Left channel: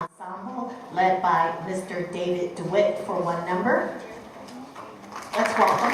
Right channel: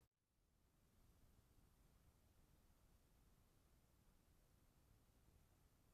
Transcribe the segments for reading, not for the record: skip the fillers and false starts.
Ensemble led by Mr. David DeWitt for one number. Let's welcome.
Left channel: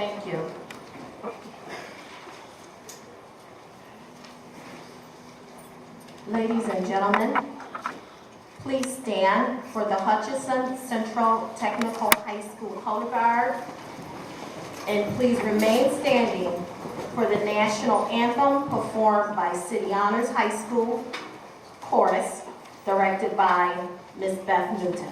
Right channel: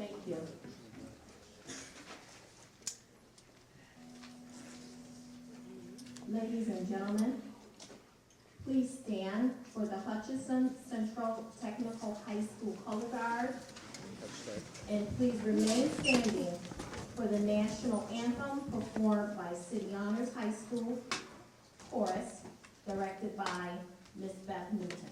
Thank you. Ladies and gentlemen, please stand for the Hutchinson Central Technical High School Color Guard, and please remain standing for the national anthem performed by City Honors High School Chorus, directed by Ms. Beth Newton.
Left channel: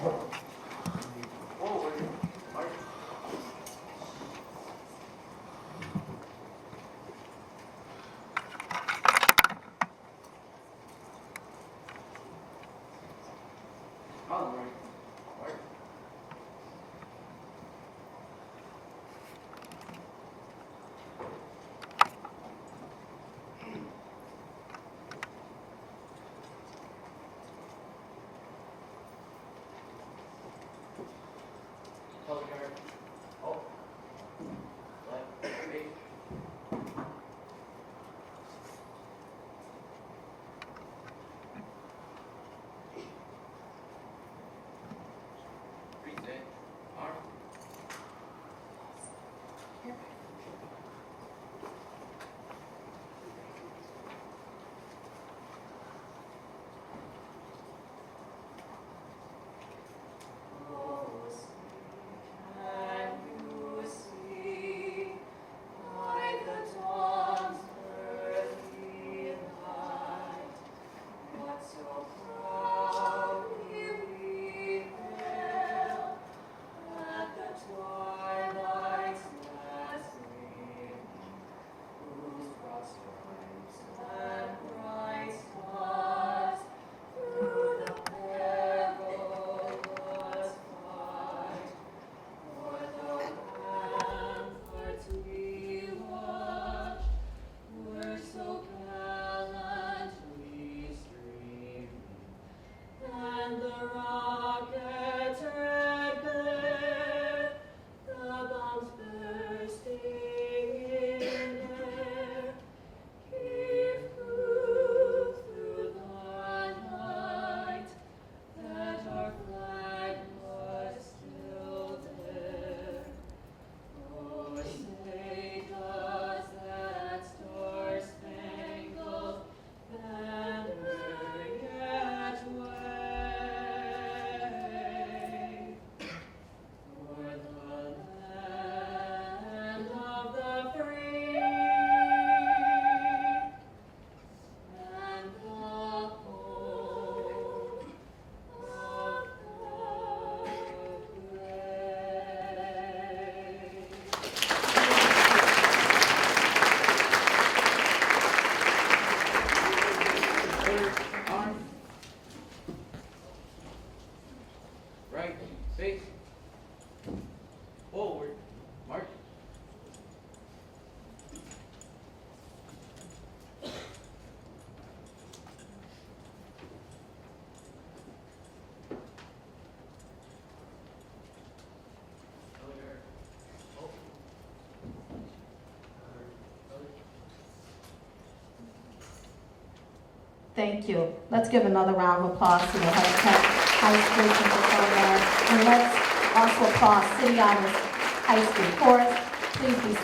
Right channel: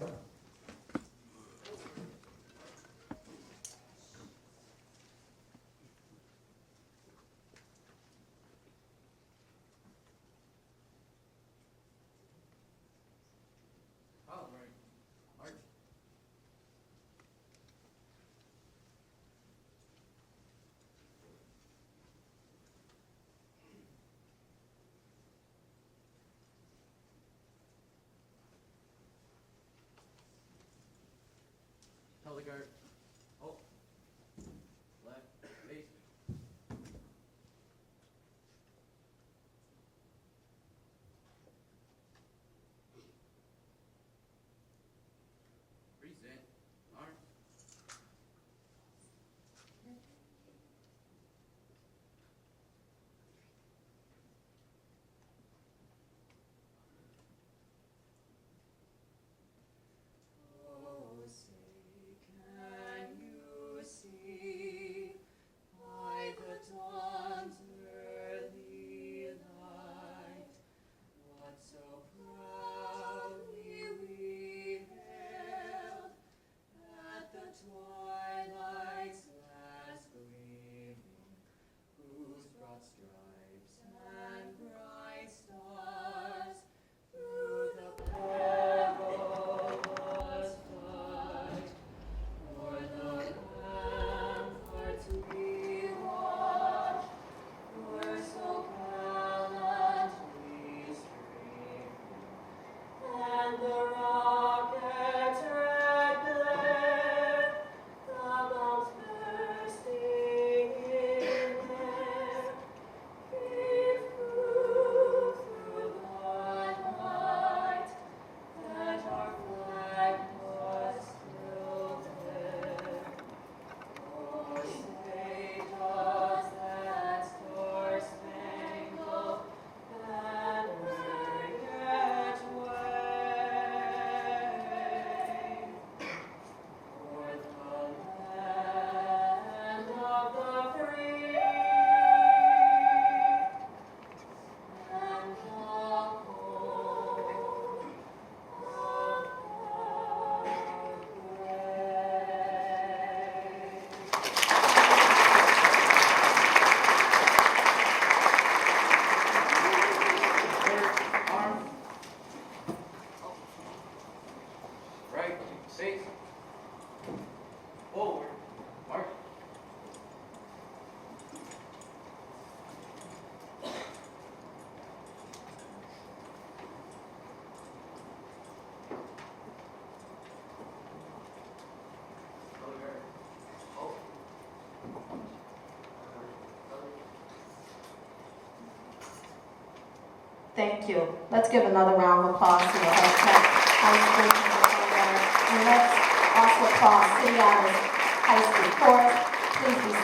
Thank you. Let's give another round of applause to the High School Kindergarten. And let's also applaud City Islands High School Chorus.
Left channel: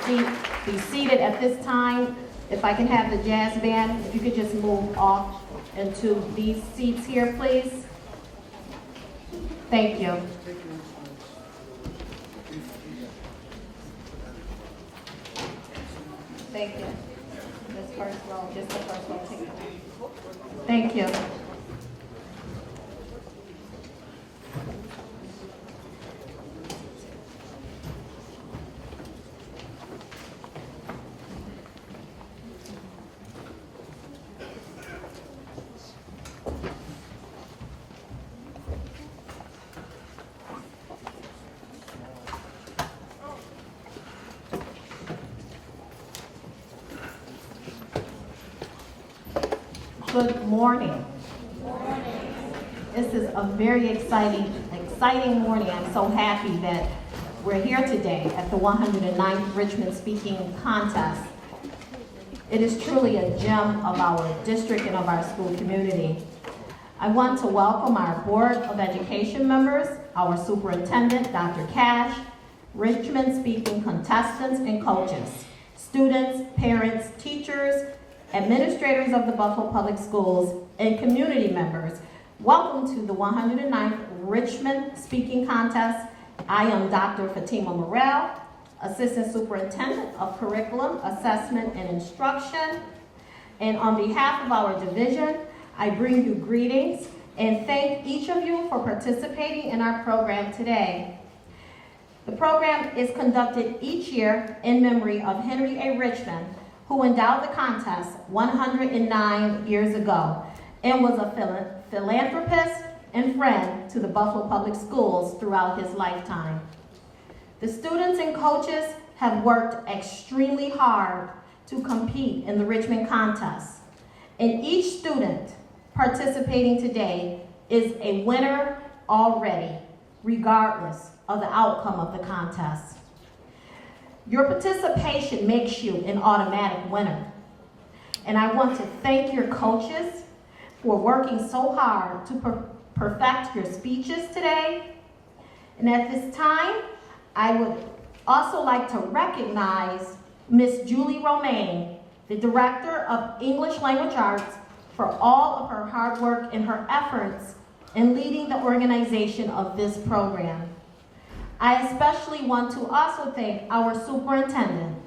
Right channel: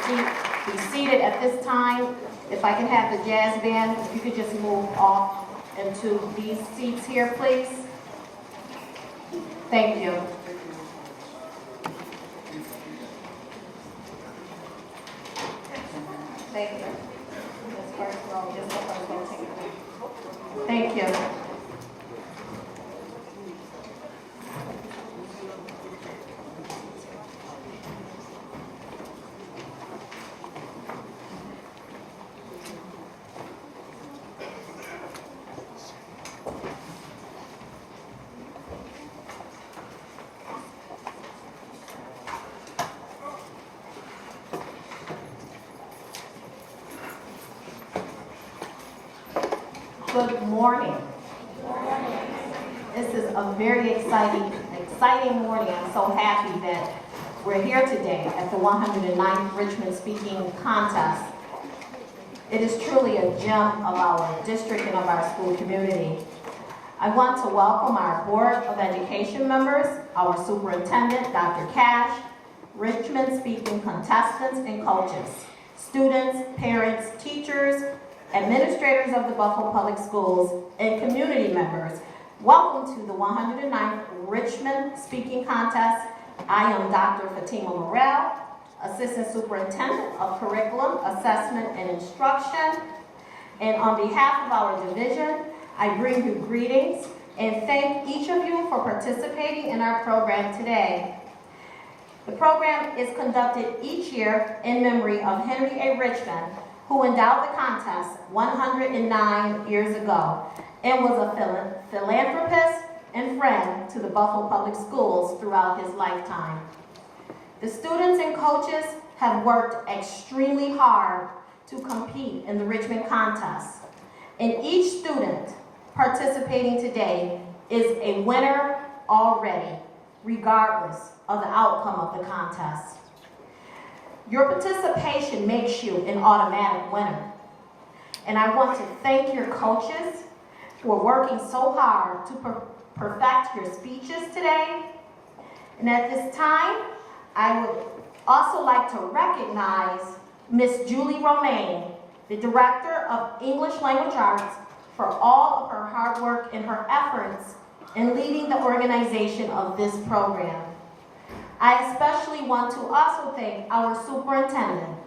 Please be seated at this time. If I can have the jazz band, if you could just move off into these seats here, please. Thank you. Thank you. This first row, just the first row, take it. Thank you. Good morning. This is a very exciting morning. I'm so happy that we're here today at the 109th Richmond Speaking Contest. It is truly a gem of our district and of our school community. I want to welcome our Board of Education members, our Superintendent, Dr. Cash, Richmond Speaking contestants and coaches, students, parents, teachers, administrators of the Buffalo Public Schools, and community members. Welcome to the 109th Richmond Speaking Contest. I am Dr. Fatima Morrell, Assistant Superintendent of Curriculum, Assessment, and Instruction. And on behalf of our division, I bring you greetings and thank each of you for participating in our program today. The program is conducted each year in memory of Henry A. Richmond, who endowed the contest 109 years ago and was a philanthropist and friend to the Buffalo Public Schools throughout his lifetime. The students and coaches have worked extremely hard to compete in the Richmond contest, and each student participating today is a winner already, regardless of the outcome of the contest. Your participation makes you an automatic winner. And I want to thank your coaches for working so hard to perfect your speeches today. And at this time, I would also like to recognize Miss Julie Romaine, the Director of English Language Arts, for all of her hard work and her efforts in leading the organization of this program. I especially want to also thank our superintendent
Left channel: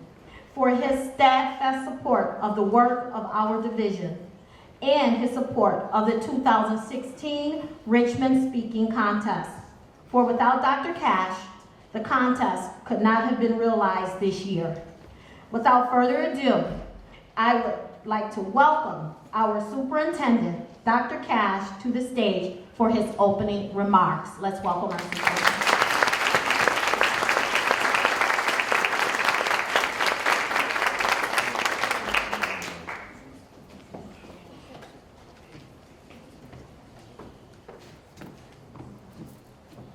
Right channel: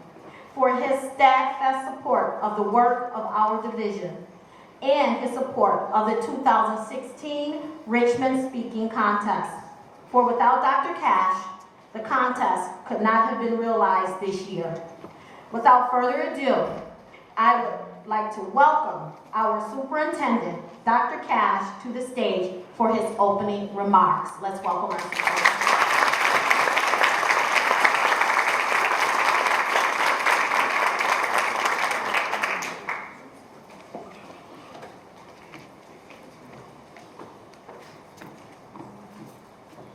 for his steadfast support of the work of our division and his support of the 2016 Richmond Speaking Contest. For without Dr. Cash, the contest could not have been realized this year. Without further ado, I would like to welcome our superintendent, Dr. Cash, to the stage for his opening remarks. Let's welcome our superintendent.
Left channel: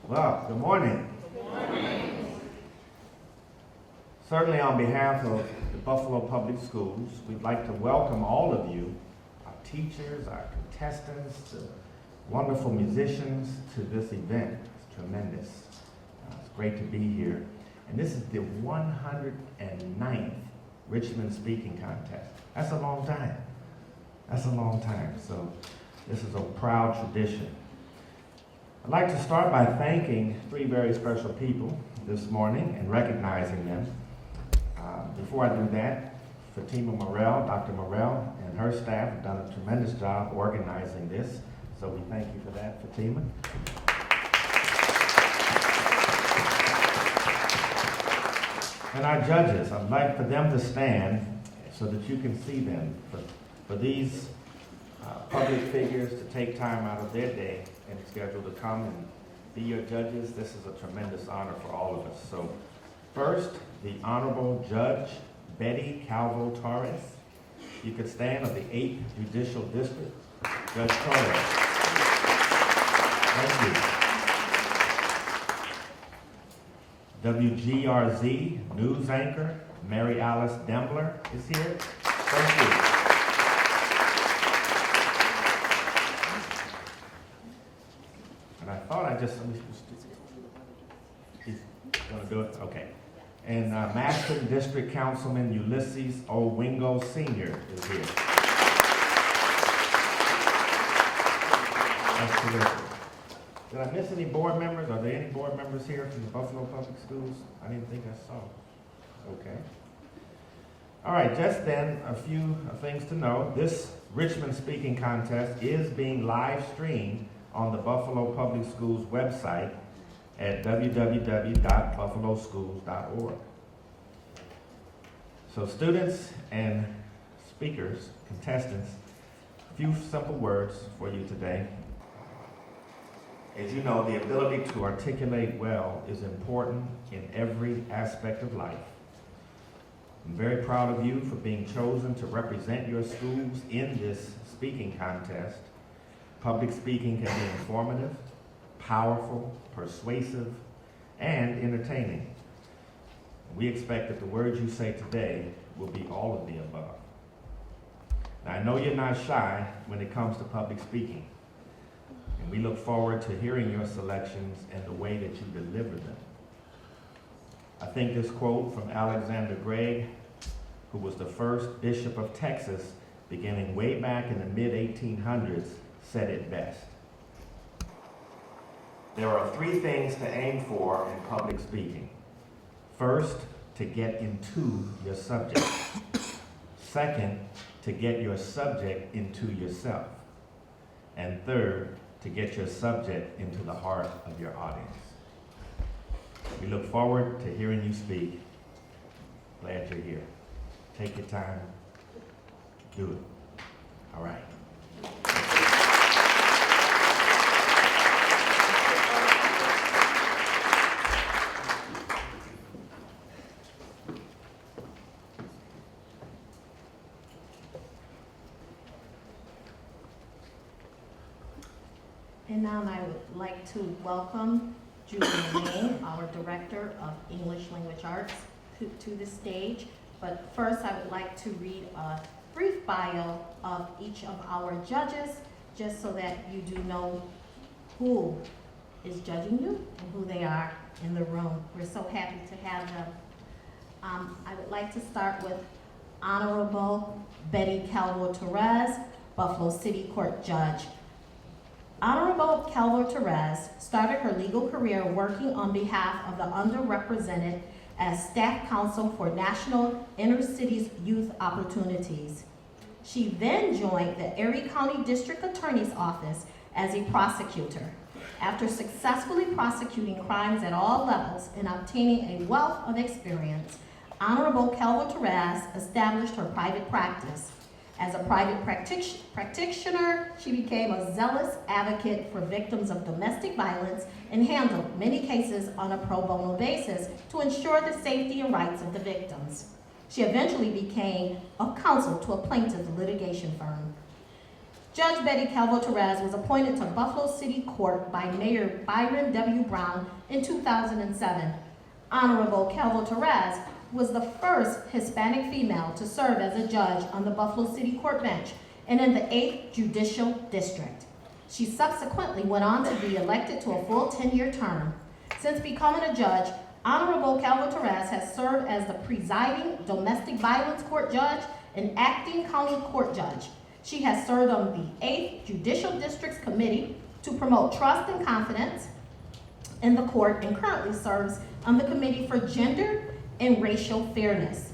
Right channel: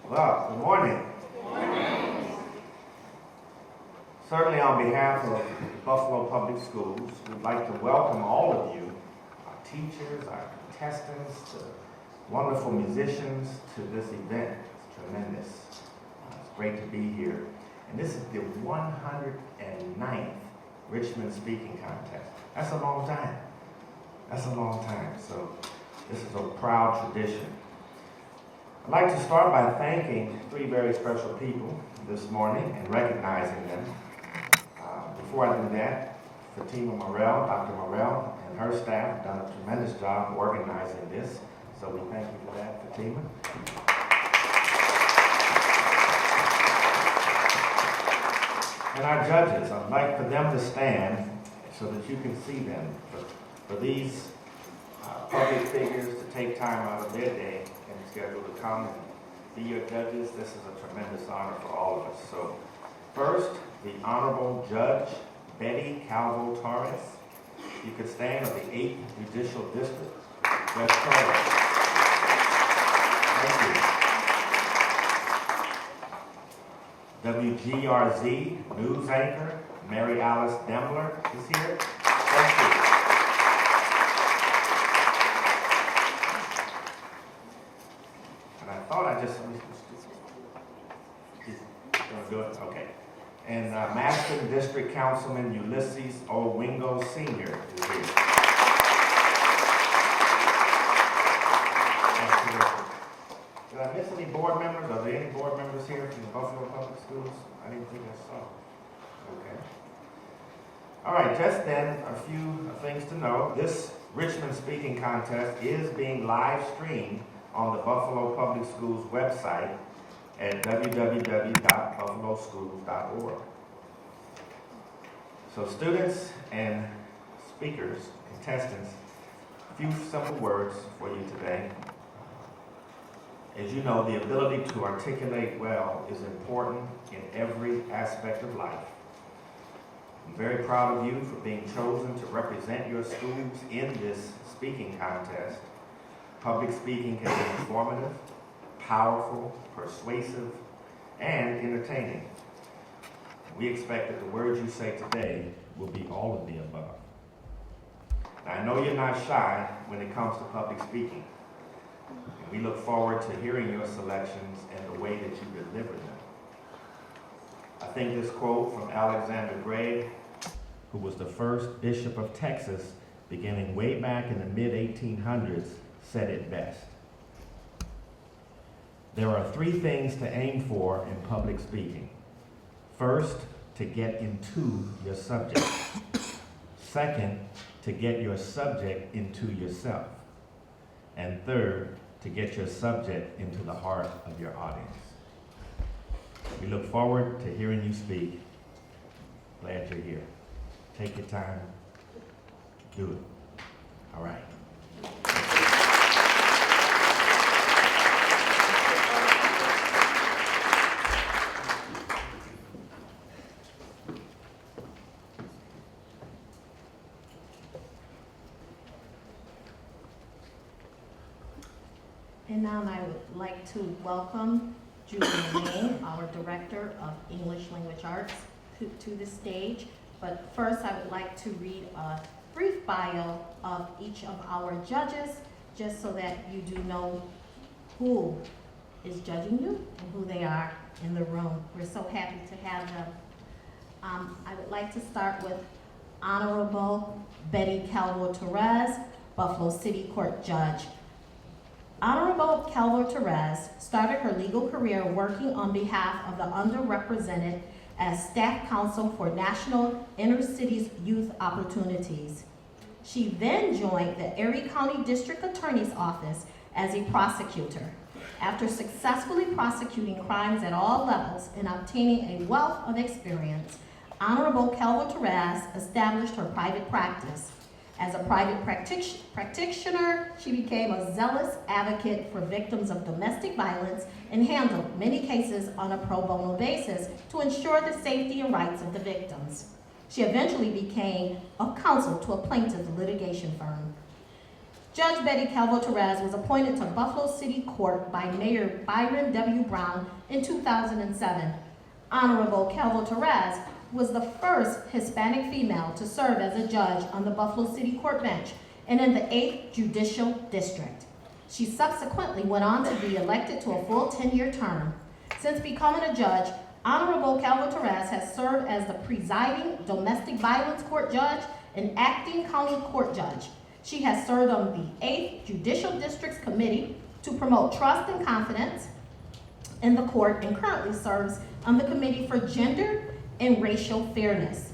Well, good morning. Good morning. Certainly on behalf of the Buffalo Public Schools, we'd like to welcome all of you, our teachers, our contestants, the wonderful musicians to this event. It's tremendous. It's great to be here. And this is the 109th Richmond Speaking Contest. That's a long time. That's a long time. So this is a proud tradition. I'd like to start by thanking three very special people this morning and recognizing them. Before I do that, Fatima Morrell, Dr. Morrell, and her staff have done a tremendous job organizing this, so we thank you for that, Fatima. And our judges, I'd like for them to stand so that you can see them. For these public figures to take time out of their day and schedule to come and be your judges, this is a tremendous honor for all of us. So first, the Honorable Judge Betty Calvo-Torres. You could stand, of the 8th Judicial District. Judge Torres. Thank you. WGRZ News Anchor Mary Alice Dembler is here. Thank you. he's gonna do it? Okay. And Maston District Councilman Ulysses Owingo Sr. is here. That's terrific. Did I miss any board members? Are there any board members here from the Buffalo Public Schools? I didn't think I saw. Okay. All right, just then, a few things to know. This Richmond Speaking Contest is being live streamed on the Buffalo Public Schools website at www.buffaloschools.org. So students and speakers, contestants, a few simple words for you today. As you know, the ability to articulate well is important in every aspect of life. I'm very proud of you for being chosen to represent your schools in this speaking contest. Public speaking can be informative, powerful, persuasive, and entertaining. We expect that the words you say today will be all of the above. Now, I know you're not shy when it comes to public speaking, and we look forward to hearing your selections and the way that you deliver them. I think this quote from Alexander Gregg, who was the first bishop of Texas beginning way back in the mid-1800s, said it best. There are 3 things to aim for in public speaking. First, to get into your subject. Second, to get your subject into yourself. And third, to get your subject into the heart of your audience. We look forward to hearing you speak. Glad you're here. Take your time. Do it. All right. And now I would like to welcome Julie May, our Director of English Language Arts, to the stage. But first, I would like to read a brief bio of each of our judges, just so that you do know who is judging you and who they are in the room. We're so happy to have them. I would like to start with Honorable Betty Calvo-Torres, Buffalo City Court Judge. Honorable Calvo-Torres started her legal career working on behalf of the underrepresented as staff counsel for National Inner Cities Youth Opportunities. She then joined the Erie County District Attorney's Office as a prosecutor. After successfully prosecuting crimes at all levels and obtaining a wealth of experience, Honorable Calvo-Torres established her private practice. As a private practitioner, she became a zealous advocate for victims of domestic violence and handled many cases on a pro bono basis to ensure the safety and rights of the victims. She eventually became a counsel to a plaintiff's litigation firm. Judge Betty Calvo-Torres was appointed to Buffalo City Court by Mayor Byron W. Brown in 2007. Honorable Calvo-Torres was the first Hispanic female to serve as a judge on the Buffalo City Court bench and in the 8th Judicial District. She subsequently went on to be elected to a full 10-year term. Since becoming a judge, Honorable Calvo-Torres has served as the presiding domestic violence court judge and acting county court judge. She has served on the 8th Judicial District's Committee to promote trust and confidence in the court and currently serves on the Committee for Gender and Racial Fairness.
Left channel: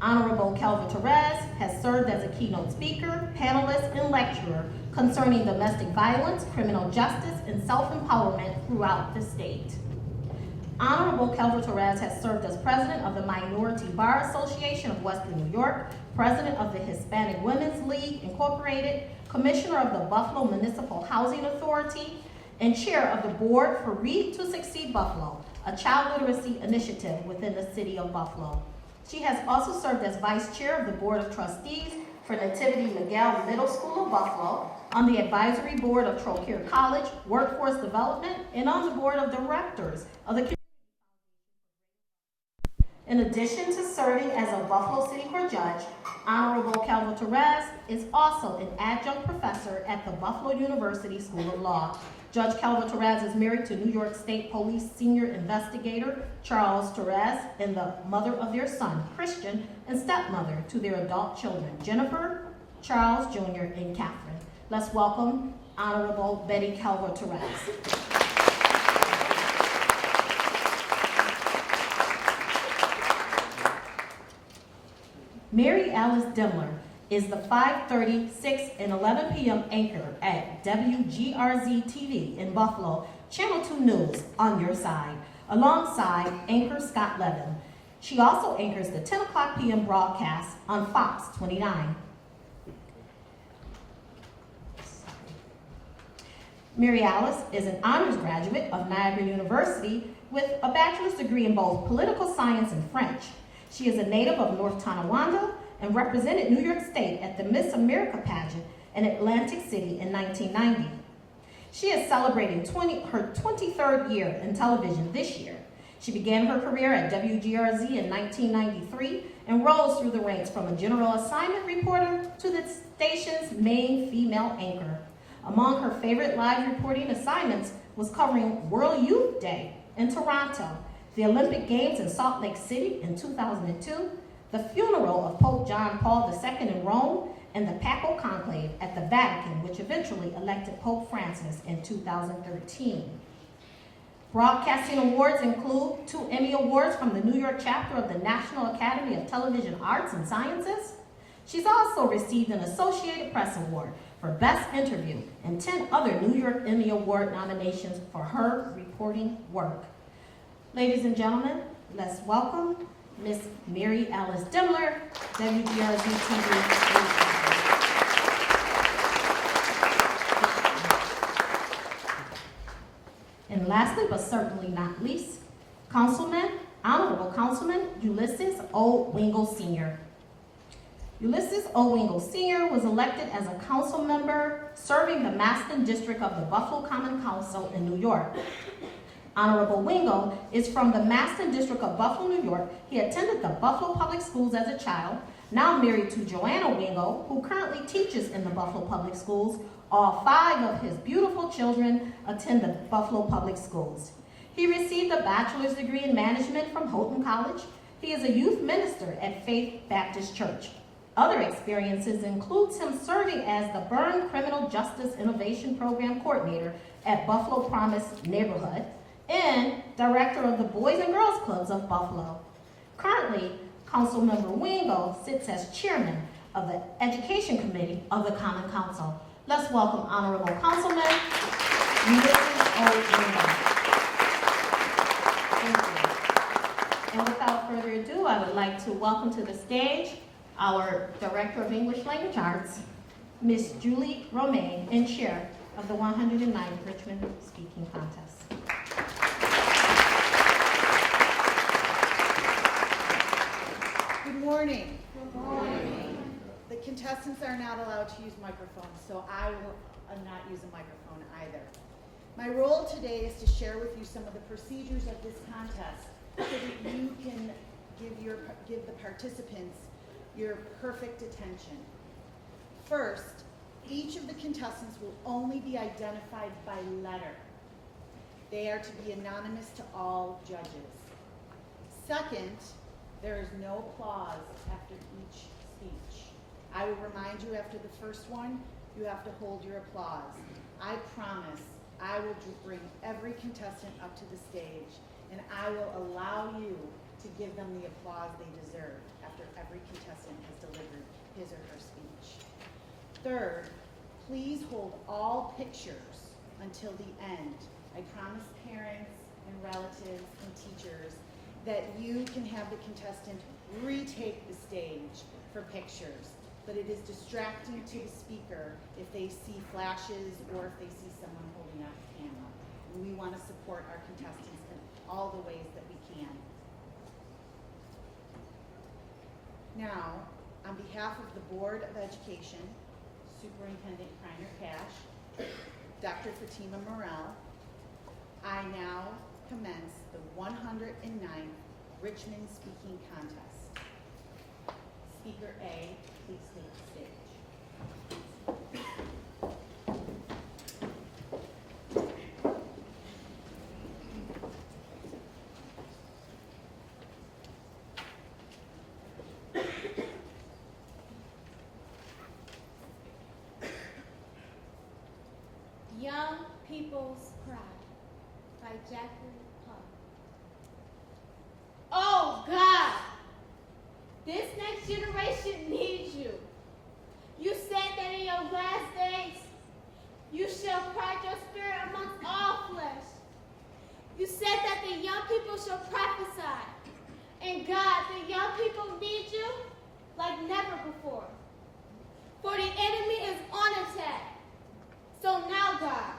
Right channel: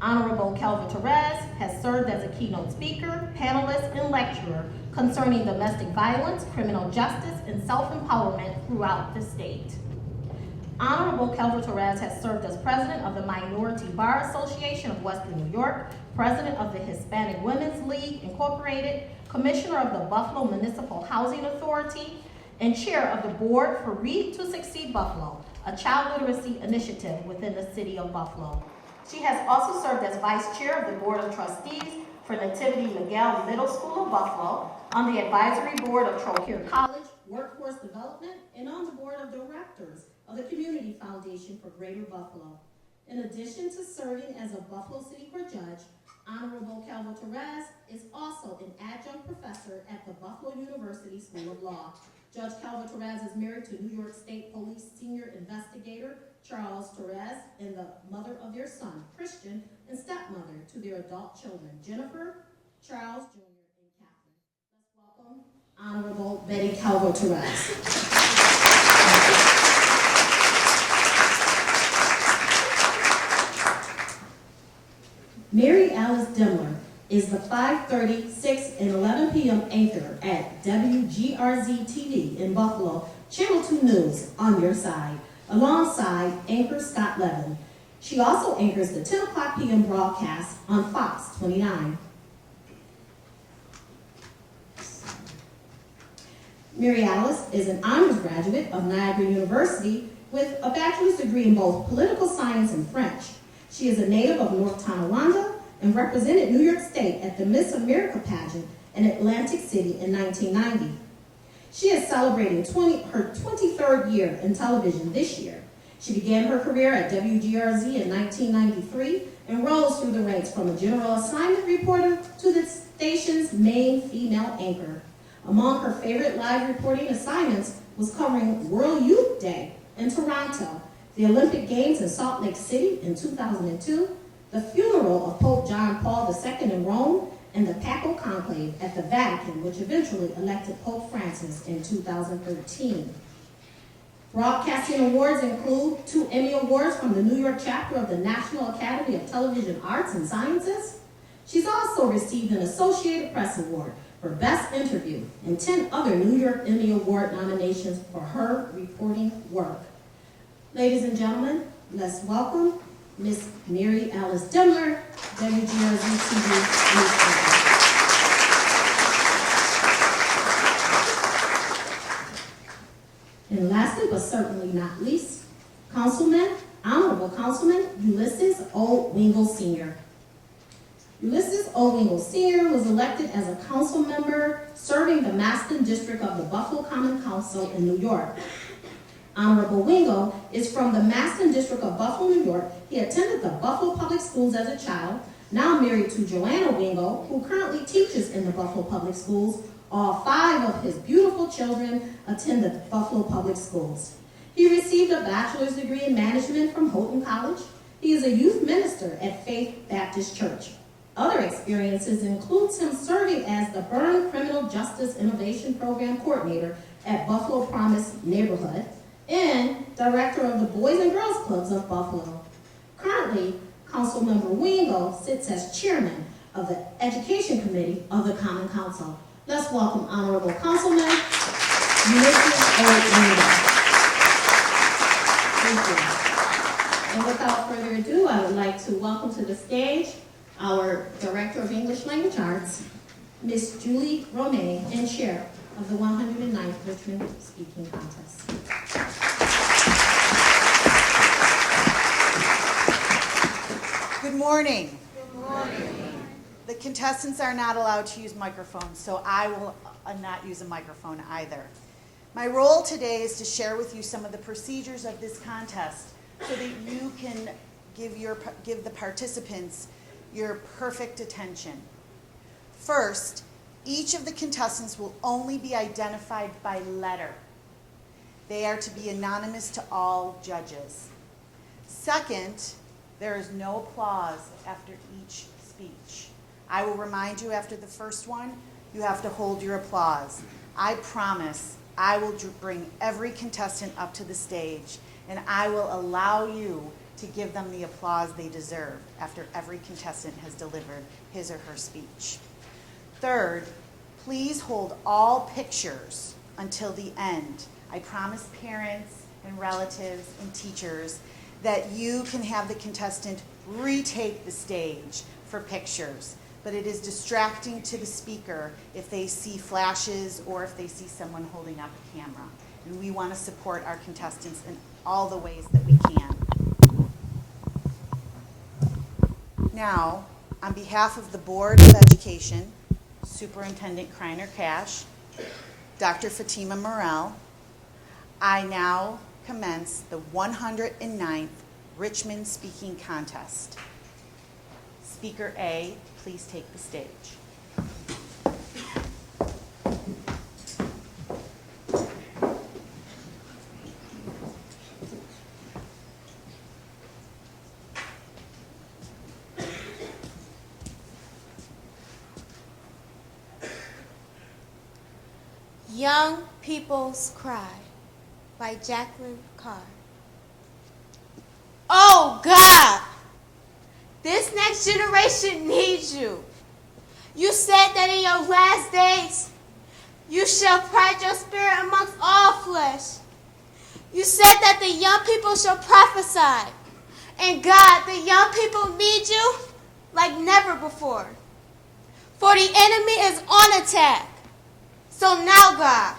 Honorable Calvo-Torres has served as a keynote speaker, panelist, and lecturer concerning domestic violence, criminal justice, and self-empowerment throughout the state. Honorable Calvo-Torres has served as president of the Minority Bar Association of Western New York, president of the Hispanic Women's League Incorporated, commissioner of the Buffalo Municipal Housing Authority, and chair of the board for Read to Succeed Buffalo, a child literacy initiative within the city of Buffalo. She has also served as vice chair of the Board of Trustees for Nativity Miguel Middle School of Buffalo, on the advisory board of Trocaire College, Workforce Development, and on the board of directors of the Community Foundation for Greater Buffalo. In addition to serving as a Buffalo City Court judge, Honorable Calvin Torres is also an adjunct professor at the Buffalo University School of Law. Judge Calvin Torres is married to New York State Police Senior Investigator Charles Torres and the mother of their son, Christian, and stepmother to their adult children, Jennifer, Charles Jr., and Catherine. Let's welcome Honorable Betty Calvin Torres. Mary Alice Demler is the 5:30, 6, and 11 p.m. anchor at WGRZ-TV in Buffalo, Channel 2 News on your side, alongside anchor Scott Levin. She also anchors the 10 o'clock p.m. broadcast on Fox 29. Mary Alice is an honors graduate of Niagara University with a bachelor's degree in both political science and French. She is a native of North Tonawanda and represented New York State at the Miss America pageant in Atlantic City in 1990. She is celebrating her 23rd year in television this year. She began her career at WGRZ in 1993 and rose through the ranks from a general assignment reporter to the station's main female anchor. Among her favorite live reporting assignments was covering World Youth Day in Toronto, the Olympic Games in Salt Lake City in 2002, the funeral of Pope John Paul II in Rome, and the Papal Conclave at the Vatican, which eventually elected Pope Francis in 2013. Broadcasting awards include 2 Emmy Awards from the New York chapter of the National Academy of Television Arts and Sciences. She's also received an Associated Press Award for Best Interview and 10 other New York Emmy Award nominations for her reporting work. Ladies and gentlemen, let's welcome Miss Mary Alice Demler, WGRZ-TV News. And lastly, but certainly not least, Honorable Councilman Ulysses O. Wingle Sr. Ulysses O. Wingle Sr. was elected as a council member serving the Maston District of the Buffalo Common Council in New York. Honorable Wingo is from the Maston District of Buffalo, New York. He attended the Buffalo Public Schools as a child, now married to Joanna Wingo, who currently teaches in the Buffalo Public Schools. All 5 of his beautiful children attend the Buffalo Public Schools. He received a bachelor's degree in management from Houghton College. He is a youth minister at Faith Baptist Church. Other experiences includes him serving as the Byrne Criminal Justice Innovation Program Coordinator at Buffalo Promise Neighborhood, and director of the Boys and Girls Clubs of Buffalo. Currently, Councilmember Wingo sits as chairman of the Education Committee of the Common Council. Let's welcome Honorable Councilman Ulysses O. Wingo. Thank you. And without further ado, I would like to welcome to the stage our Director of English Language Arts, Miss Julie Romaine, and Chair of the 109th Richmond Speaking Contest. Good morning. Good morning. The contestants are not allowed to use microphones, so I will not use a microphone either. My role today is to share with you some of the procedures of this contest so that you can give the participants your perfect attention. First, each of the contestants will only be identified by letter. They are to be anonymous to all judges. Second, there is no applause after each speech. I will remind you after the first one, you have to hold your applause. I promise I will bring every contestant up to the stage, and I will allow you to give them the applause they deserve after every contestant has delivered his or her speech. Third, please hold all pictures until the end. I promise parents and relatives and teachers that you can have the contestant retake the stage for pictures, but it is distracting to the speaker if they see flashes or if they see someone holding up a camera. And we want to support our contestants in all the ways that we can. Now, on behalf of the Board of Education, Superintendent Kreiner Cash, Dr. Fatima Morel, I now commence the 109th Richmond Speaking Contest. Speaker A please take the stage? Young People's Cry by Jacqueline Carr. Oh God, this next generation needs you. You said that in your last days, you shall pride your spirit amongst all flesh. You said that the young people shall prophesy. And God, the young people need you like never before. For the enemy is on attack. So now, God,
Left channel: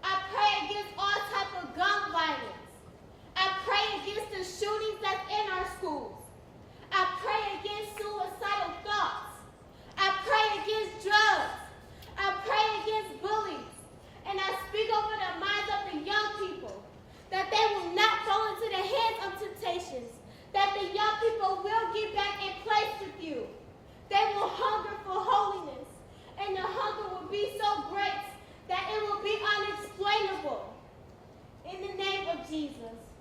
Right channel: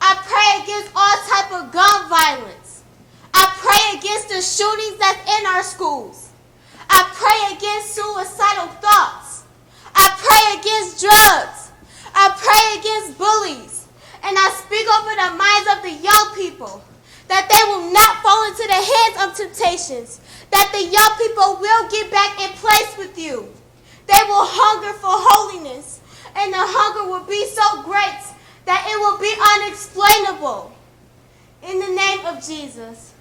I pray against all type of gun violence. I pray against the shootings that's in our schools. I pray against suicidal thoughts. I pray against drugs. I pray against bullies. And I speak over the minds of the young people that they will not fall into the hands of temptations, that the young people will get back in place with you. They will hunger for holiness. And the hunger will be so great that it will be unexplainable. In the name of Jesus.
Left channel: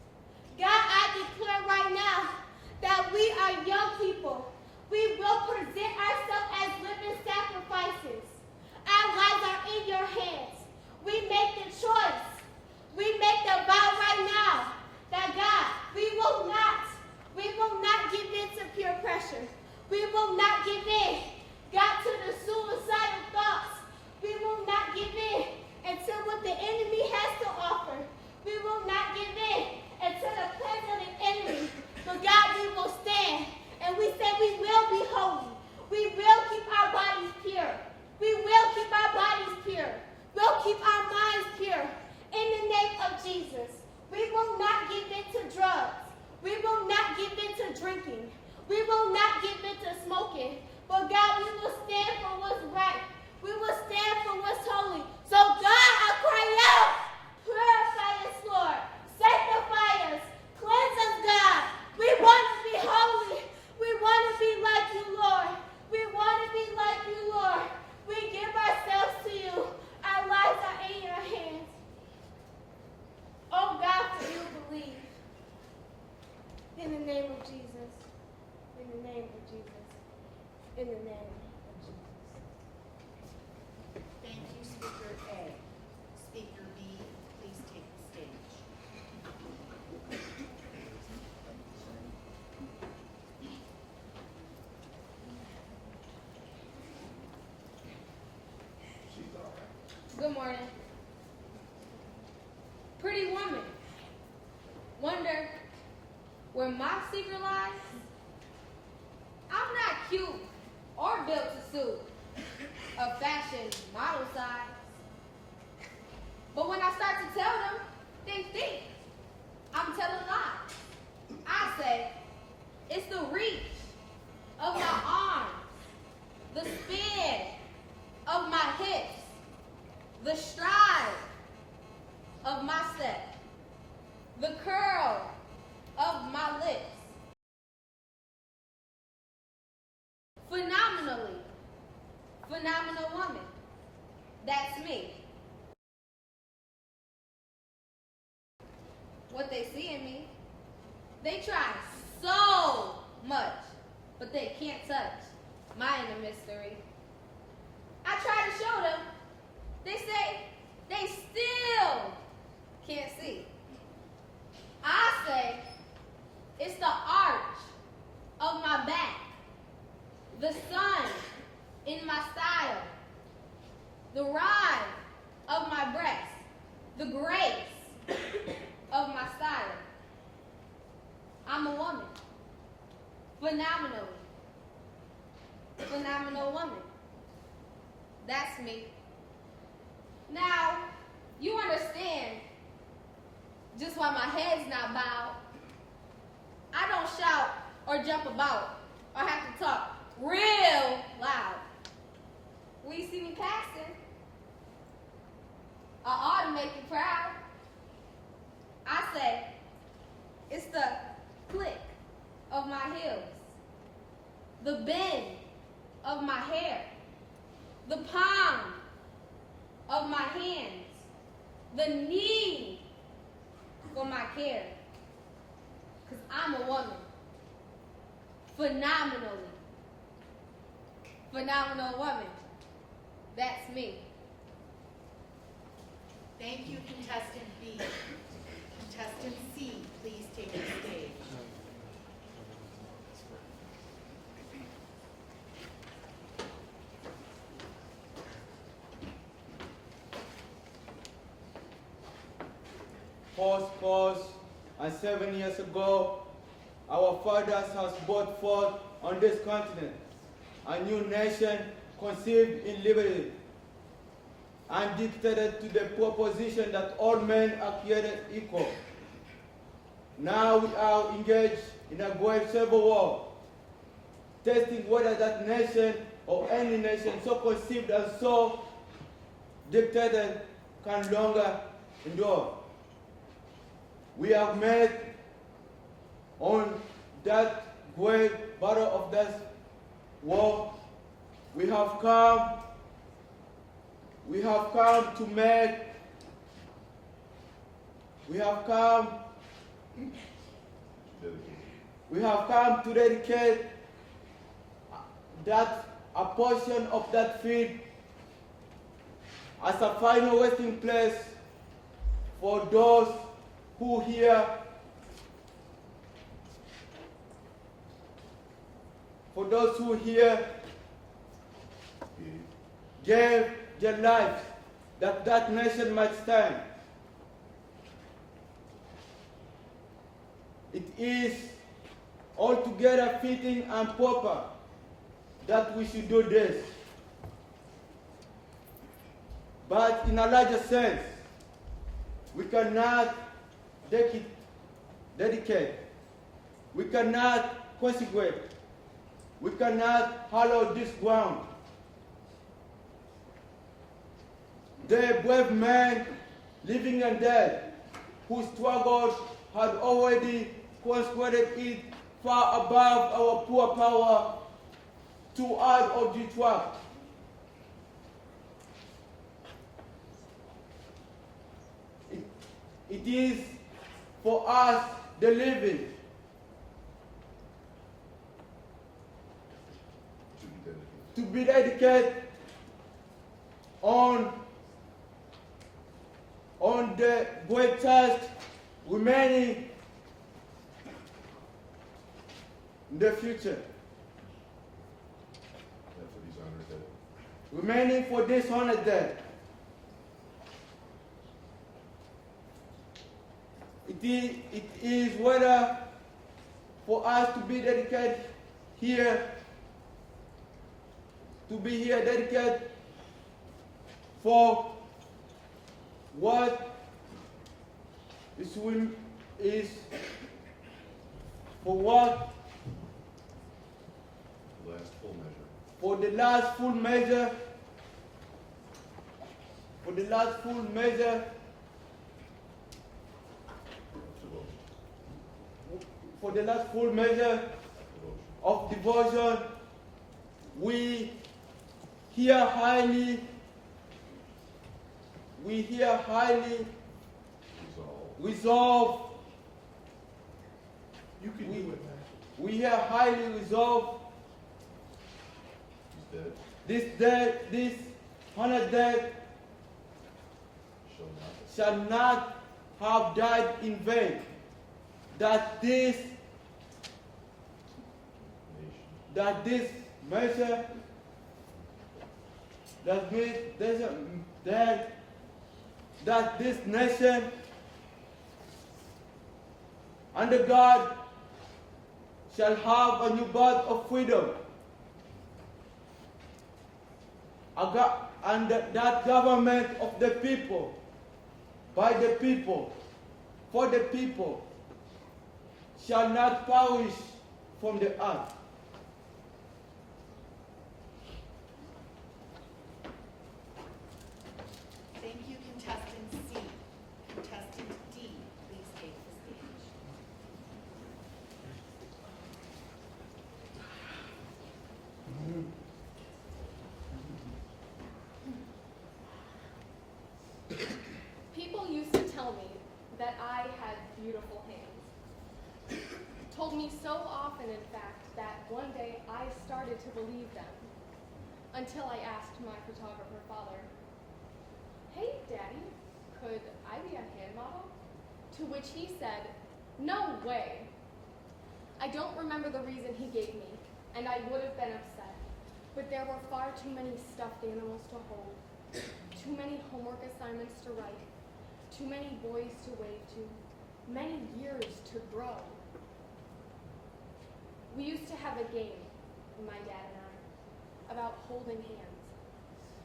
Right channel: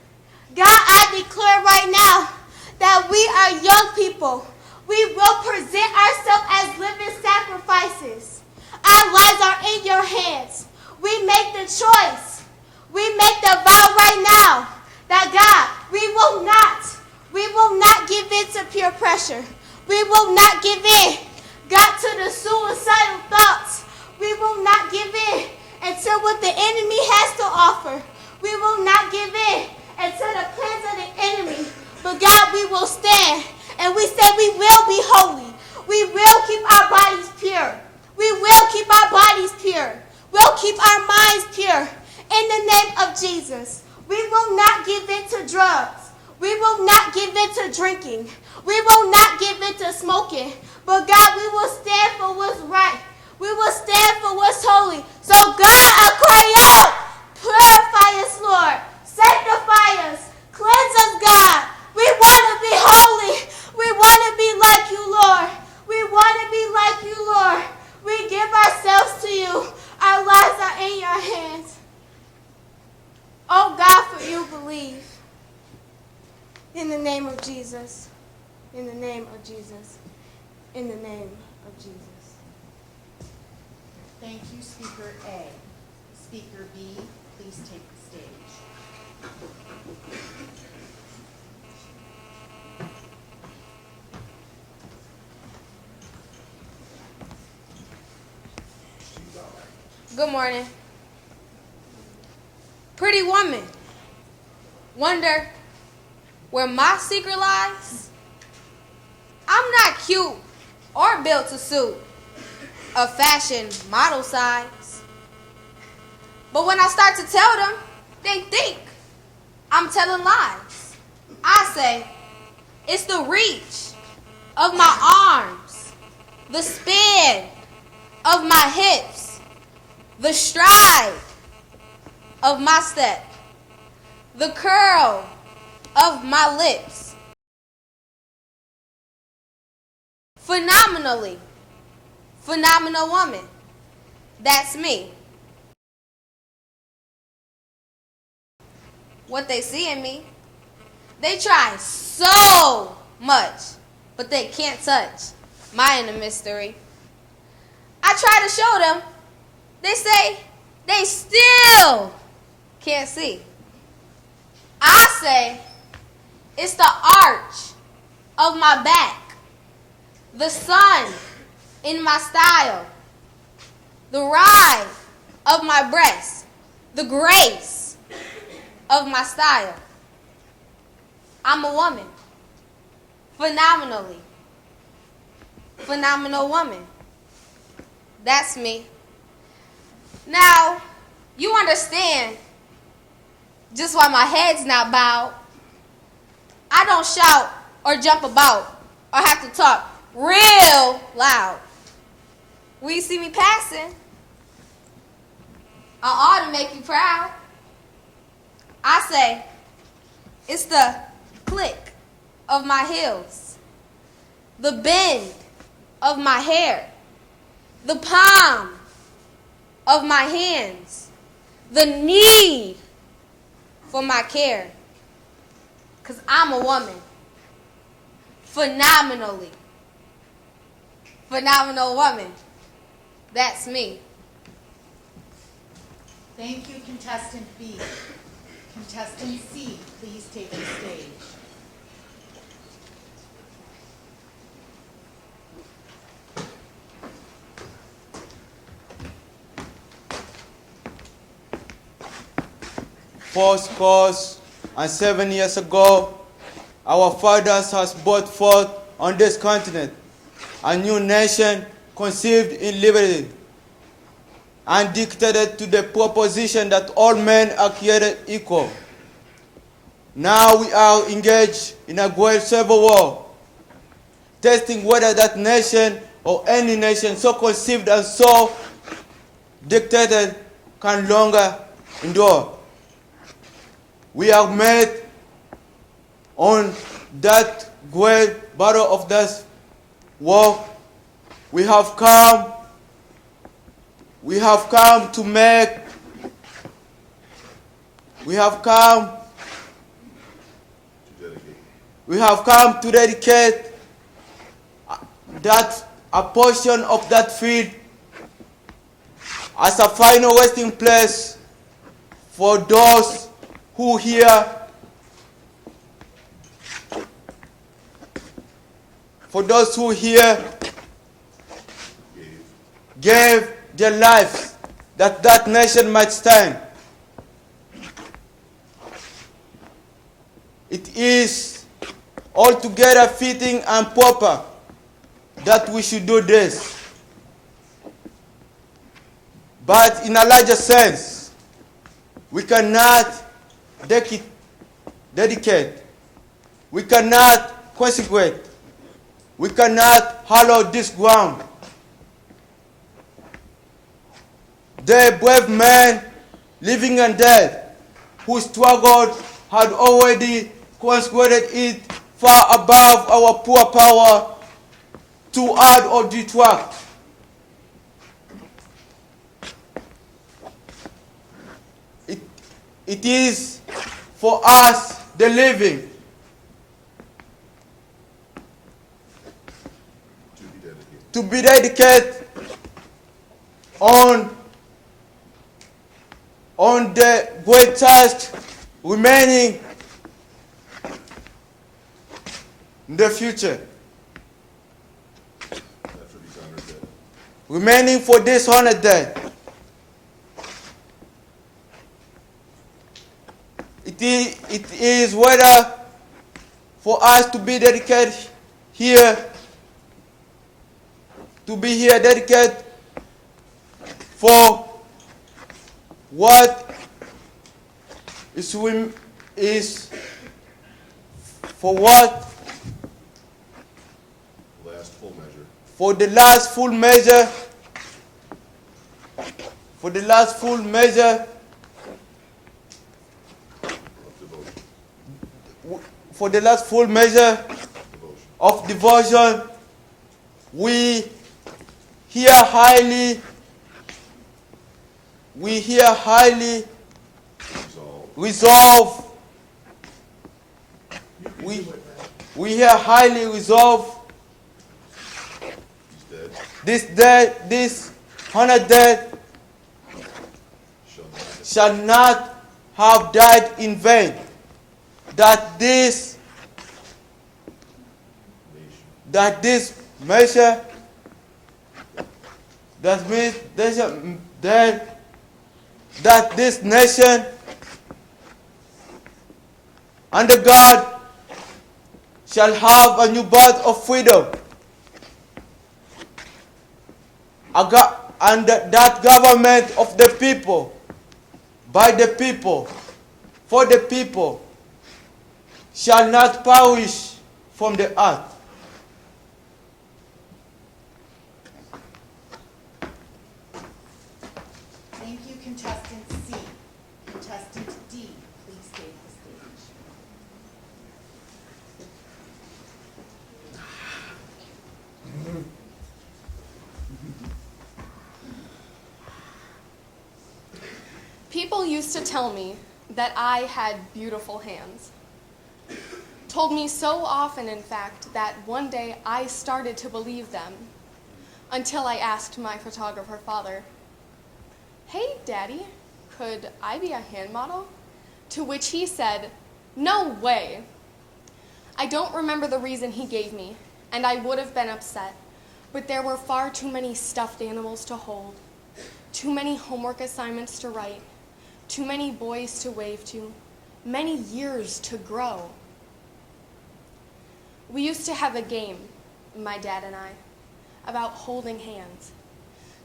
God, I declare right now that we are young people. We will present ourselves as living sacrifices. Our lives are in your hands. We make the choice. We make the vow right now that God, we will not give in to peer pressure. We will not give in, God, to the suicidal thoughts. We will not give in until what the enemy has to offer. We will not give in until the plans of the enemy. But God, we will stand. And we say we will be holy. We will keep our bodies pure. We will keep our bodies pure. We'll keep our minds pure. In the name of Jesus. We will not give in to drugs. We will not give in to drinking. We will not give in to smoking. But God, we will stand for what's right. We will stand for what's holy. So God, I cry out, purify us, Lord. Sanctify us. Cleanse us, God. We want to be holy. We want to be like you, Lord. We want to be like you, Lord. We give ourselves to you. Our lives are in your hands. Oh God, for you believe. In the name of Jesus. In the name of Jesus. In the name of Jesus. Thank you, Speaker A. Speaker B, please take the stage. Good morning. Pretty woman, wonder where my secret lies? I'm not cute or built to suit a fashion model size. But when I start to tell them, they think I'm telling lies. I say, it's the reach of my arms, the span of my hips, the stride of my step, the curl of my lips. Phenomenal woman. That's me. What they see in me, they try so much, but they can't touch my inner mystery. I try to show them, they say they still can't see. I say it's the arch of my back, the sun in my style, the ride of my breast, the grace of my style. I'm a woman, phenomenal woman. That's me. Now, you understand just why my head's not bowed. I don't shout or jump about or have to talk real loud. When you see me passing, I ought to make you proud. I say, it's the click of my heels, the bend of my hair, the palm of my hands, the need for my care. 'Cause I'm a woman. Phenomenal woman. That's me. Thank you, contestant B. Contestant C, please take the stage. Fourscore and 7 years ago, our fathers has brought forth on this continent a new nation conceived in liberty and dictated to the proposition that all men are created equal. Now we are engaged in a great civil war, testing whether that nation or any nation so conceived and so dictated can longer endure. We are met on that great battle of this war. We have come to make, we have come to dedicate that a portion of that field as a final resting place for those who here gave their lives that that nation might stand. It is altogether fitting and proper that we should do this. But in a larger sense, we cannot dedicate, we cannot consecrate, we cannot hallow this ground. The brave men, living and dead, who struggled had already consecrated it far above our poor power to add or detract. It is for us, the living, to be dedicated on the great task remaining in the future. Remaining for this honored day. It is whether for us to be dedicated here, to be here dedicated for what is for what? Last full measure. For the last full measure. For the last full measure. For the last full measure of devotion, we here highly resolve. We here highly resolve this day, this honored day shall not have died in vain. That this measure, that this nation under God shall have a new birth of freedom, and that government of the people, by the people, for the people, shall not perish from the earth. Thank you, contestant C. Contestant D, please take the stage. People used to tell me that I had beautiful hands. Told me so often, in fact, that one day I started to believe them until I asked my photographer father, "Hey, Daddy, could I be a hand model?" To which he said, "No way." I don't remember the reason he gave me, and I would have been upset, but there were far too many stuffed animals to hold, too many homework assignments to write, too many boys to wave to, many years to grow. We used to have a game, my dad and I, about holding hands,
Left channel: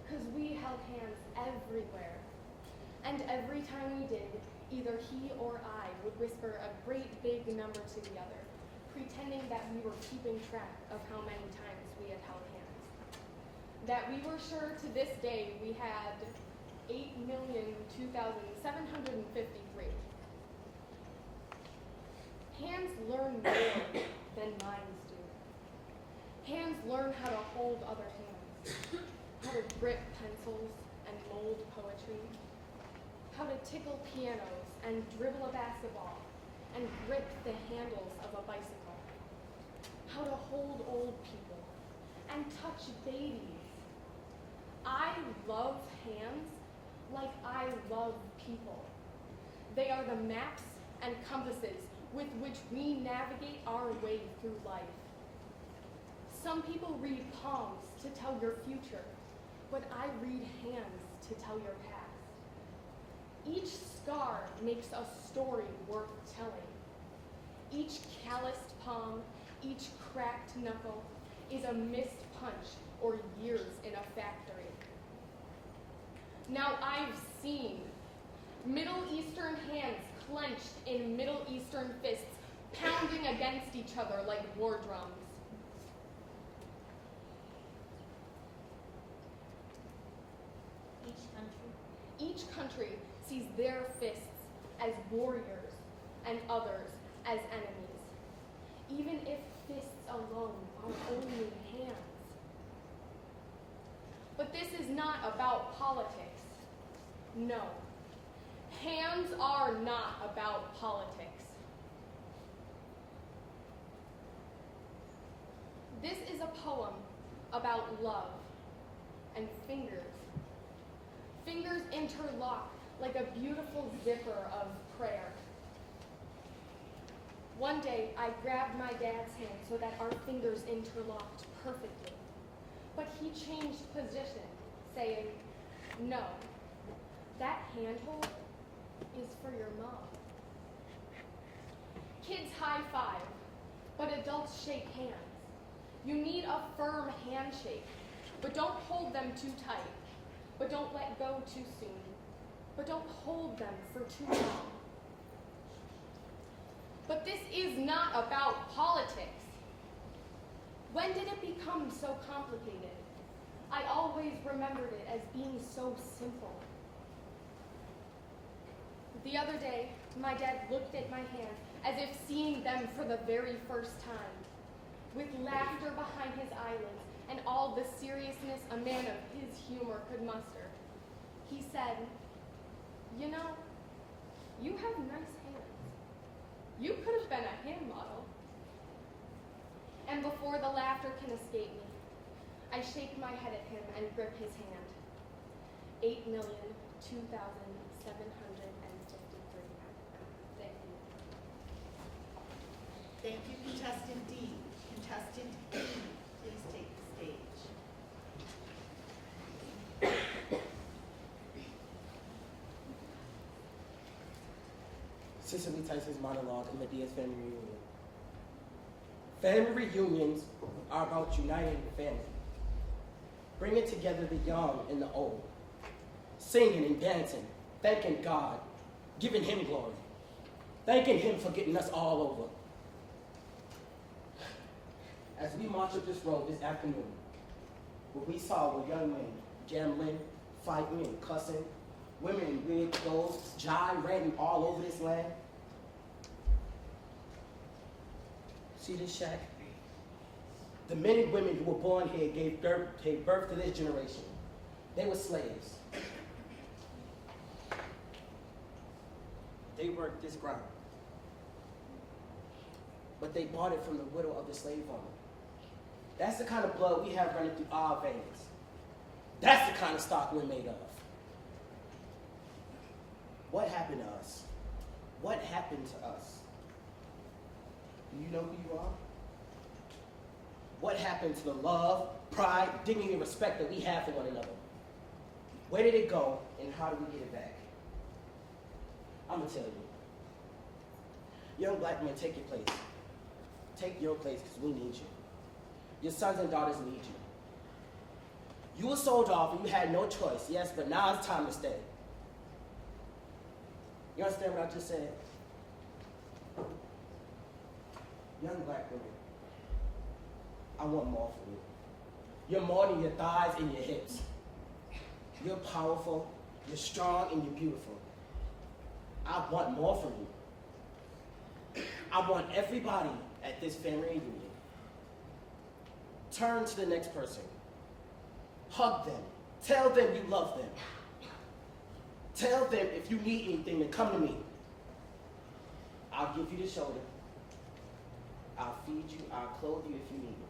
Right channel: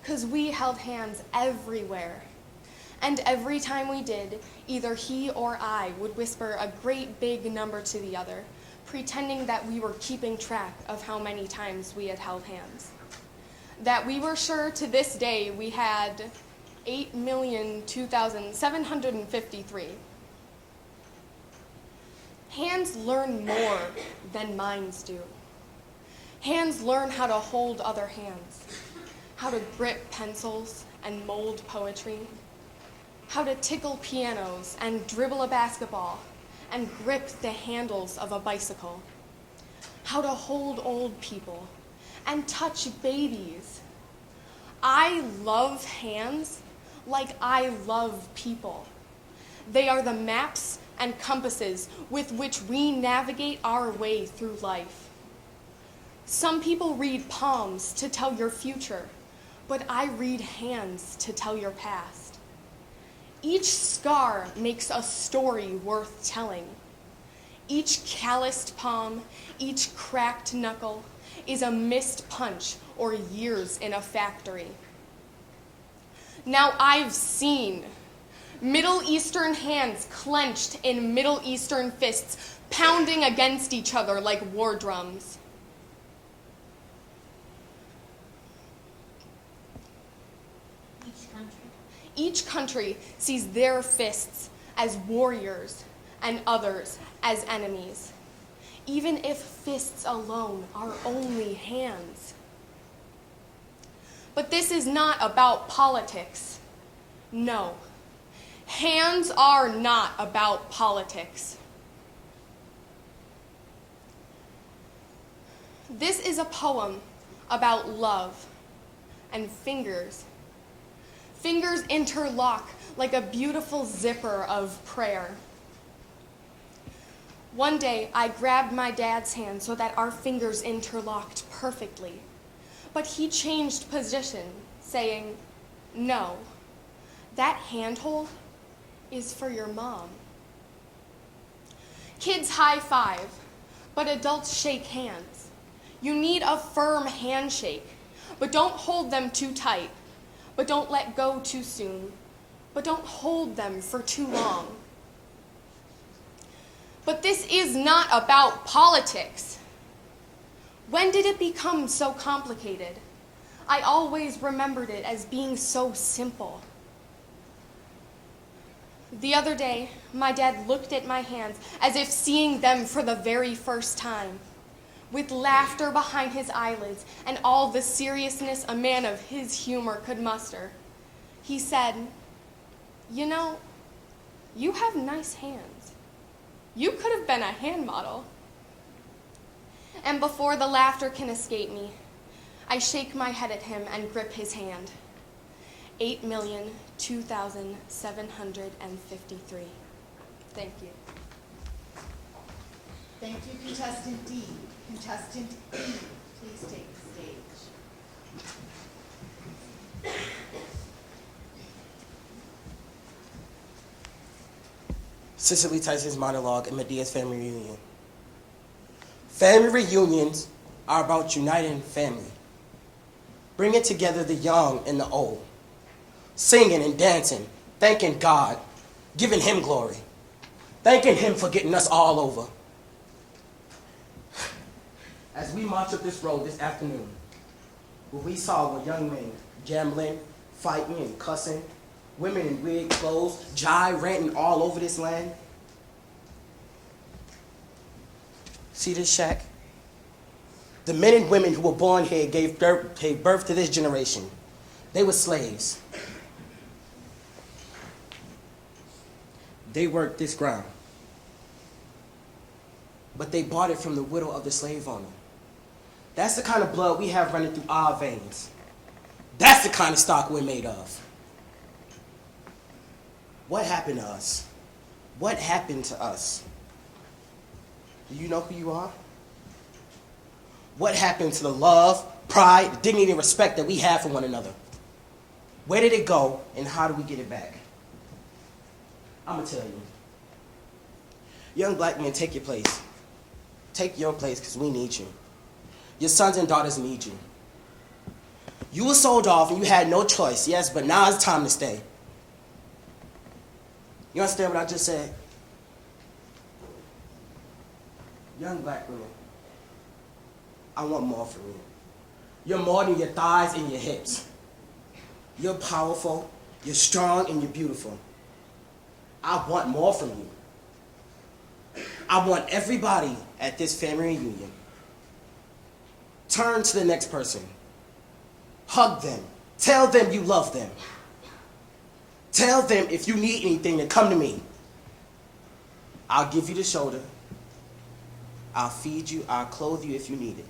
'cause we held hands everywhere. And every time we did, either he or I would whisper a great big number to the other, pretending that we were keeping track of how many times we had held hands. That we were sure to this day we had 8,002,753. Hands learn more than minds do. Hands learn how to hold other hands, how to grip pencils and mold poetry, how to tickle pianos and dribble a basketball and grip the handles of a bicycle, how to hold old people and touch babies. I love hands like I love people. They are the maps and compasses with which we navigate our way through life. Some people read palms to tell your future, but I read hands to tell your past. Each scar makes a story worth telling. Each calloused palm, each cracked knuckle is a missed punch or years in a factory. Now I've seen Middle Eastern hands clenched in Middle Eastern fists, pounding against each other like war drums. Each country sees their fists as warriors and others as enemies, even if fists alone are only hands. But this is not about politics. No, hands are not about politics. This is a poem about love and fingers. Fingers interlock like a beautiful zipper of prayer. One day, I grabbed my dad's hand so that our fingers interlocked perfectly. But he changed position, saying, "No, that handhold is for your mom." Kids high five, but adults shake hands. You need a firm handshake, but don't hold them too tight. But don't let go too soon. But don't hold them for too long. But this is not about politics. When did it become so complicated? I always remembered it as being so simple. The other day, my dad looked at my hands as if seeing them for the very first time, with laughter behind his eyelids and all the seriousness a man of his humor could muster. He said, "You know, you have nice hands. You could have been a hand model." And before the laughter can escape me, I shake my head at him and grip his hand. 8,002,753. Thank you. Thank you, contestant D. Contestant E, please take the stage. Cicely Tyson's monologue in Medea's family reunion. Family reunions are about uniting family, bringing together the young and the old, singing and dancing, thanking God, giving him glory, thanking him for getting us all over. As we march up this road this afternoon, what we saw were young men gambling, fighting and cussing, women in weird clothes, ranting all over this land. See this shack? The men and women who were born here gave birth to this generation. They were slaves. They worked this ground. But they bought it from the widow of the slave owner. That's the kind of blood we have running through our veins. That's the kind of stock we're made of. What happened to us? What happened to us? Do you know who you are? What happened to the love, pride, dignity, and respect that we have for one another? Where did it go, and how do we get it back? I'm gonna tell you. Young black men, take your place. Take your place, because we need you. Your sons and daughters need you. You were sold off and you had no choice, yes, but now it's time to stay. You understand what I just said? Young black women, I want more from you. You're more than your thighs and your hips. You're powerful, you're strong, and you're beautiful. I want more from you. I want everybody at this family reunion. Turn to the next person. Hug them. Tell them you love them. Tell them if you need anything to come to me. I'll give you the shoulder. I'll feed you. I'll clothe you if you need it.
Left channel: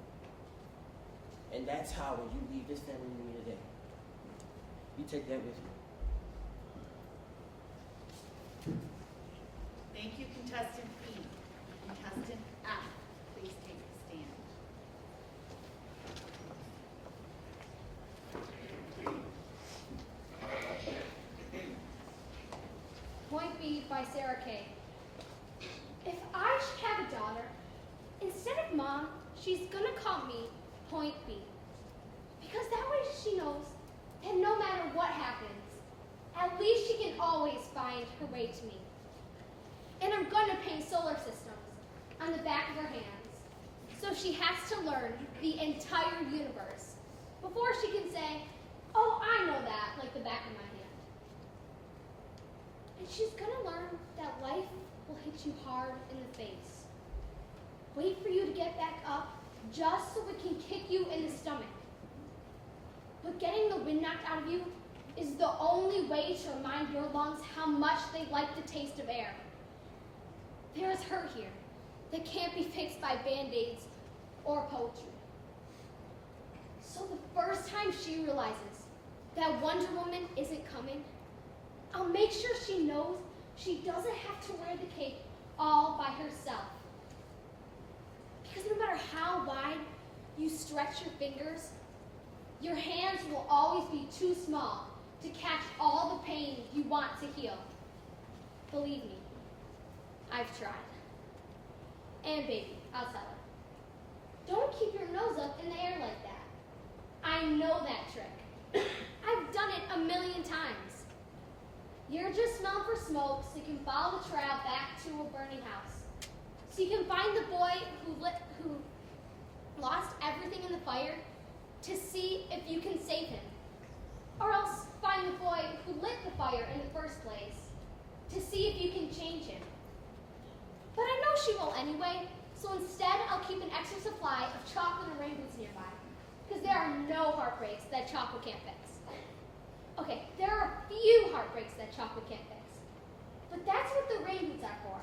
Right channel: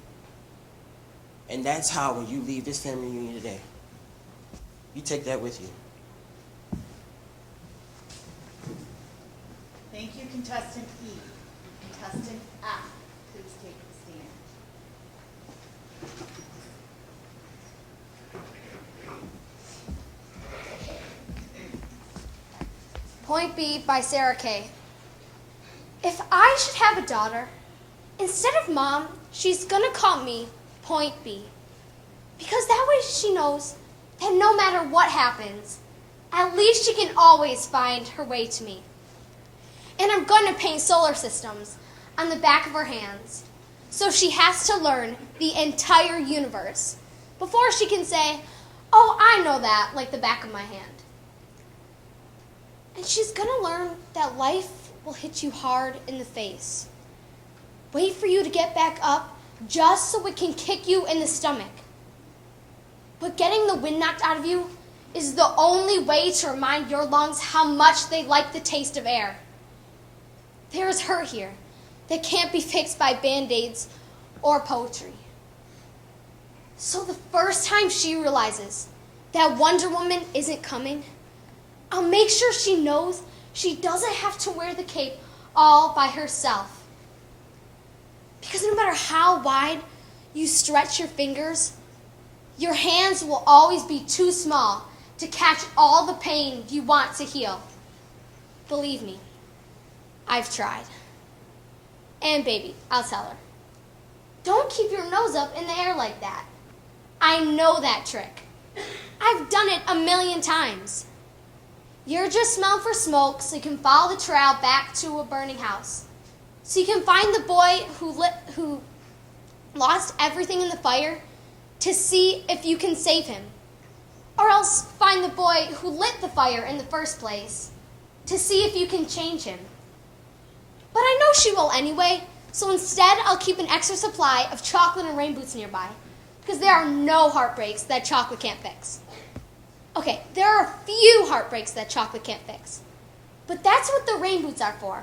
And that's how when you leave this family reunion today, you take that with you. Thank you, contestant E. Contestant F, please take the stand. Point B by Sarah Kay. If I should have a daughter, instead of Mom, she's gonna call me Point B. Because that way she knows that no matter what happens, at least she can always find her way to me. And I'm going to paint solar systems on the back of her hands, so she has to learn the entire universe before she can say, oh, I know that like the back of my hand. And she's going to learn that life will hit you hard in the face. Wait for you to get back up just so it can kick you in the stomach. But getting the wind knocked out of you is the only way to remind your lungs how much they like the taste of air. There is hurt here that can't be fixed by Band-Aids or poetry. So the first time she realizes that Wonder Woman isn't coming, I'll make sure she knows she doesn't have to wear the cape all by herself. Because no matter how wide you stretch your fingers, your hands will always be too small to catch all the pain you want to heal. Believe me, I've tried. And baby, I'll tell her. Don't keep your nose up in the air like that. I know that trick. I've done it 1,000,000 times. You're just smelling for smoke so you can follow the trail back to a burning house. So you can find the boy who lost everything in the fire to see if you can save him. Or else find the boy who lit the fire in the first place to see if you can change him. But I know she will anyway, so instead I'll keep an extra supply of chocolate and rain boots nearby, because there are no heartbreaks that chocolate can't fix. Okay, there are a few heartbreaks that chocolate can't fix, but that's what the rain boots are for.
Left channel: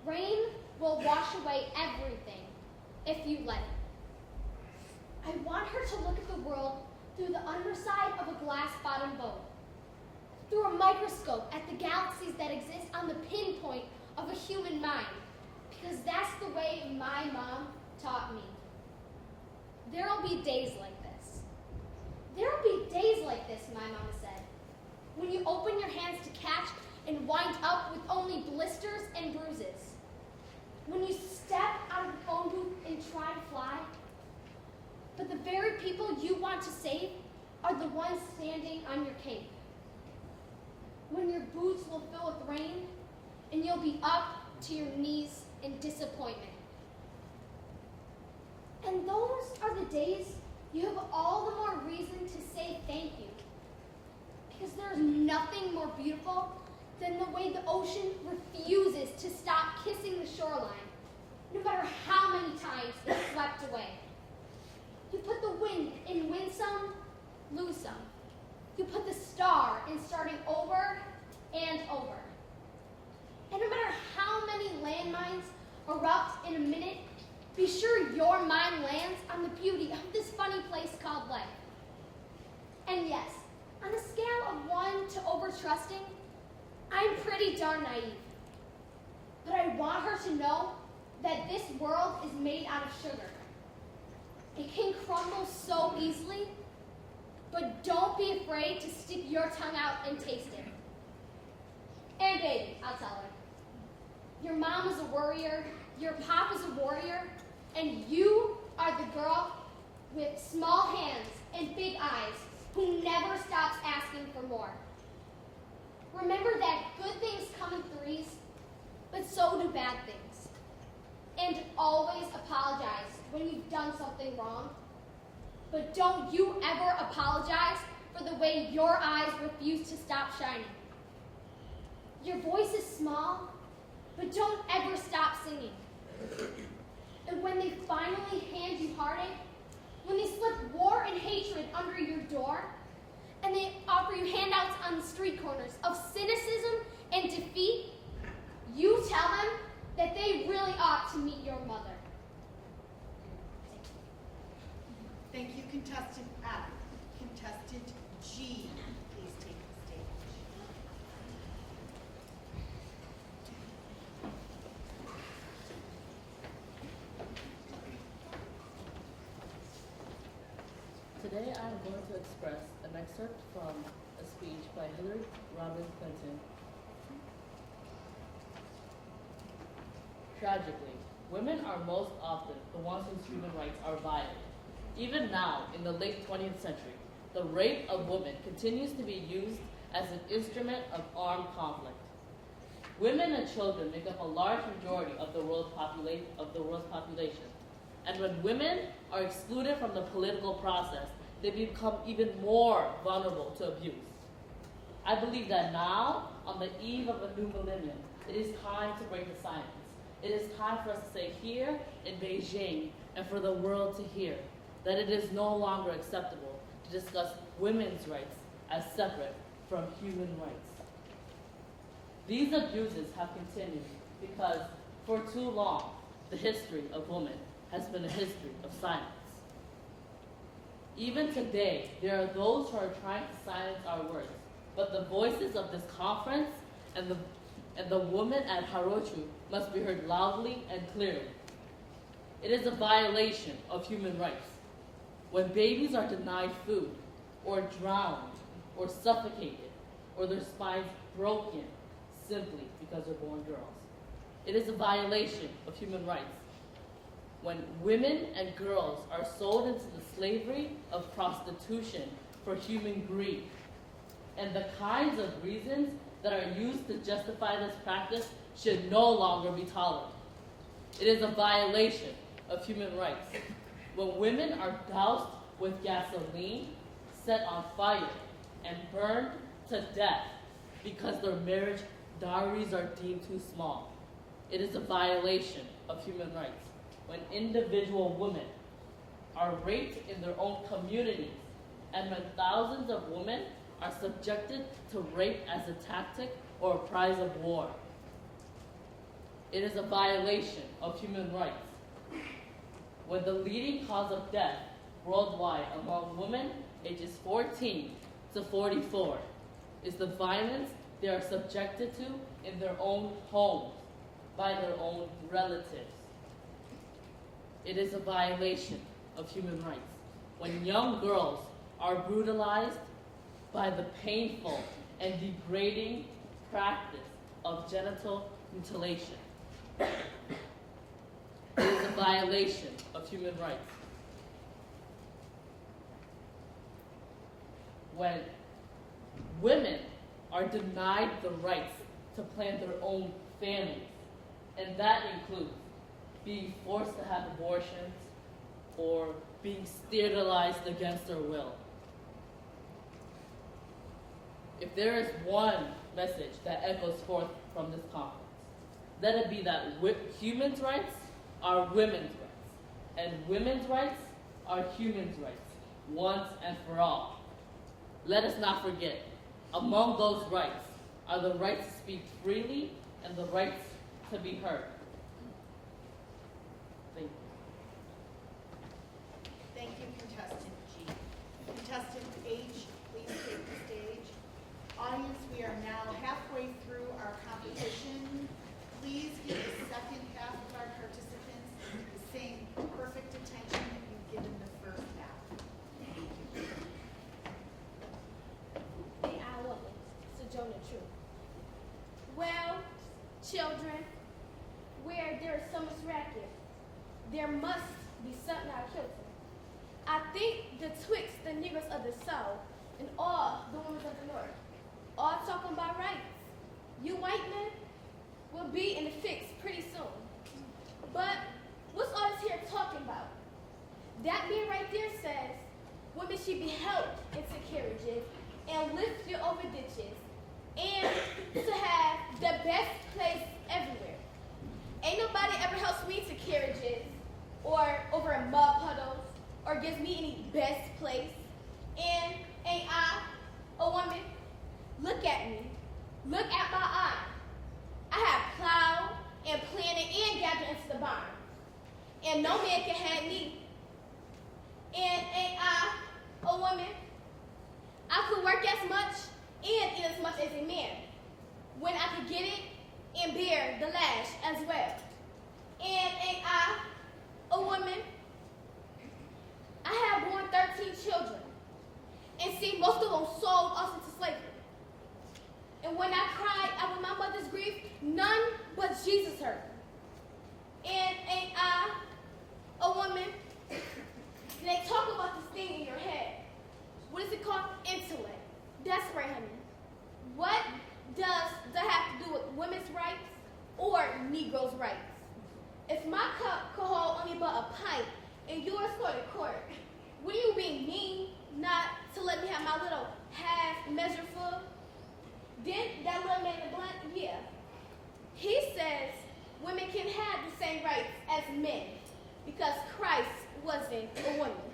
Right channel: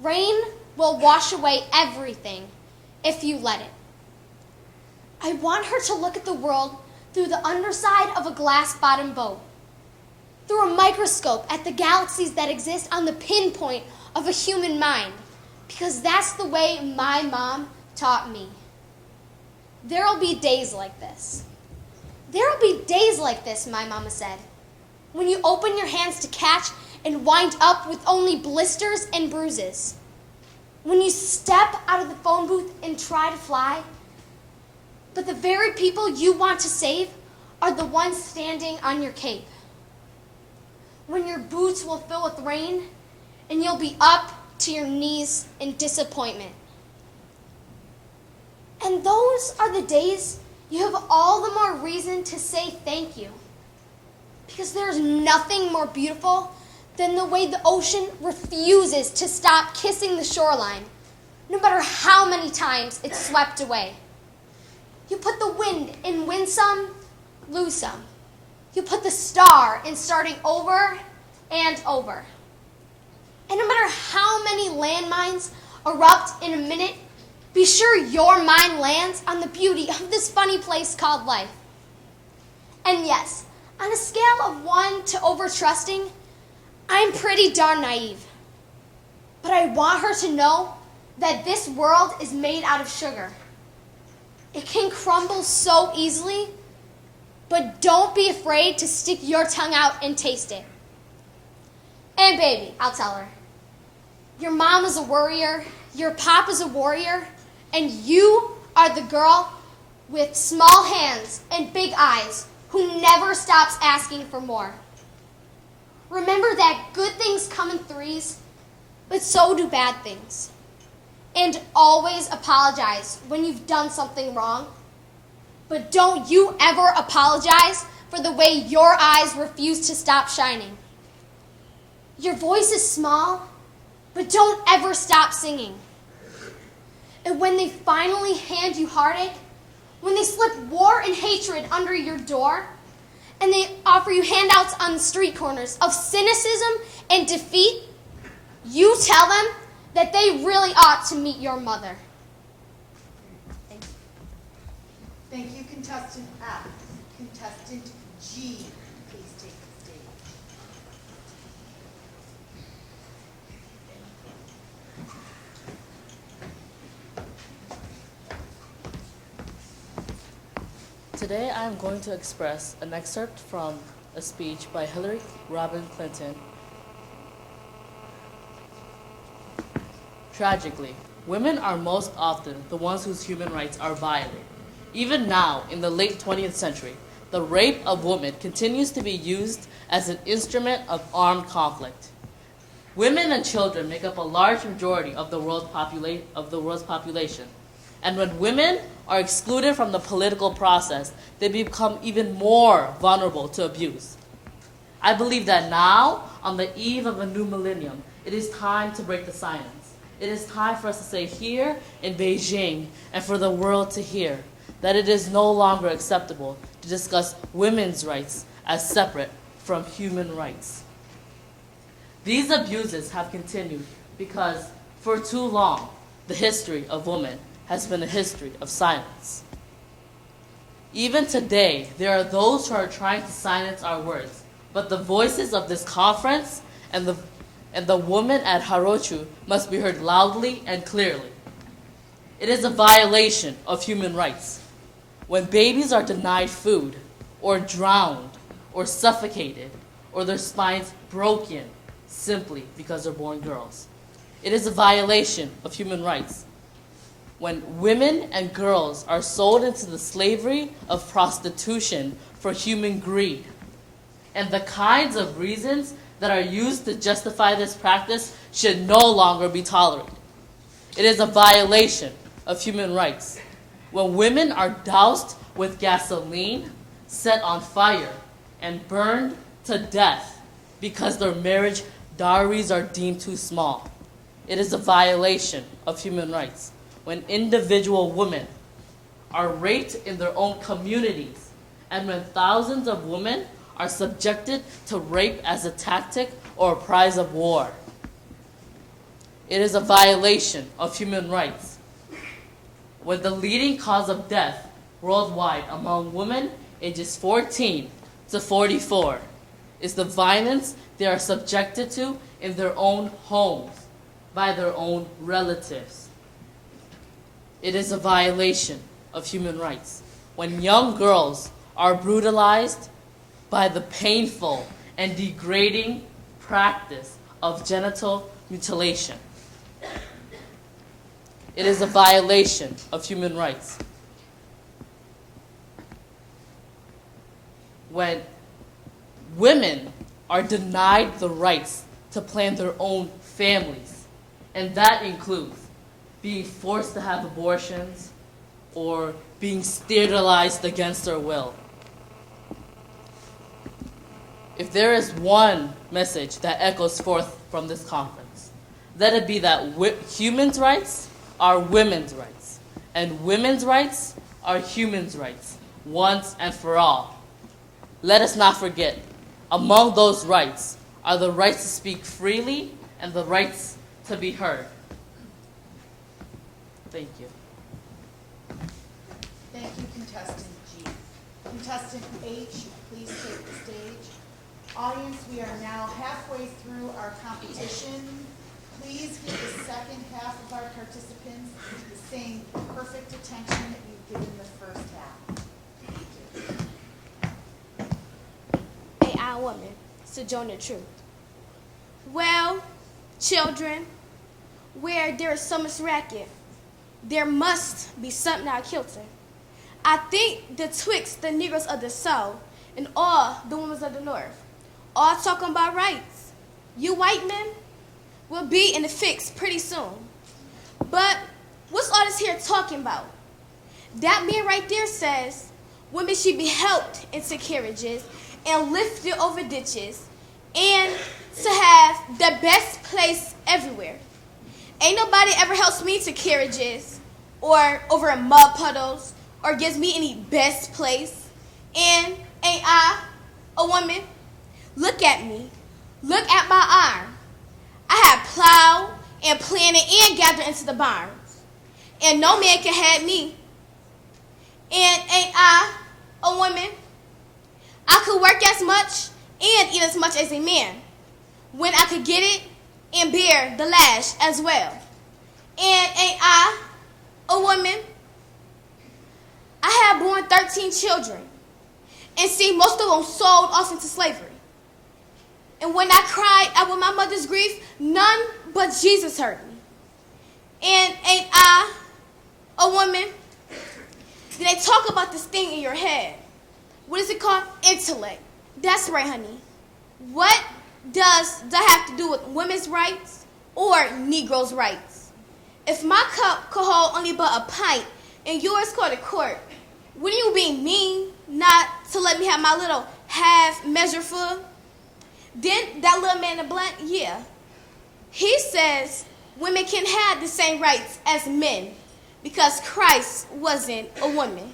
Rain will wash away everything if you let it. I want her to look at the world through the underside of a glass-bottom boat, through a microscope at the galaxies that exist on the pinpoint of a human mind, because that's the way my mom taught me. There'll be days like this. There'll be days like this, my mama said, when you open your hands to catch and wind up with only blisters and bruises. When you step out of the phone booth and try to fly, but the very people you want to save are the ones standing on your cape. When your boots will fill with rain and you'll be up to your knees in disappointment. And those are the days you have all the more reason to say thank you. Because there's nothing more beautiful than the way the ocean refuses to stop kissing the shoreline, no matter how many times it's swept away. You put the wind in win some, lose some. You put the star in starting over and over. And no matter how many landmines erupt in a minute, be sure your mind lands on the beauty of this funny place called life. And yes, on a scale of 1 to over-trusting, I'm pretty darn naive. But I want her to know that this world is made out of sugar. It can crumble so easily, but don't be afraid to stick your tongue out and taste it. And baby, I'll tell her, your mom is a worrier, your pop is a warrior, and you are the girl with small hands and big eyes who never stops asking for more. Remember that good things come in threes, but so do bad things. And always apologize when you've done something wrong. But don't you ever apologize for the way your eyes refuse to stop shining. Your voice is small, but don't ever stop singing. And when they finally hand you heartache, when they slip war and hatred under your door, and they offer you handouts on the street corners of cynicism and defeat, you tell them that they really ought to meet your mother. Thank you, contestant F. Contestant G, please take the stage. Today I am going to express an excerpt from a speech by Hillary Rodham Clinton. Tragically, women are most often the ones whose human rights are violated. Even now, in the late 20th century, the rape of women continues to be used as an instrument of armed conflict. Women and children make up a large majority of the world's population. And when women are excluded from the political process, they become even more vulnerable to abuse. I believe that now, on the eve of a new millennium, it is time to break the silence. It is time for us to say here in Beijing and for the world to hear that it is no longer acceptable to discuss women's rights as separate from human rights. These abuses have continued because, for too long, the history of women has been a history of silence. Even today, there are those who are trying to silence our words, but the voices of this conference and the women at Harochu must be heard loudly and clearly. It is a violation of human rights when babies are denied food, or drowned, or suffocated, or their spines broken simply because they're born girls. It is a violation of human rights when women and girls are sold into the slavery of prostitution for human greed. And the kinds of reasons that are used to justify this practice should no longer be tolerated. It is a violation of human rights when women are doused with gasoline, set on fire, and burned to death because their marriage dowries are deemed too small. It is a violation of human rights when individual women are raped in their own communities, and when thousands of women are subjected to rape as a tactic or a prize of war. It is a violation of human rights when the leading cause of death worldwide among women ages 14 to 44 is the violence they are subjected to in their own homes by their own relatives. It is a violation of human rights when young girls are brutalized by the painful and degrading practice of genital mutilation. It is a violation of human rights when women are denied the rights to plan their own families, and that includes being forced to have abortions or being sterilized against their will. If there is one message that echoes forth from this conference, let it be that humans' rights are women's rights, and women's rights are humans' rights, once and for all. Let us not forget, among those rights are the rights to speak freely and the rights to be heard. Thank you. Thank you, contestant G. Contestant H, please take the stage. Audience, we are now halfway through our competition. Please give the second half of our participants the same perfect attention that you gave the first half. AI woman, Sojourner Truth. Well, children, where there is so much racket, there must be something out kilter. I think the twixt the Negroes of the South and all the women of the North, all talking about rights. You white men will be in the fix pretty soon. But what's all this here talking about? That man right there says women should be helped into carriages and lifted over ditches and to have the best place everywhere. Ain't nobody ever helps me to carriages or over in mud puddles or gives me any best place. And ain't I a woman? Look at me. Look at my arm. I have plowed and planted and gathered into the barns. And no man can have me. And ain't I a woman? I could work as much and eat as much as a man when I could get it and bear the lash as well. And ain't I a woman? I have born 13 children and seen most of them sold off into slavery. And when I cried out with my mother's grief, none but Jesus heard me. And ain't I a woman? They talk about this thing in your head. What is it called? Intellect. That's right, honey. What does that have to do with women's rights or Negroes' rights? If my cup could hold only but a pint and yours go to court, wouldn't you be mean not to let me have my little half measure full? Then that little man in black, yeah. He says women can have the same rights as men because Christ wasn't a woman.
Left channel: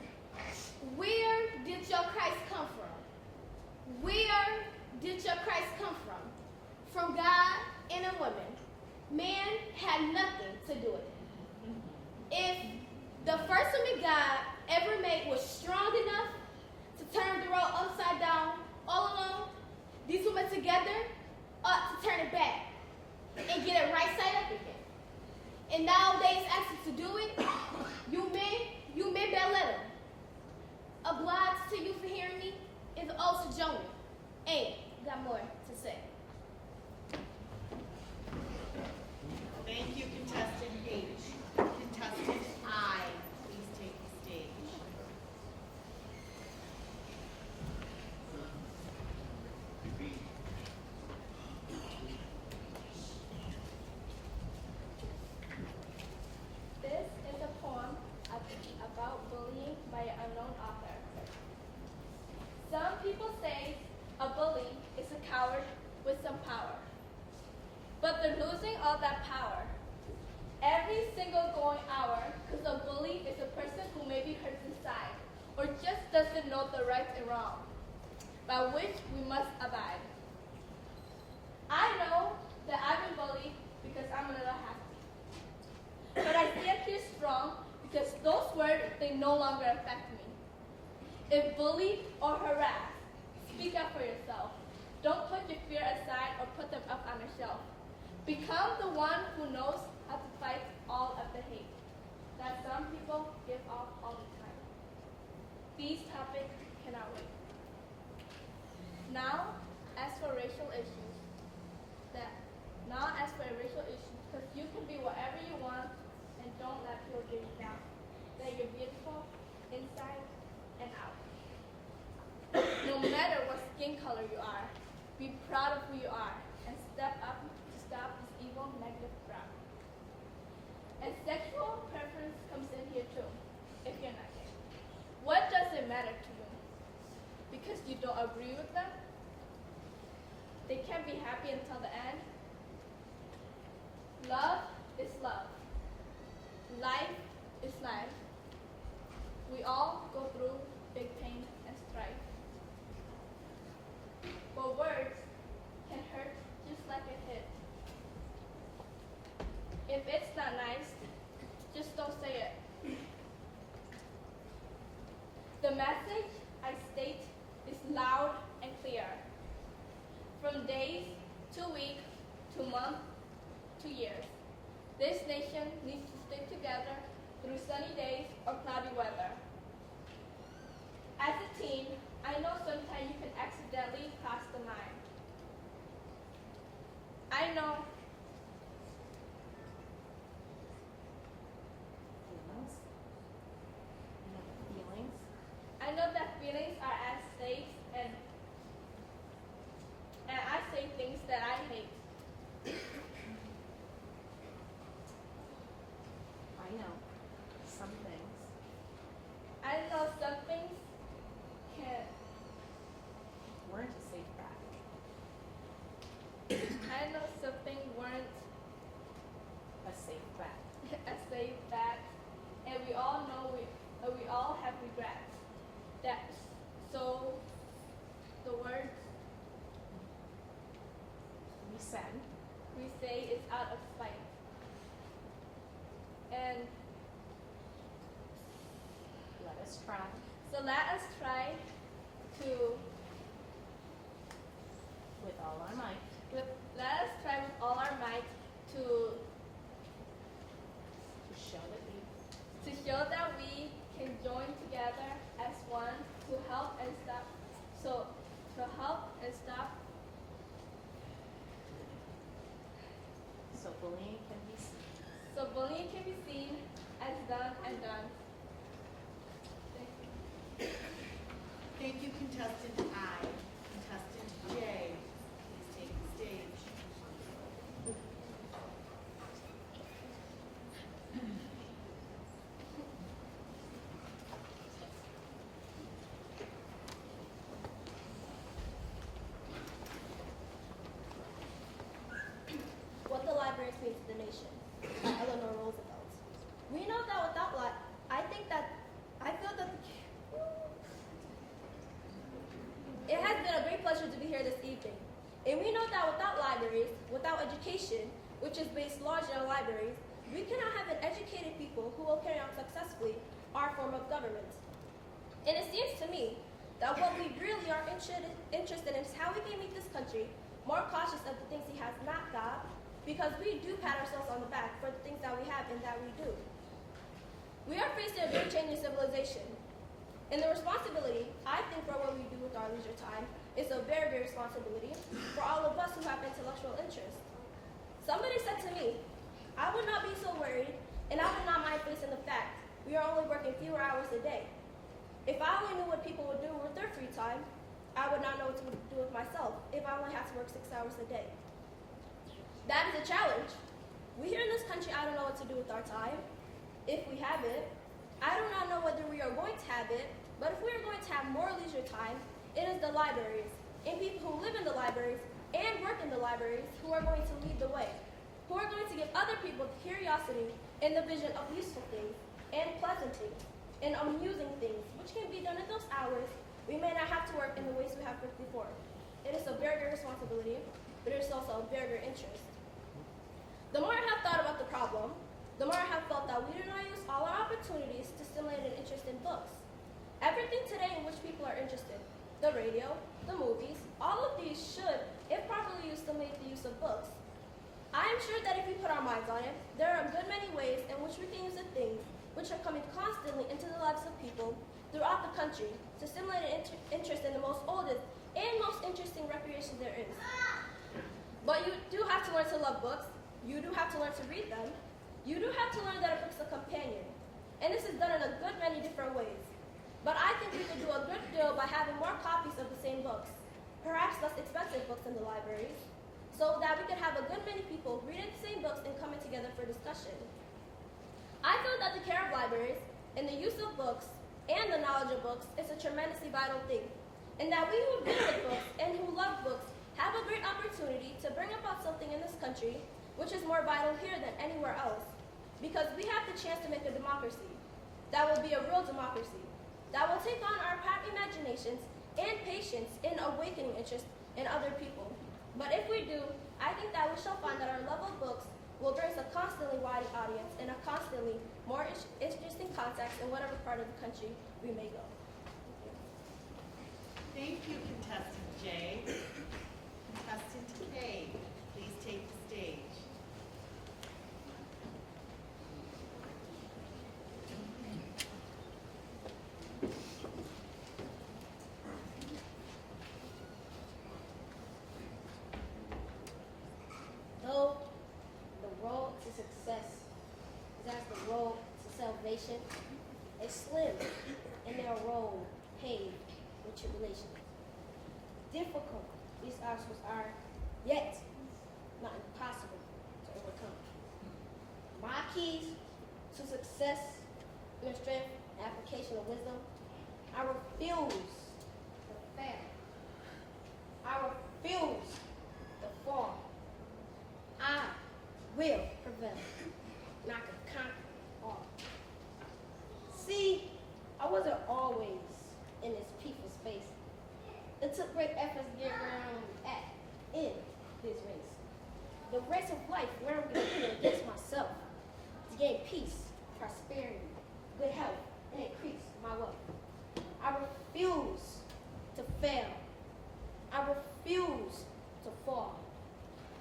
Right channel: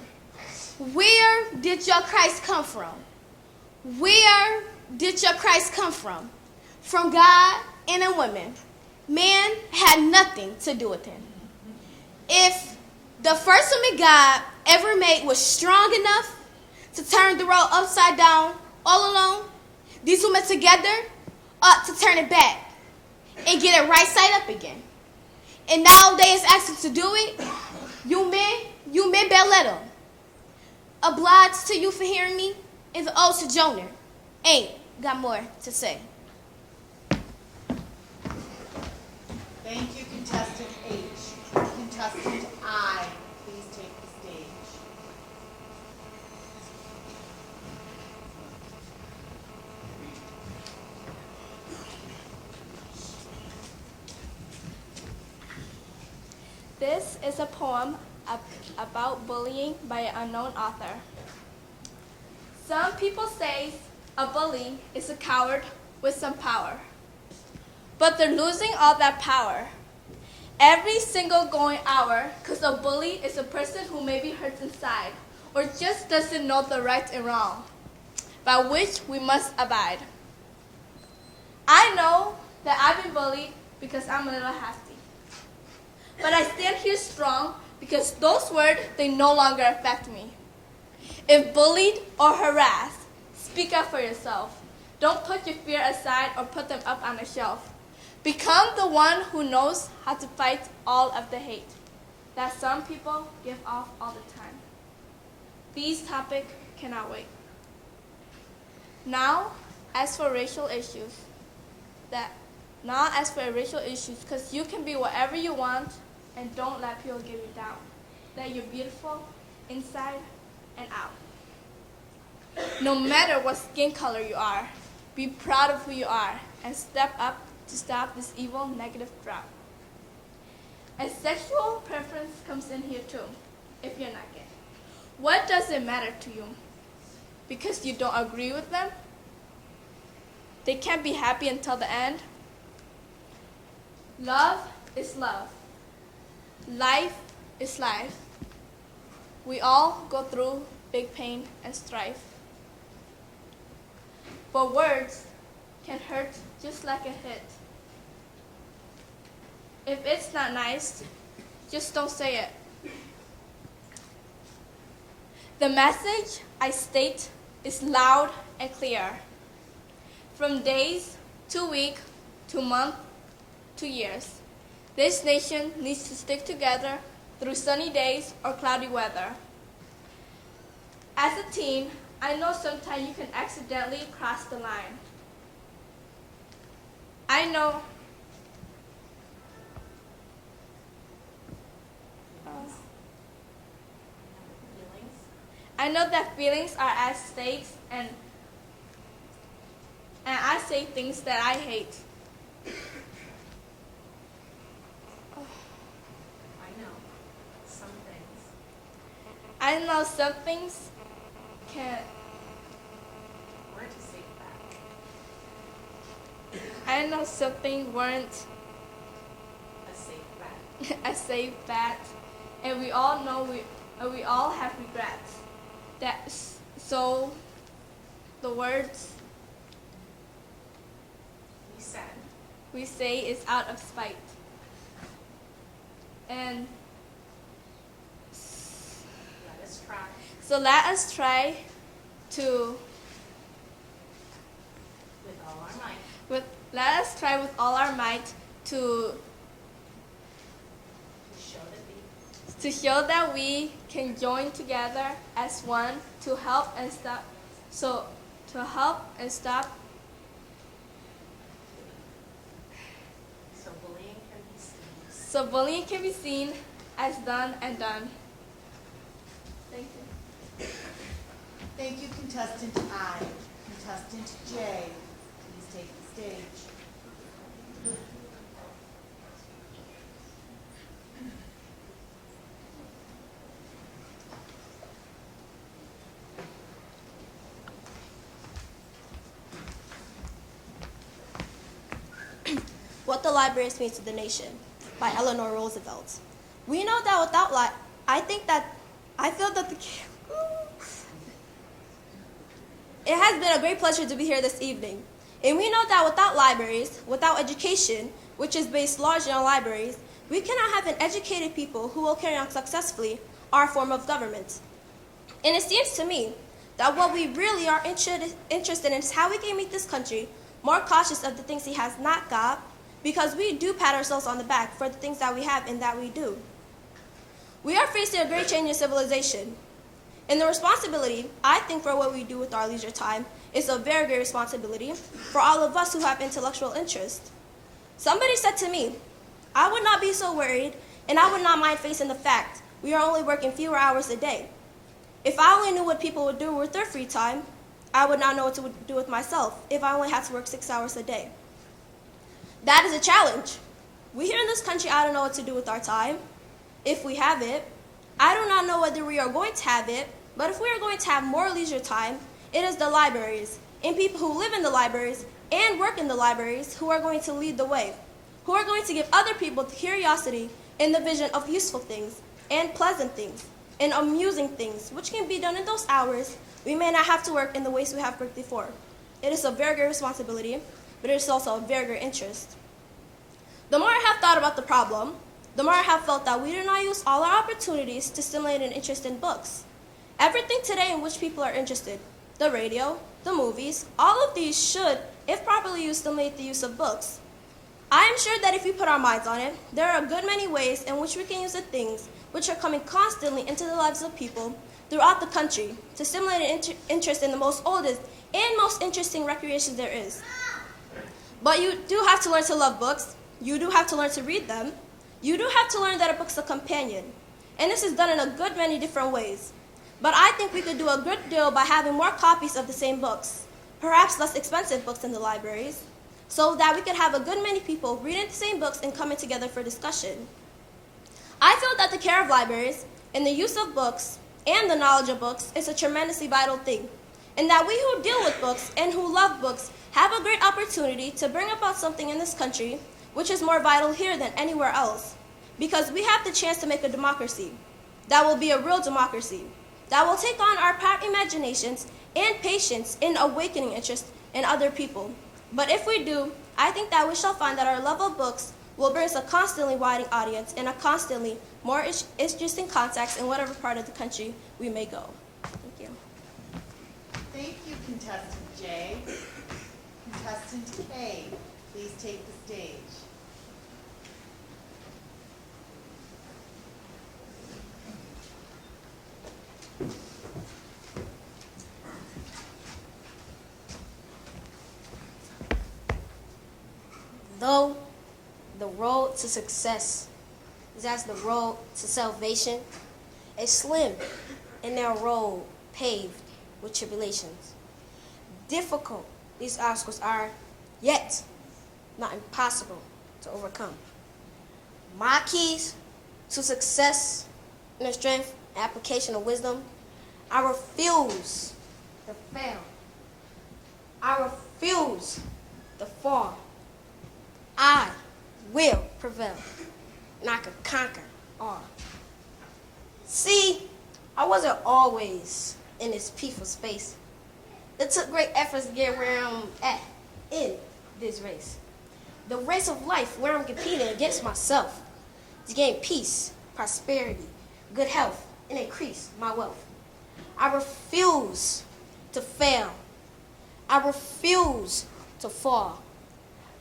Where did your Christ come from? Where did your Christ come from? From God and a woman. Man had nothing to do with him. If the first woman God ever made was strong enough to turn the world upside down all alone, these women together ought to turn it back and get it right side up again. And now they is asking to do it. You men better let them. Obliged to you for hearing me is an old sojourner. Ain't got more to say. Thank you, contestant H. Contestant I, please take the stage. This is a poem about bullying by an unknown author. Some people say a bully is a coward with some power, but they're losing all that power every single going hour because a bully is a person who maybe hurts inside or just doesn't know the right and wrong, by which we must abide. I know that I've been bullied because I'm a little hasty, but I stand here strong because those words, they no longer affect me. If bullied or harassed, speak up for yourself. Don't put your fear aside or put them up on a shelf. Become the one who knows how to fight all of the hate that some people give off all the time. These topics cannot wait. Now, as for racial issues, because you can be whatever you want and don't let people give you down. That you're beautiful inside and out. No matter what skin color you are, be proud of who you are and step up to stop this evil negative drought. And sexual preference comes in here too, if you're not gay. What does it matter to you? Because you don't agree with them? They can't be happy until the end? Love is love. Life is life. We all go through big pain and strife. But words can hurt just like a hit. If it's not nice, just don't say it. The message I state is loud and clear. From days to week to month to years, this nation needs to stick together through sunny days or cloudy weather. As a teen, I know sometimes you can accidentally cross the line. I know that feelings are at stake, and I say things that I hate. I know some things can. Word to say that. I know something weren't a safe bet, and we all know we all have regrets. So the words we say is out of spite. And so let us try to let us try with all our might to show that we can join together as one to help and stop so bullying can be seen as done and done. Thank you. Thank you, contestant I. Contestant J, please take the stage. What the Libraries Mean to the Nation by Eleanor Roosevelt. We know that without I feel that it has been a great pleasure to be here this evening. And we know that without libraries, without education, which is based largely on libraries, we cannot have an educated people who will carry on successfully our form of government. And it seems to me that what we really are interested in is how we can make this country more cautious of the things he has not got, because we do pat ourselves on the back for the things that we have and that we do. We are facing a great change in civilization. And the responsibility, I think, for what we do with our leisure time is a very great responsibility for all of us who have intellectual interest. Somebody said to me, I would not be so worried, and I would not mind facing the fact we are only working fewer hours a day. If I only knew what people would do with their free time, I would not know what to do with myself if I only had to work 6 hours a day. That is a challenge. We here in this country, I don't know what to do with our time, if we have it. I do not know whether we are going to have it, but if we are going to have more leisure time, it is the libraries and people who live in the libraries and work in the libraries who are going to lead the way, who are going to give other people the curiosity and the vision of useful things and pleasant things and amusing things, which can be done in those hours we may not have to work in the ways we have worked before. It is a very great responsibility, but it is also a very great interest. The more I have thought about the problem, the more I have felt that we do not use all our opportunities to stimulate an interest in books. Everything today in which people are interested, the radio, the movies, all of these should, if properly used, stimulate the use of books. I am sure that if we put our minds on it, there are a good many ways in which we can use the things which are coming constantly into the lives of people throughout the country to stimulate an interest in the most oldest and most interesting recreation there is. But you do have to learn to love books. You do have to learn to read them. You do have to learn that a book's a companion. And this is done in a good many different ways. But I think we could do a good deal by having more copies of the same books, perhaps less expensive books in the libraries, so that we could have a good many people reading the same books and coming together for discussion. I feel that the care of libraries and the use of books and the knowledge of books is a tremendously vital thing, and that we who deal with books and who love books have a great opportunity to bring about something in this country which is more vital here than anywhere else, because we have the chance to make a democracy that will be a real democracy, that will take on our proud imaginations and patience in awakening interest in other people. But if we do, I think that we shall find that our love of books will bring us a constantly widening audience and a constantly more interesting contacts in whatever part of the country we may go. Thank you. Thank you, contestant J. Contestant K, please take the stage. Though the road to success is as the road to salvation, a slim and narrow road paved with tribulations. Difficult these obstacles are, yet not impossible to overcome. My keys to success and the strength and application of wisdom, I refuse to fail. I refuse to fall. I will prevail, and I can conquer all. See, I wasn't always in this peaceful space. It took great efforts to get where I'm at in this race. The race of life where I'm competing against myself to gain peace, prosperity, good health, and increase my wealth. I refuse to fail. I refuse to fall.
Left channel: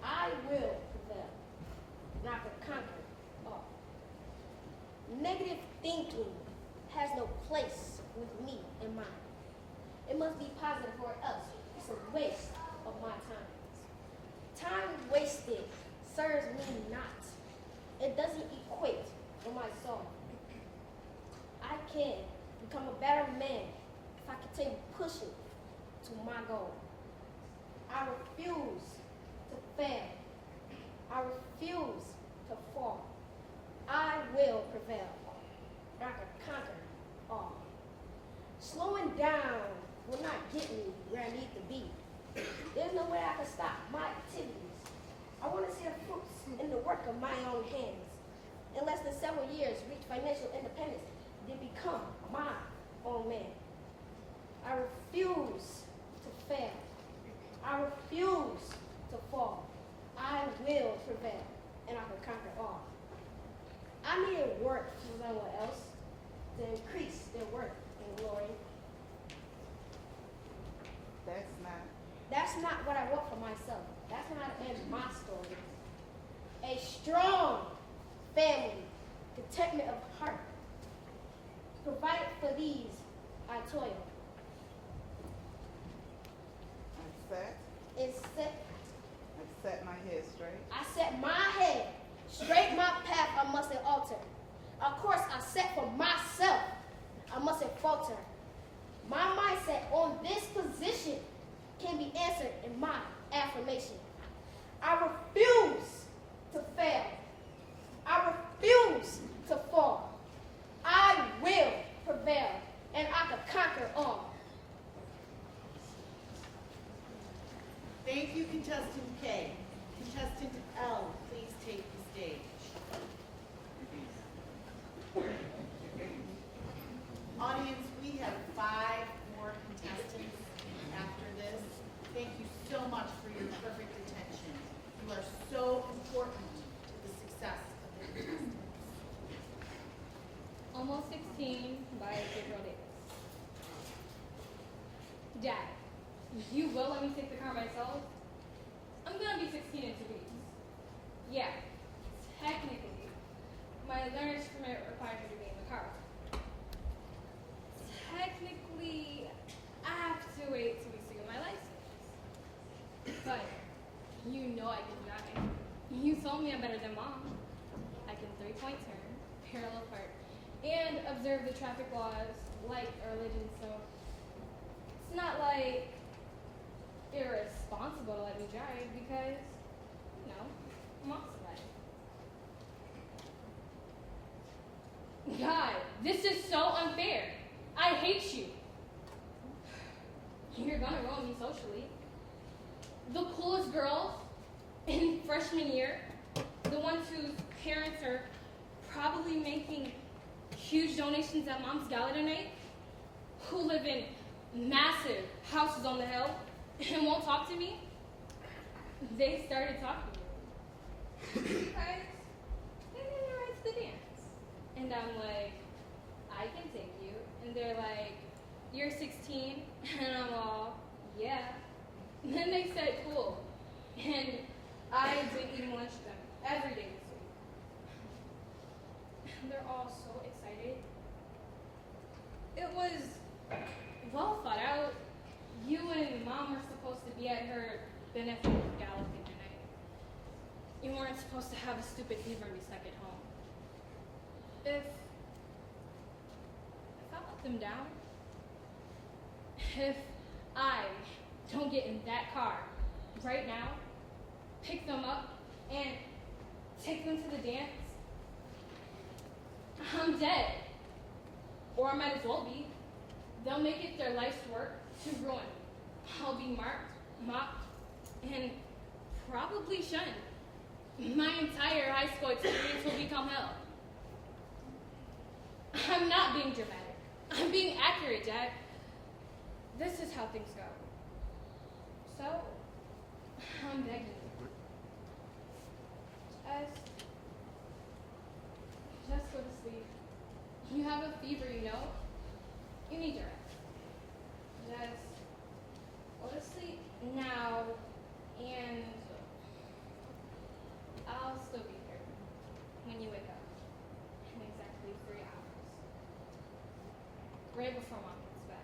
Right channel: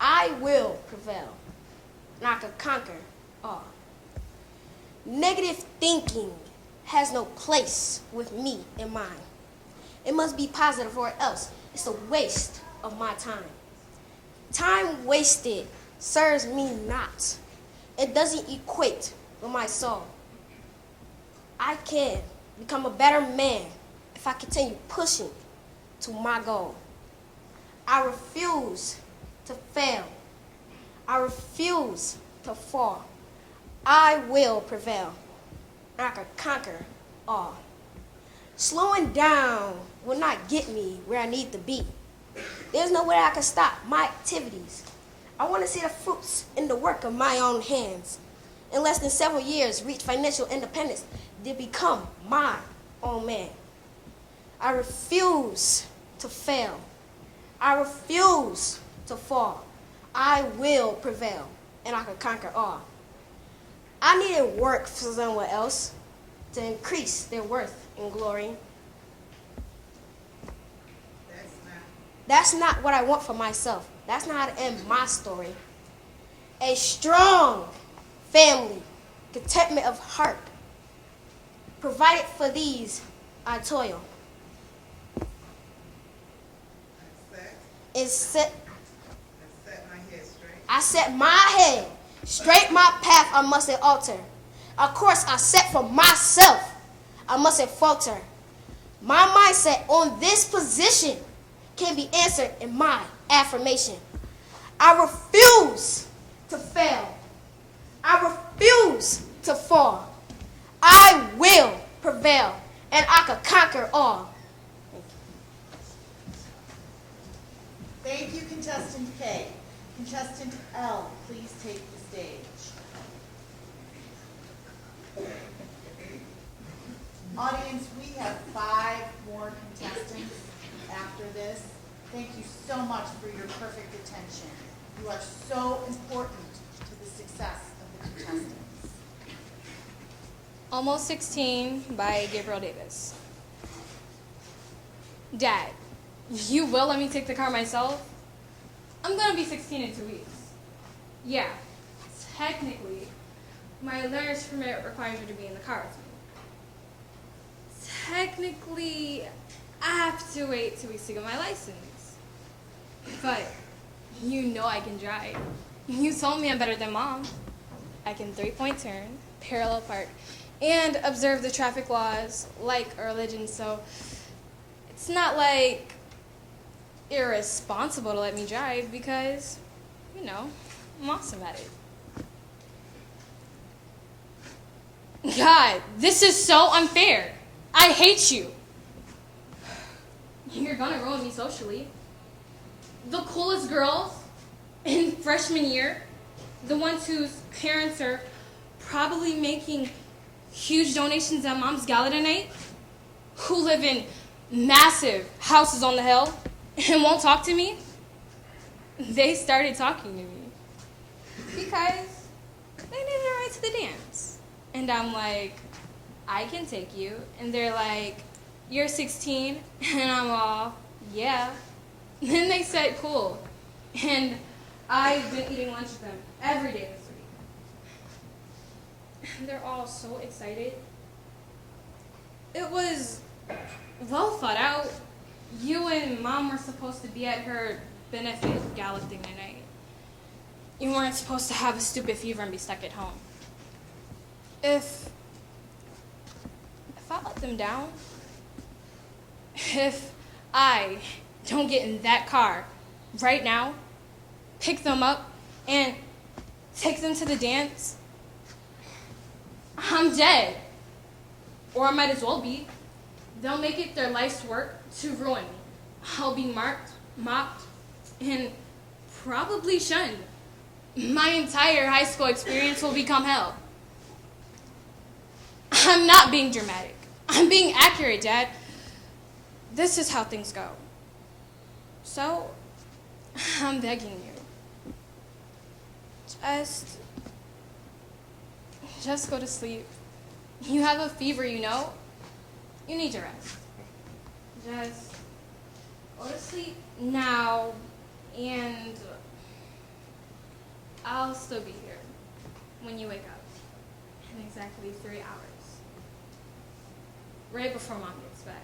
I will prevail, and I can conquer all. Negative thinking has no place with me in mind. It must be positive or else it's a waste of my time. Time wasted serves me not. It doesn't equate with my soul. I can become a better man if I continue pushing to my goal. I refuse to fail. I refuse to fall. I will prevail. I can conquer all. Slowing down will not get me where I need to be. There's no way I can stop my activities. I want to see the fruits in the work of my own hands. In less than several years, reach financial independence, then become my own man. I refuse to fail. I refuse to fall. I will prevail, and I can conquer all. I needed work for someone else to increase their worth and glory. That's not what I want for myself. That's not how to end my story. A strong family, contentment of heart, provided for these I toil. I set my head straight, my path I mustn't alter. A course I set for myself, I mustn't falter. My mindset on this position can be answered in my affirmation. I refuse to fail. I refuse to fall. I will prevail, and I can conquer all. Thank you, contestant K. Contestant L, please take the stage. Audience, we have 5 more contestants after this. Thank you so much for your perfect attention. You are so important to the success of the contestants. Almost 16 by Gabriel Davis. Dad, you will let me take the car myself? I'm gonna be 16 in 2 weeks. Yeah, technically, my learner's permit requires you to be in the car with me. Technically, I have to wait 2 weeks to get my license. But you know I can drive. You told me I'm better than Mom. I can 3-point turn, parallel park, and observe the traffic laws like a religion, so it's not like irresponsible to let me drive because, you know, I'm awesome at it. God, this is so unfair. I hate you. You're gonna ruin me socially. The coolest girls in freshman year, the ones whose parents are probably making huge donations at Mom's gala tonight, who live in massive houses on the hill and won't talk to me, they started talking to me. because they needed a ride to the dance. And I'm like, I can take you. And they're like, you're 16? And I'm all, yeah. Then they said, cool. And I've been eating lunch with them every day this week. They're all so excited. It was well thought out. You and Mom were supposed to be at her benefit gala thing tonight. You weren't supposed to have a stupid fever and be stuck at home. If I let them down, if I don't get in that car right now, pick them up, and take them to the dance, I'm dead. Or I might as well be. They'll make it their life's work to ruin me. I'll be marked, mocked, and probably shunned. My entire high school experience will become hell. I'm not being dramatic. I'm being accurate, Dad. This is how things go. So, I'm begging you. Just go to sleep. You have a fever, you know. You need to rest. Just go to sleep now, and I'll still be here when you wake up in exactly 3 hours. Right before Mom gets back.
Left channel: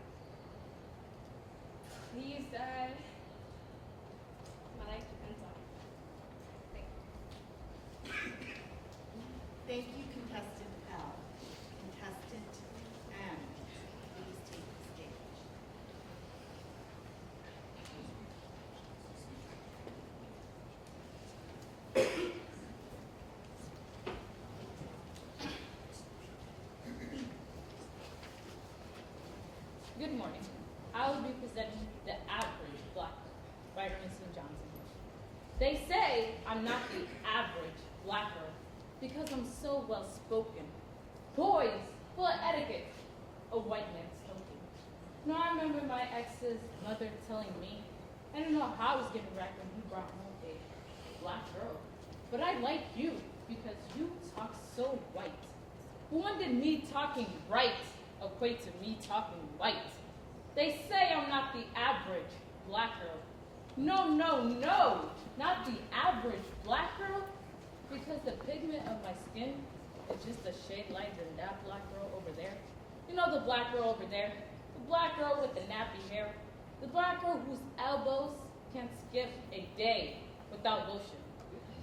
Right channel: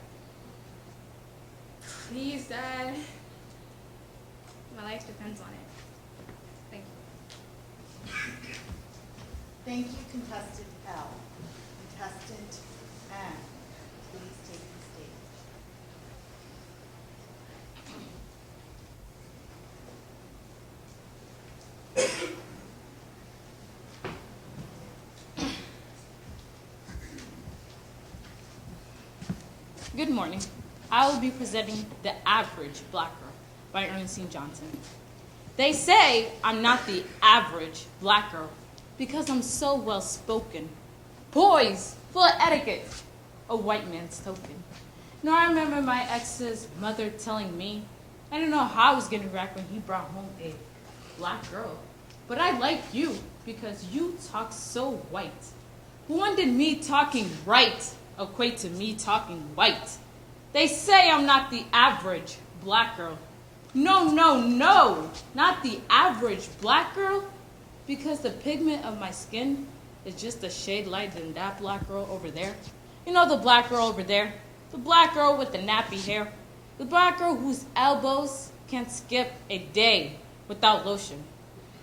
Please, Dad. My life depends on it. Thank you. Thank you, contestant L. Contestant N, please take the stage. Good morning. I will be presenting The Average Black Girl by Ernestine Johnson. They say I'm not the average black girl because I'm so well spoken, poised, full of etiquette, a white man's token. You know, I remember my ex's mother telling me I didn't know how I was getting back when he brought home a black girl. But I like you because you talk so white. When did me talking right equate to me talking white? They say I'm not the average black girl. No, no, no, not the average black girl, because the pigment of my skin is just a shade lighter than that black girl over there. You know the black girl over there? The black girl with the nappy hair. The black girl whose elbows can't skip a day without lotion.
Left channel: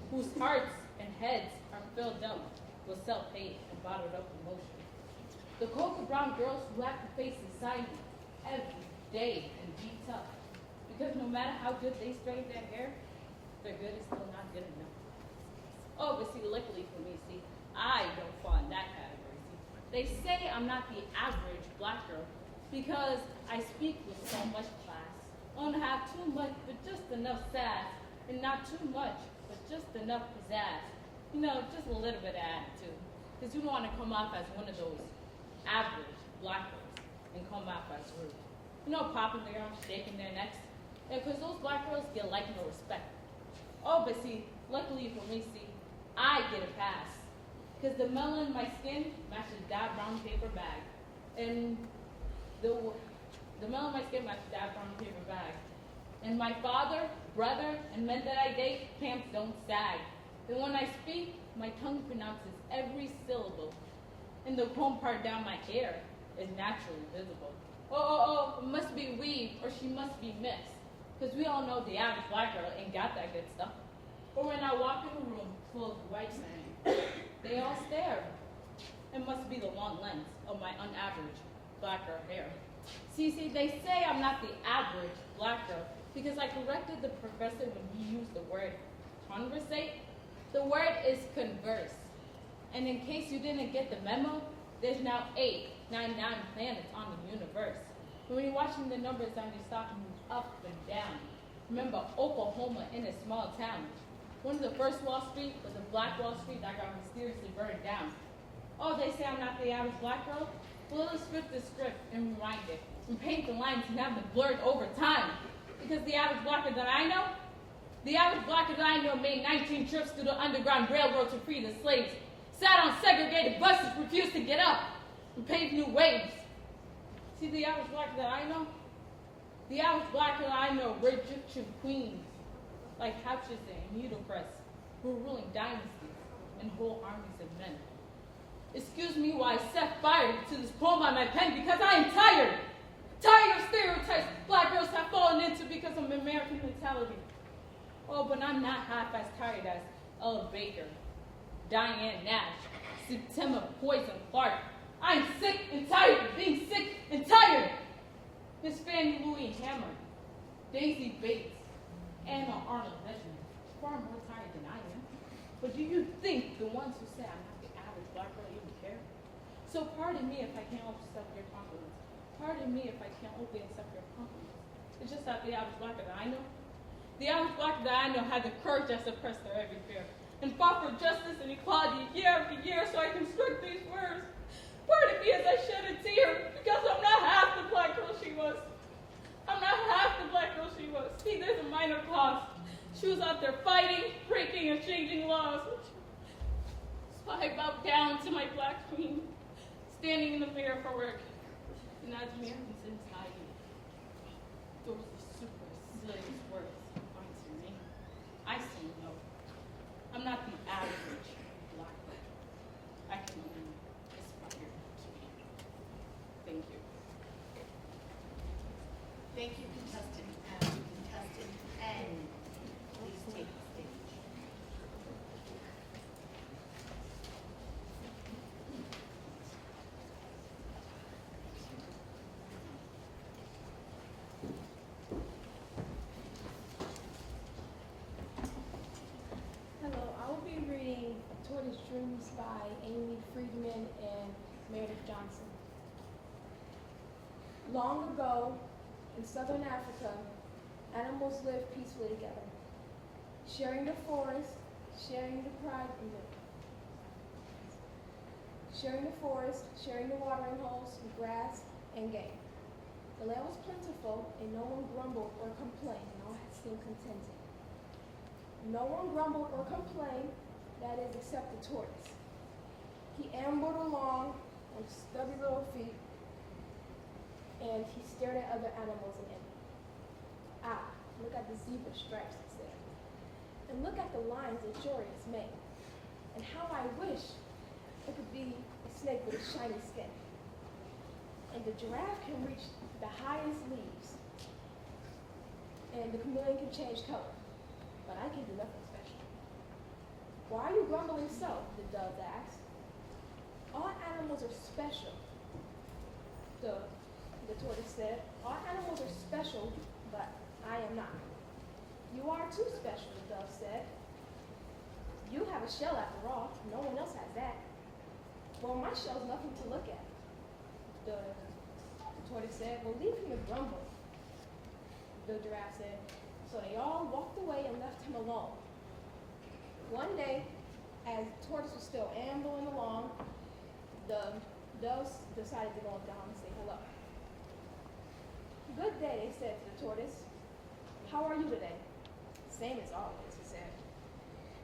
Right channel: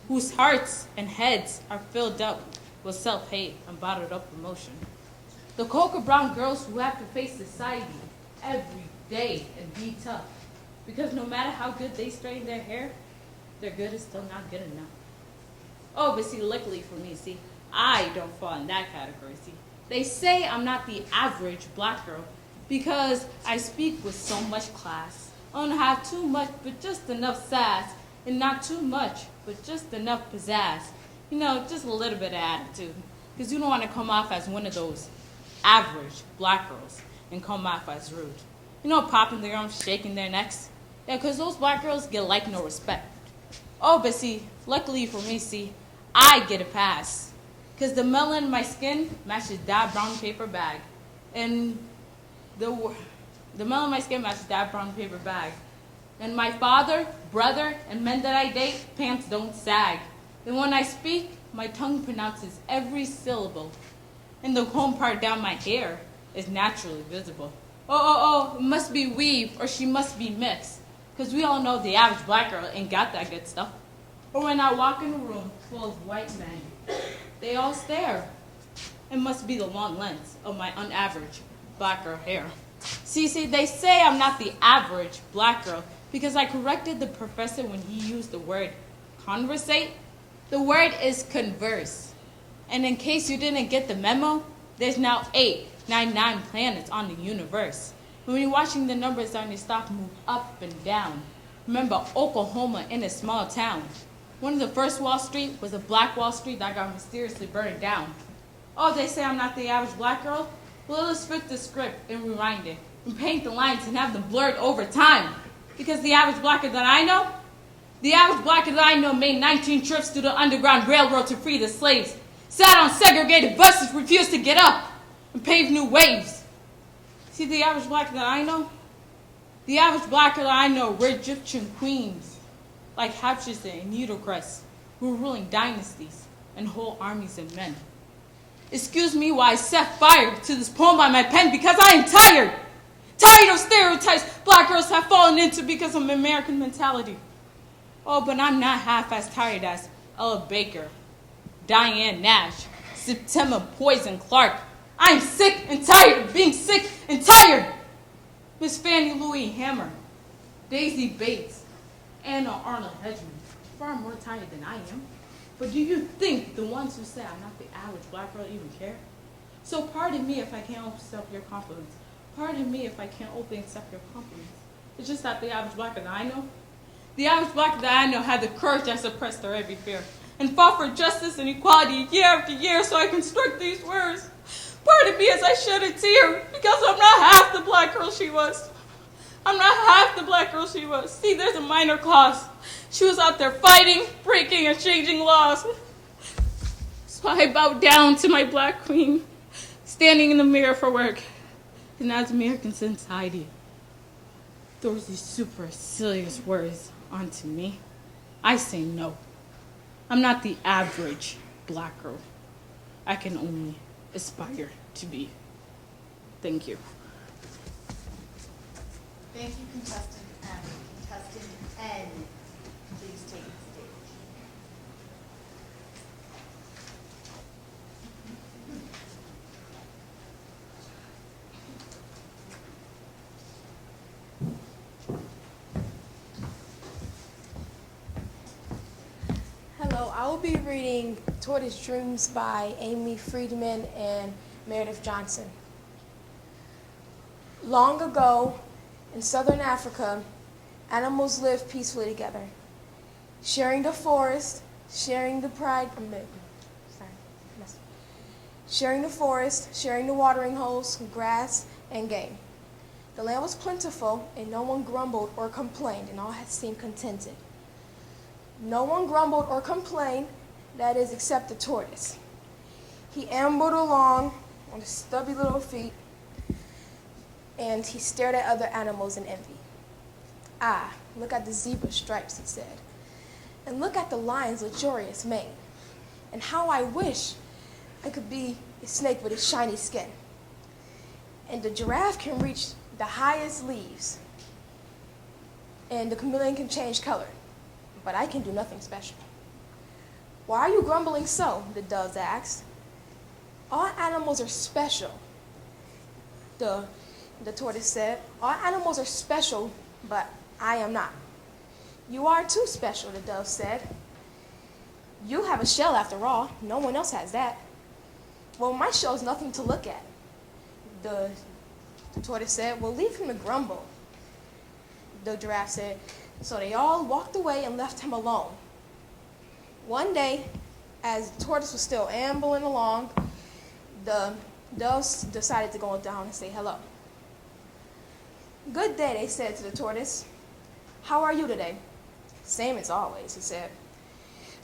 Whose hearts and heads are filled up with self-hate and bottled up emotion. The cocoa brown girls who have to face society every day and be tough. Because no matter how good they straighten their hair, their good is still not good enough. Oh, but see, luckily for me, see, I don't fall in that category, see. They say I'm not the average black girl because I speak with so much class. I don't have too much, but just enough sass, and not too much, but just enough pizzazz. You know, just a little bit of attitude. Because you don't want to come off as one of those average black girls and come off as rude. You know, popping their arms, shaking their necks. Yeah, because those black girls get like no respect. Oh, but see, luckily for me, see, I get a pass. Because the melon in my skin matches that brown paper bag. And the melon in my skin matches that brown paper bag. And my father, brother, and men that I date, pants don't sag. And when I speak, my tongue pronounces every syllable. And the comb part down my hair is naturally visible. Oh, it must be weave, or she must be mixed. Because we all know the average black girl ain't got that good stuff. Or when I walk in a room full of white men, they all stare. It must be the long lens of my unaverage black girl hair. See, they say I'm not the average black girl because I corrected the professor when he used the word conversate. The word is converse. And in case you didn't get the memo, there's now 899 planets on the universe. When you're watching the numbers on your stop move up and down. Remember Oklahoma in a small town. One of the first Wall Street was a black Wall Street that got mysteriously burned down. Oh, they say I'm not the average black girl? Well, let's flip the script and rewind it. And paint the lines and have them blurred over time. Because the average black girl that I know, The average black that I know made 19 trips through the Underground Railroad to free the slaves, sat on segregated buses, refused to get up, and paved new ways. See the average black that I know? The average black that I know were Egyptian queens, like Hatshepsut and Nitocris, who were ruling dynasties and whole armies of men. Excuse me while I set fire to this poem by my pen, because I am tired. Tired of stereotypes black girls have fallen into because of American mentality. Oh, but I'm not half as tired as Ella Baker, Diane Nash, September Poison Clark. I'm sick and tired of being sick and tired. Miss Fannie Louise Hammer, Daisy Bates, Anna Arnold Hedgeman, far more tired than I am. But do you think the ones who say I'm not the average black girl even care? So pardon me if I can't accept your compliments. Pardon me if I can't openly accept your compliments. It's just that the average black that I know, the average black that I know had the courage that suppressed their every fear and fought for justice and equality year after year so I construct these words. Pardon me as I shed a tear because I'm not half the black girl she was. I'm not half the black girl she was. See, there's a minor clause. She was out there fighting, breaking, and changing laws. So I bowed down to my black queen, standing in the mirror for work. And as American society throws these supercilious words onto me, I say no. I'm not the average black girl. I can only aspire to be. Thank you. Thank you, contestant M. Contestant N, please take the stage. Hello, I will be reading Tortoise Dreams by Amy Friedman and Meredith Johnson. Long ago, in southern Africa, animals lived peacefully together, sharing the forest, sharing the sharing the forest, sharing the watering holes, grass, and game. The land was plentiful, and no one grumbled or complained, and all had seemed contented. No one grumbled or complained, that is, except the tortoise. He ambled along on his stubby little feet, and he stared at other animals in envy. Ah, look at the zebra stripes, he said, and look at the lion's luxurious mane, and how I wish I could be a snake with its shiny skin. And the giraffe can reach the highest leaves, and the chameleon can change color, but I can do nothing special. Why are you grumbling so? The doves asked. All animals are special, the tortoise said. All animals are special, but I am not. You are too special, the dove said. You have a shell after all. No one else has that. Well, my shell is nothing to look at, the tortoise said. Well, leave him to grumble, the giraffe said. So they all walked away and left him alone. One day, as the tortoise was still ambling along, the doves decided to go down and say hello. Good day, they said to the tortoise. How are you today? Same as always, he said.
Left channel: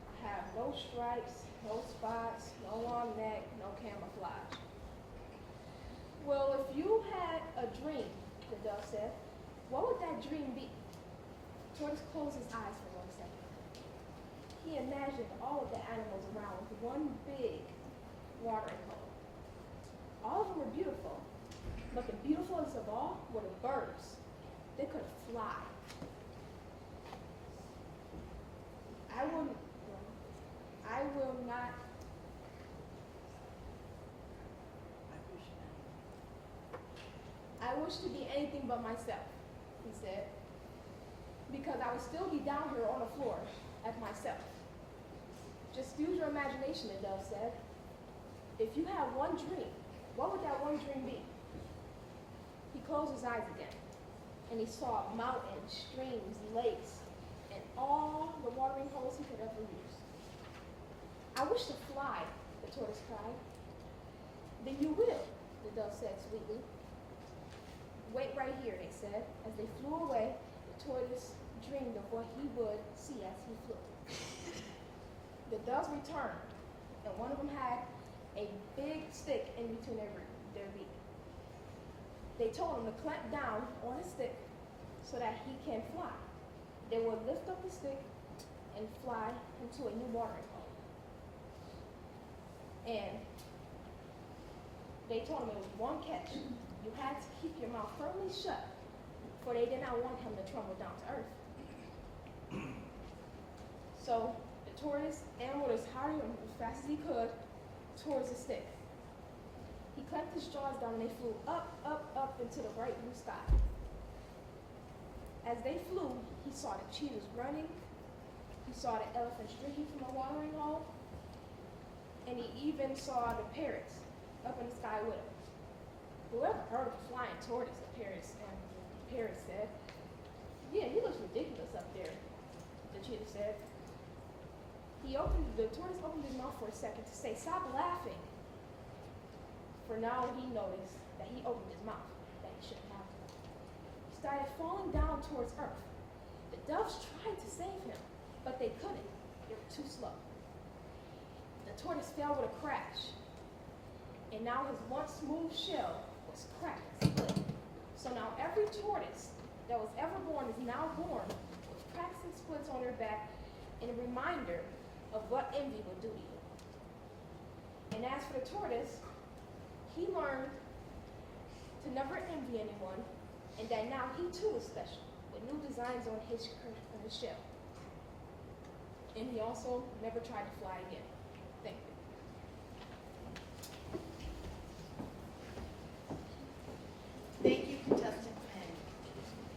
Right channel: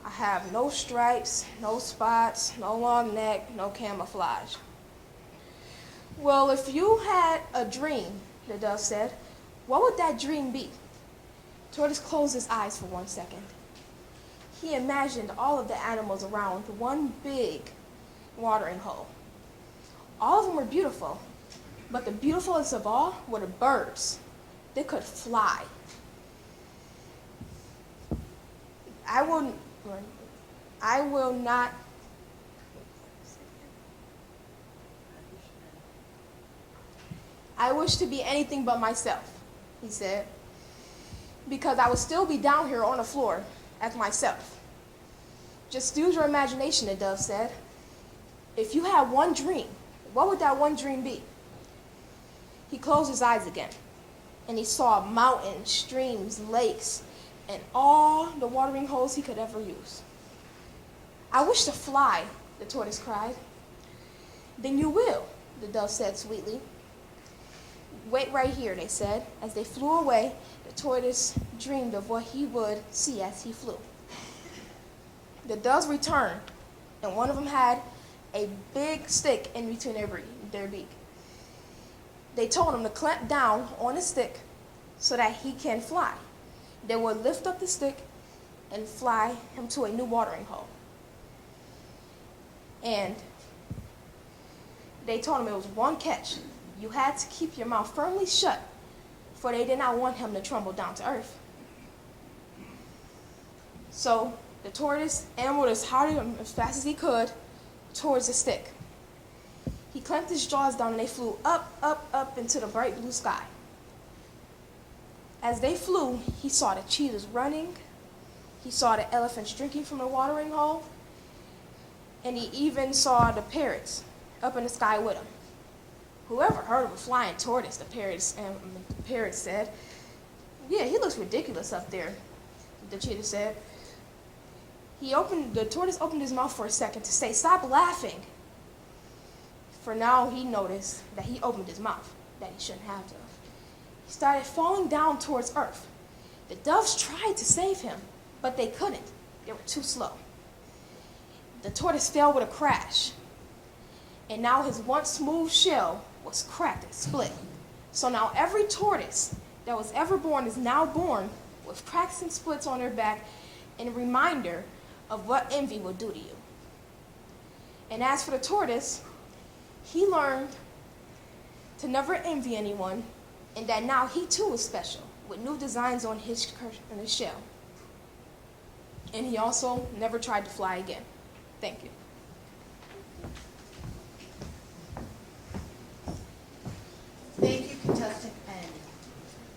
I have no stripes, no spots, no long neck, no camouflage. Well, if you had a dream, the dove said, what would that dream be? Tortoise closed his eyes for 1 second. He imagined all of the animals around one big watering hole. All of them were beautiful, but the beautifulest of all were the birds. They could fly. I will not. I wish to be anything but myself, he said, because I would still be down here on the floor as myself. Just use your imagination, the dove said. If you had one dream, what would that one dream be? He closed his eyes again, and he saw mountains, streams, lakes, and all the watering holes he could ever use. I wish to fly, the tortoise cried. Then you will, the dove said sweetly. Wait right here, they said. As they flew away, the the tortoise dreamed of what he would see as he flew. The doves returned, and one of them had a big stick in between their beak. They told him to clamp down on the stick so that he can fly. They would lift up the stick and fly him to a new watering hole. And they told him it was one catch. You had to keep your mouth firmly shut, for they did not want him to tumble down to earth. So the tortoise ambled as hard and as fast as he could towards the stick. He clamped his jaws down and they flew up, up, up into the bright blue sky. As they flew, he saw the cheetahs running, he saw the elephants drinking from the watering hole, and he even saw the parrots up in the sky with him. Whoever heard of a flying tortoise, the parrot said. Yeah, he looks ridiculous up there, the cheetah said. The tortoise opened his mouth for a second to say, "Stop laughing." For now he noticed that he opened his mouth, that he shouldn't have to. He started falling down towards earth. The doves tried to save him, but they couldn't. They were too slow. The tortoise fell with a crash, and now his once smooth shell was cracked and split. So now every tortoise that was ever born is now born with cracks and splits on their back, and a reminder of what envy will do to you. And as for the tortoise, he learned to never envy anyone, and that now he too is special, with new designs on his shell. And he also never tried to fly again. Thank you. Thank you, contestant N.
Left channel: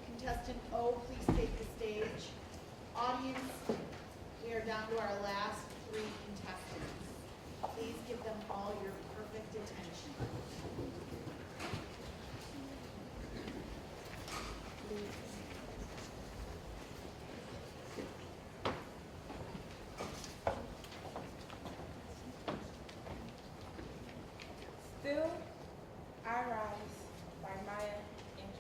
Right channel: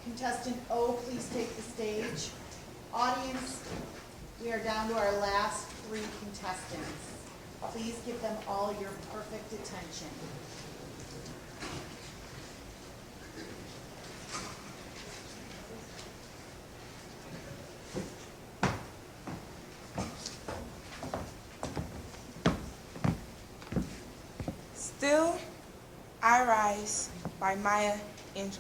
Contestant O, please take the stage. Audience, we are down to our last 3 contestants. Please give them all your perfect attention. Still, I Rise by Maya Angelou.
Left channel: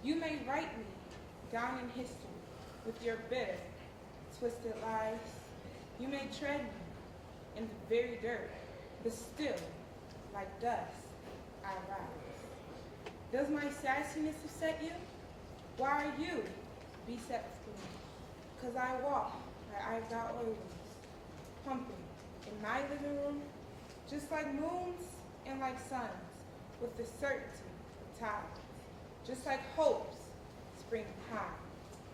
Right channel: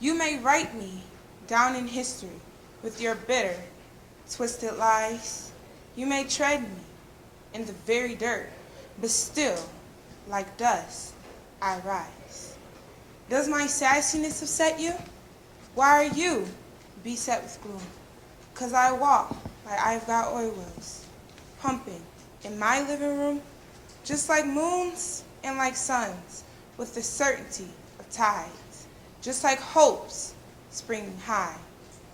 You may write me down in history with your bitter, twisted lies. You may tread me in the very dirt, but still, like dust, I rise. Does my sassiness upset you? Why are you beset with gloom? 'Cause I walk like I've got oil wells, pumping in my living room, just like moons and like suns, with the certainty of tides, just like hopes springing high.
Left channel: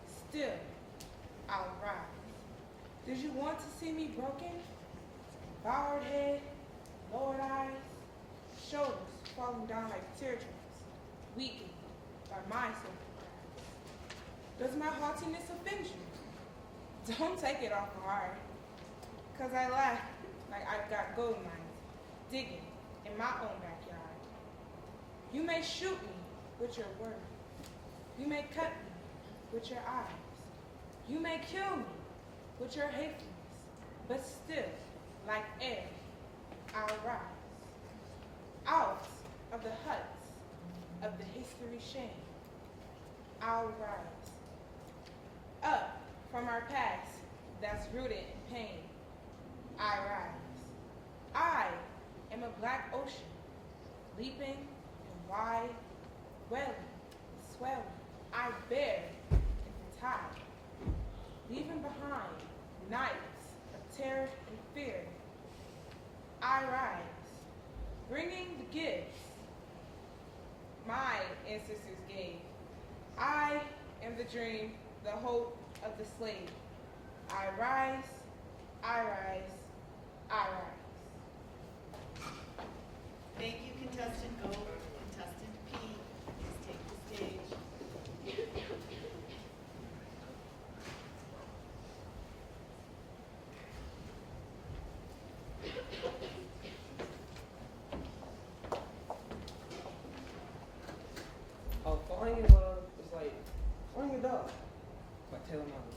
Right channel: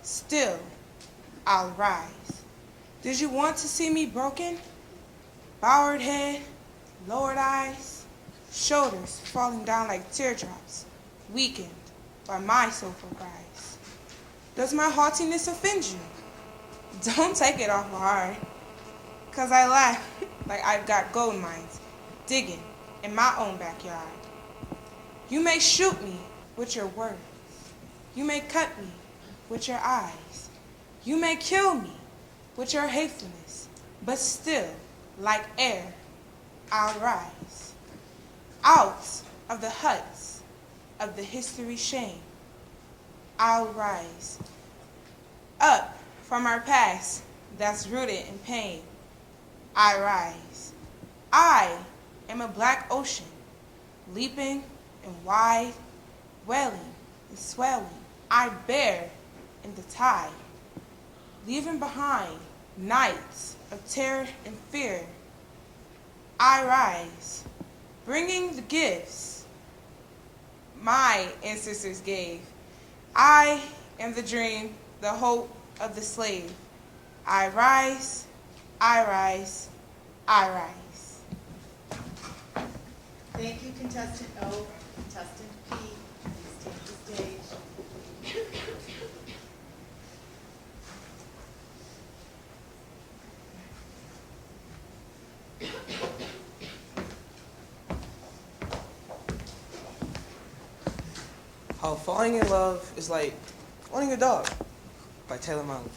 Still, I'll rise. Did you want to see me broken? Bowed head, lowered eyes, shoulders falling down like teardrops, weakened by my soulful cries. Does my haughtiness offend you? Don't take it awful hard, 'cause I laugh like I've got gold mines digging in my own backyard. You may shoot me with your words. You may cut me with your eyes. You may kill me with your hatefulness, but still, like air, I'll rise. Out of the huts of the history shame, I'll rise. Up from our past that's rooted in pain, I rise. I am a black ocean, leaping and wide, welling and swelling. I bear in the tide, leaving behind nights of terror and fear. I rise, bringing the gifts my ancestors gave. I am the dream, the hope of the slave. I rise, I rise, I rise. Thank you, contestant O. Contestant P, please take the stage. How falling in love is like owning a dog by Taylor Miley.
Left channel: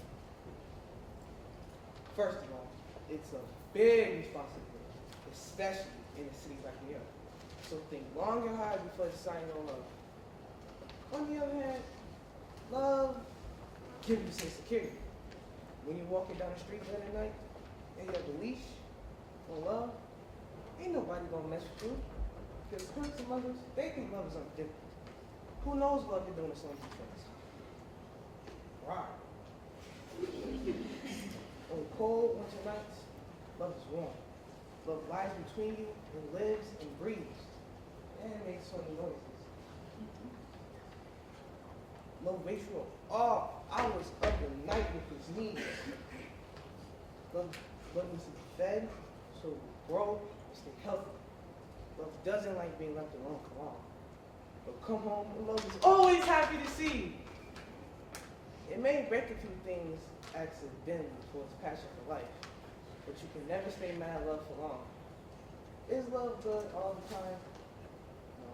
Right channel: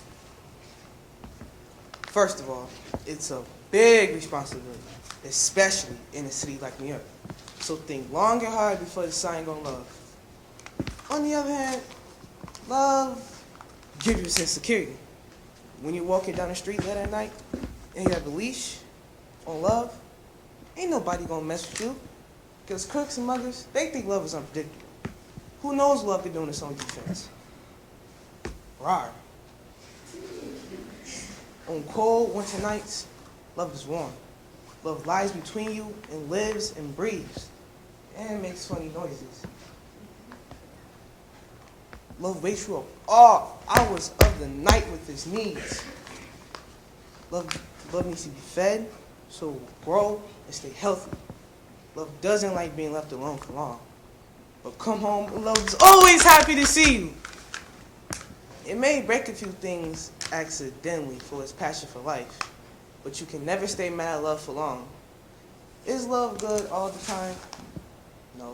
First of all, it's a big responsibility, especially in a city like New York. So think long and hard before deciding on love. On the other hand, Love gives you a sense of security. When you're walking down the street late at night and you have a leash on love, ain't nobody gonna mess with you. Because crooks and muggers, they think love is unpredictable. Who knows love be doing this on defense? Rawr. On cold winter nights, love is warm. Love lies between you and lives and breathes and makes funny noises. Love wakes you up all hours of the night with his needs. Love needs to be fed so it will grow and stay healthy. Love doesn't like being left alone for long. But come home, love is always happy to see you. It may break a few things accidentally for its passion for life, but you can never stay mad at love for long. Is love good all the time? No.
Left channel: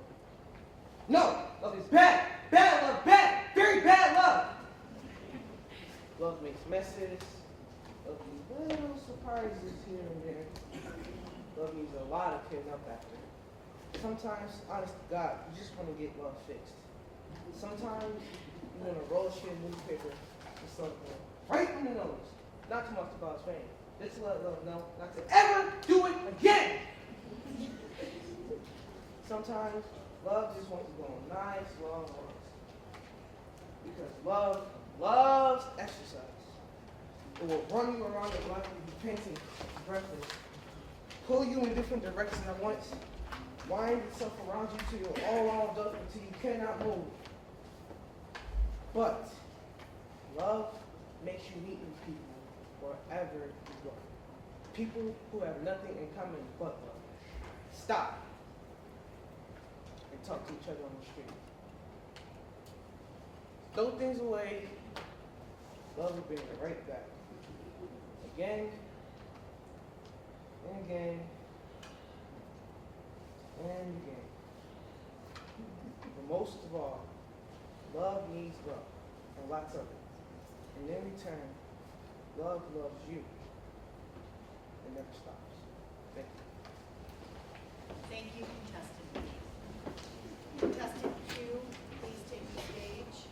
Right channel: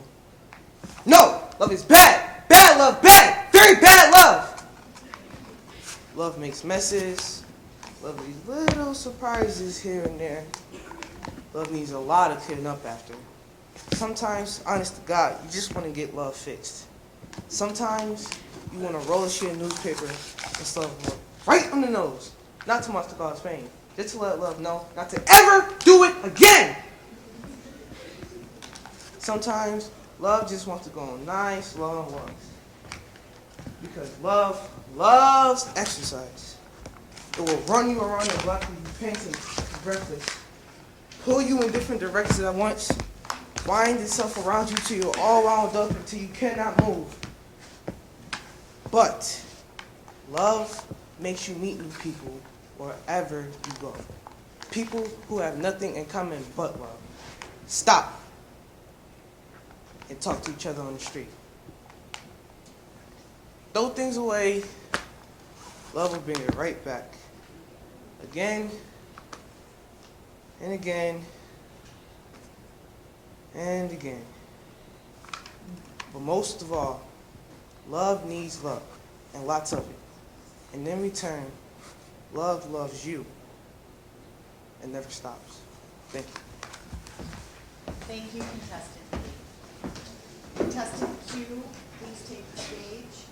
No! Love is bad! Bad love, bad! Very bad love! Love makes messes. Love these little surprises here and there. Love needs a lot of cleaning up after. Sometimes, honest to God, you just want to get love fixed. Sometimes you want to roll a sheet of newspaper and stuff love right on the nose. Not too much to cause pain. Just to let love know not to ever do it again. Sometimes love just wants to go on nice long walks. Because love loves exercise. It will run you around the block with you panting breathless, pull you in different directions at once, wind itself around you till you're all wound up until you cannot move. But love makes you meet new people wherever you go. People who have nothing in common but love. Stop and talk to each other on the street. Throw things away, love will bring it right back. Again and again and again. But most of all, love needs love, and lots of it. And in return, love loves you and never stops. Thank you. Thank you, contestant B. Contestant Q, please take the stage.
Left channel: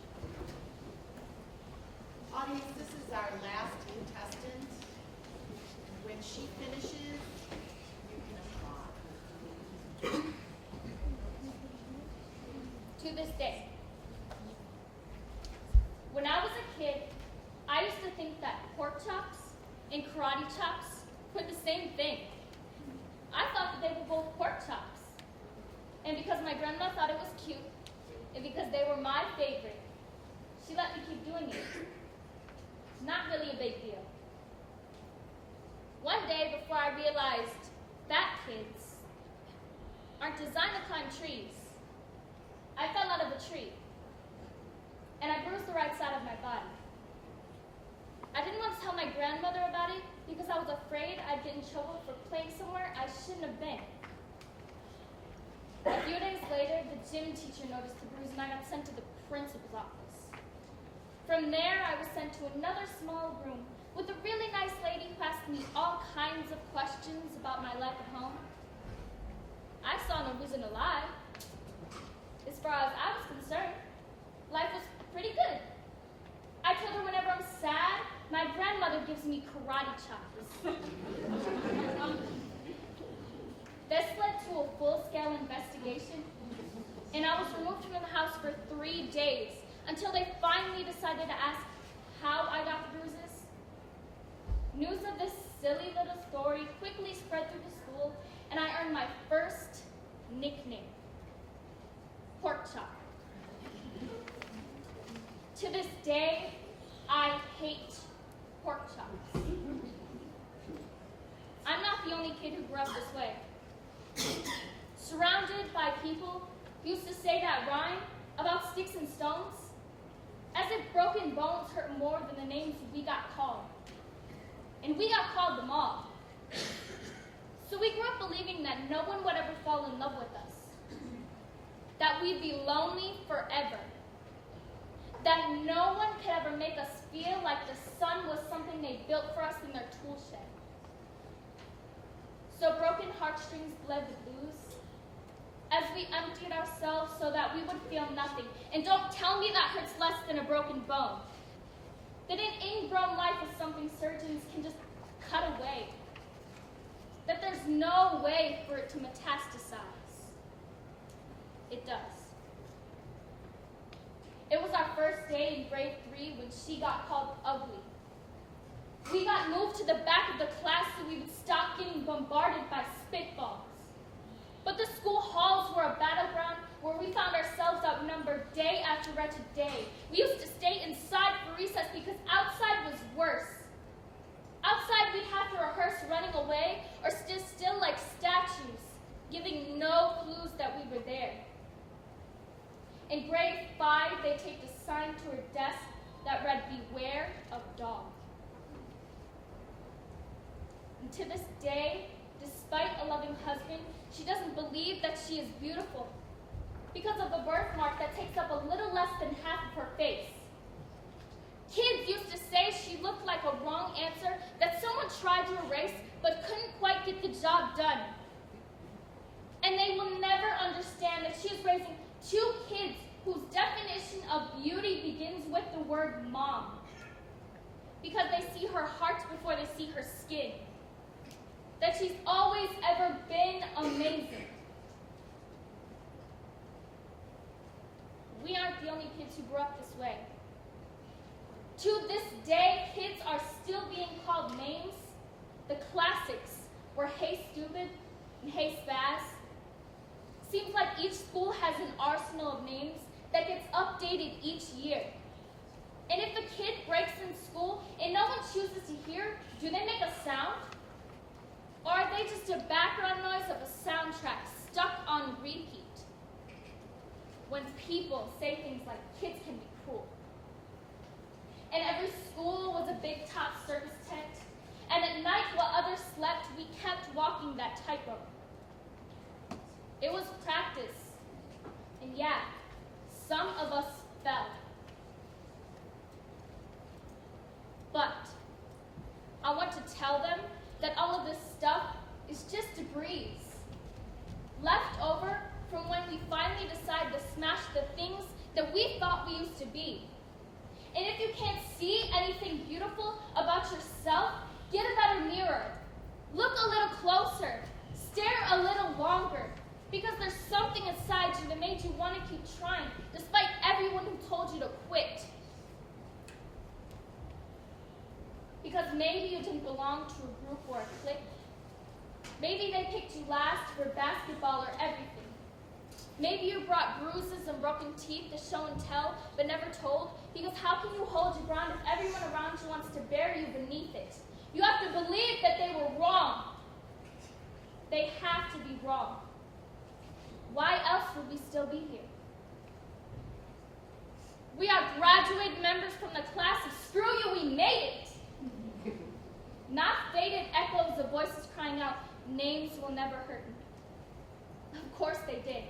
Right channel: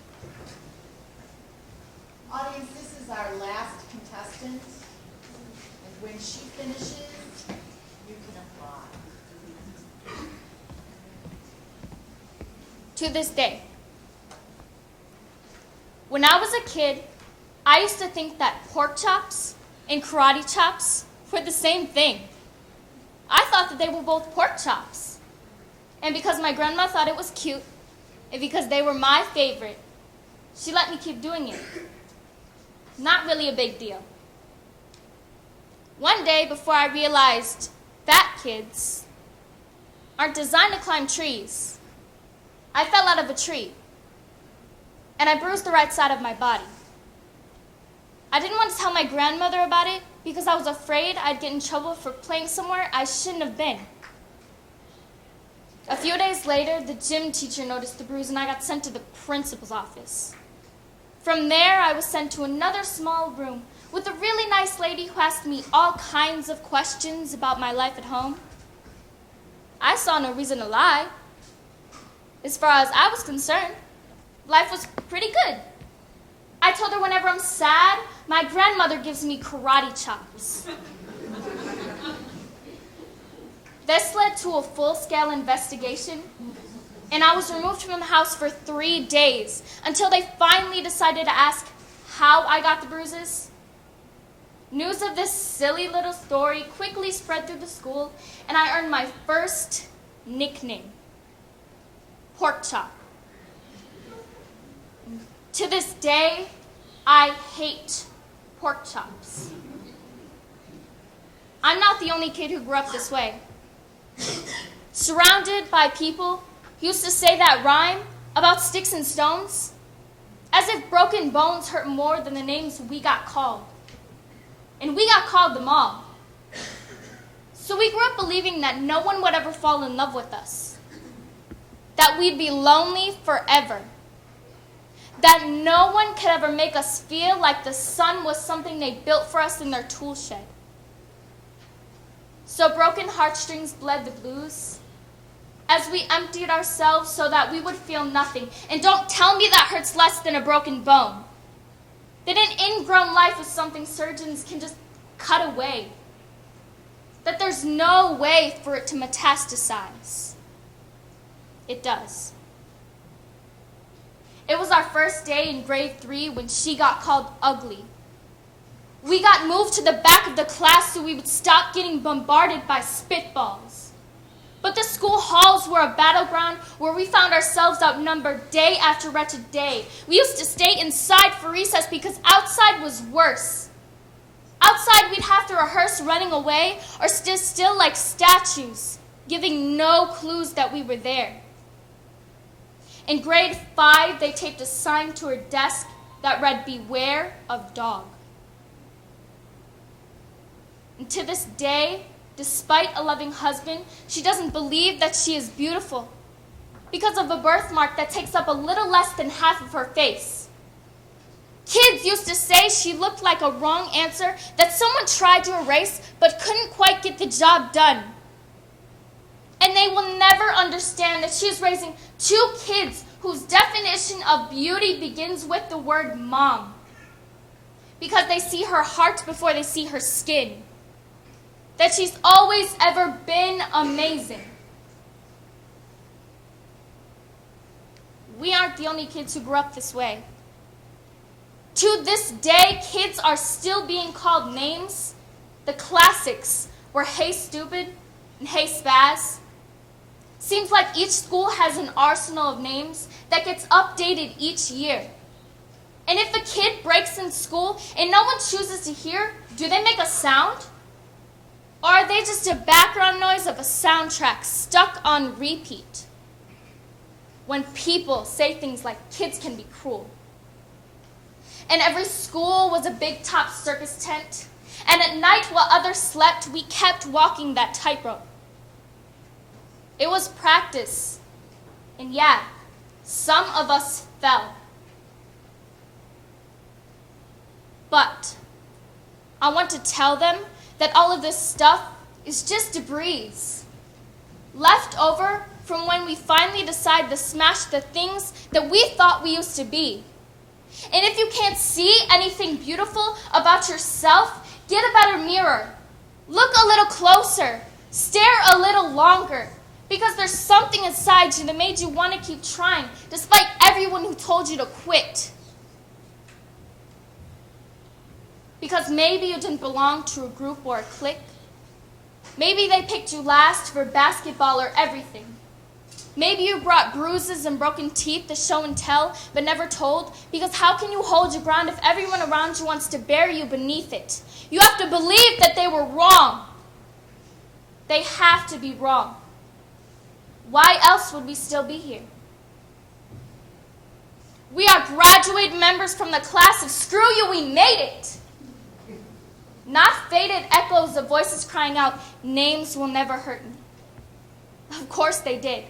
Audience, this is our last contestant. And when she finishes, you can applaud. To this day, when I was a kid, I used to think that pork chops and karate chops were the same thing. I thought that they were both pork chops. And because my grandma thought it was cute, and because they were my favorite, she let me keep doing it. Not really a big deal. One day, before I realized fat kids aren't designed to climb trees, I fell out of a tree, and I bruised the right side of my body. I didn't want to tell my grandmother about it because I was afraid I'd get in trouble for playing somewhere I shouldn't have been. A few days later, the gym teacher noticed the bruise and I got sent to the principal's office. From there, I was sent to another small room with a really nice lady who asked me all kinds of questions about my life at home. I saw no reason to lie. As far as I was concerned, life was pretty good. I told her whenever I'm sad, my grandmother gives me karate chops. This led to a full-scale investigation, and I was removed from the house for 3 days until they finally decided to ask how I got the bruises. News of this silly little story quickly spread through the school, and I earned my first nickname, Pork Chop. To this day, I hate pork chops. I'm not the only kid who grew up this way. Surrounded by people who used to say that rhyme about sticks and stones, as if broken bones hurt more than the names we got called. And we got called them all. So we grew up believing that no one would ever fall in love with us, that we'd be lonely forever, that no one could ever make us feel like the sun was something they built for us in their tool shed. So broken heartstrings bled the blues as we emptied ourselves so that we would feel nothing. And don't tell me that hurts less than a broken bone. That an ingrown life is something surgeons can just cut away. That there's no way for it to metastasize. It does. It was our first day in grade 3 when she got called ugly. We got moved to the back of the class so we would stop getting bombarded by spitballs. But the school halls were a battleground where we found ourselves outnumbered day after wretched day. We used to stay inside for recess because outside was worse. Outside we'd have to rehearse running away or stay still like statues, giving no clues that we were there. In grade 5, they taped a sign to her desk that read, "Beware of dog." And to this day, despite a loving husband, she doesn't believe that she is beautiful because of a birthmark that takes up a little less than half of her face. Kids used to say she looked like a wrong answer that someone tried to erase but couldn't quite get the job done. And they will never understand that she is raising 2 kids whose definition of beauty begins with the word mom, because they see her heart before they see her skin. That she's always ever been amazing. We aren't the only kids who grew up this way. To this day, kids are still being called names. The classics were "Hey Stupid" and "Hey Spaz." Seems like each school has an arsenal of names that gets updated each year. And if a kid breaks in school and no one chooses to hear, do they make a sound? Or are they just a background noise of a soundtrack stuck on repeat? When people say things like kids can be cruel. And every school was a big top circus tent. And at night while others slept, we kept walking that tightrope. It was practice. And yeah, some of us fell. But I want to tell them that all of this stuff is just debris, left over from when we finally decided to smash the things that we thought we used to be. And if you can't see anything beautiful about yourself, get a better mirror. Look a little closer. Stare a little longer. Because there's something inside you that made you want to keep trying, despite everyone who told you to quit. Because maybe you didn't belong to a group or a clique. Maybe they picked you last for basketball or everything. Maybe you brought bruises and broken teeth to show and tell, but never told, because how can you hold your ground if everyone around you wants to bury you beneath it? You have to believe that they were wrong. They have to be wrong. Why else would we still be here? We are graduate members from the class of "Screw you, we made it." Not faded echoes of voices crying out, "Names will never hurt me." Of course they did.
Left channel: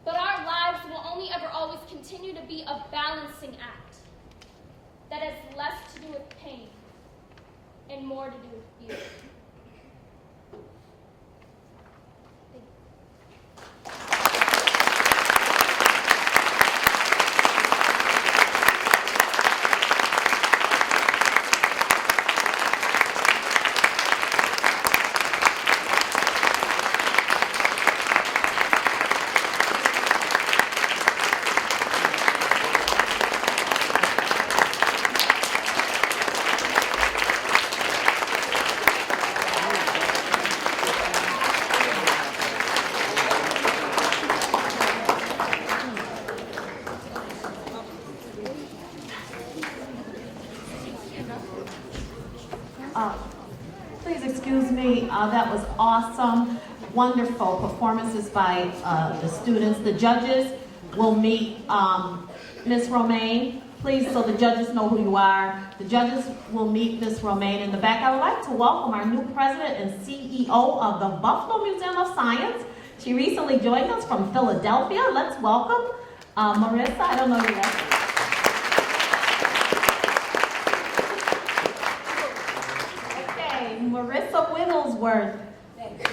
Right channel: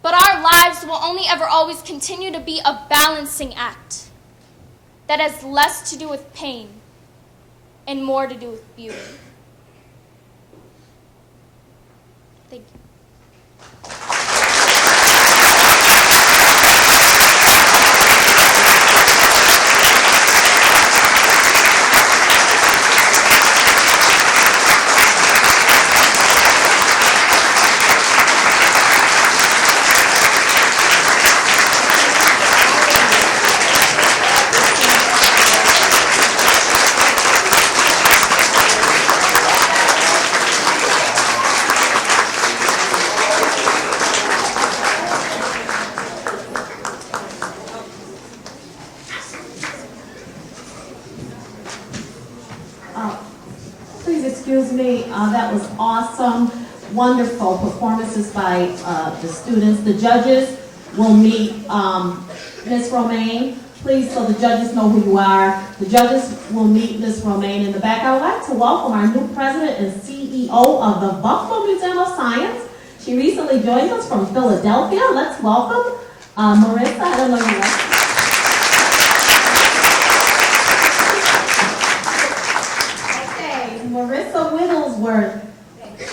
But our lives will only ever always continue to be a balancing act that has less to do with pain and more to do with beauty. Thank you. Please excuse me, that was awesome, wonderful performances by the students. The judges will meet Ms. Romaine. Please, so the judges know who you are. The judges will meet Ms. Romaine in the back. I would like to welcome our new president and CEO of the Buffalo Museum of Science. She recently joined us from Philadelphia. Let's welcome Marissa. I don't know your name. Marissa Wigglesworth. Thank you.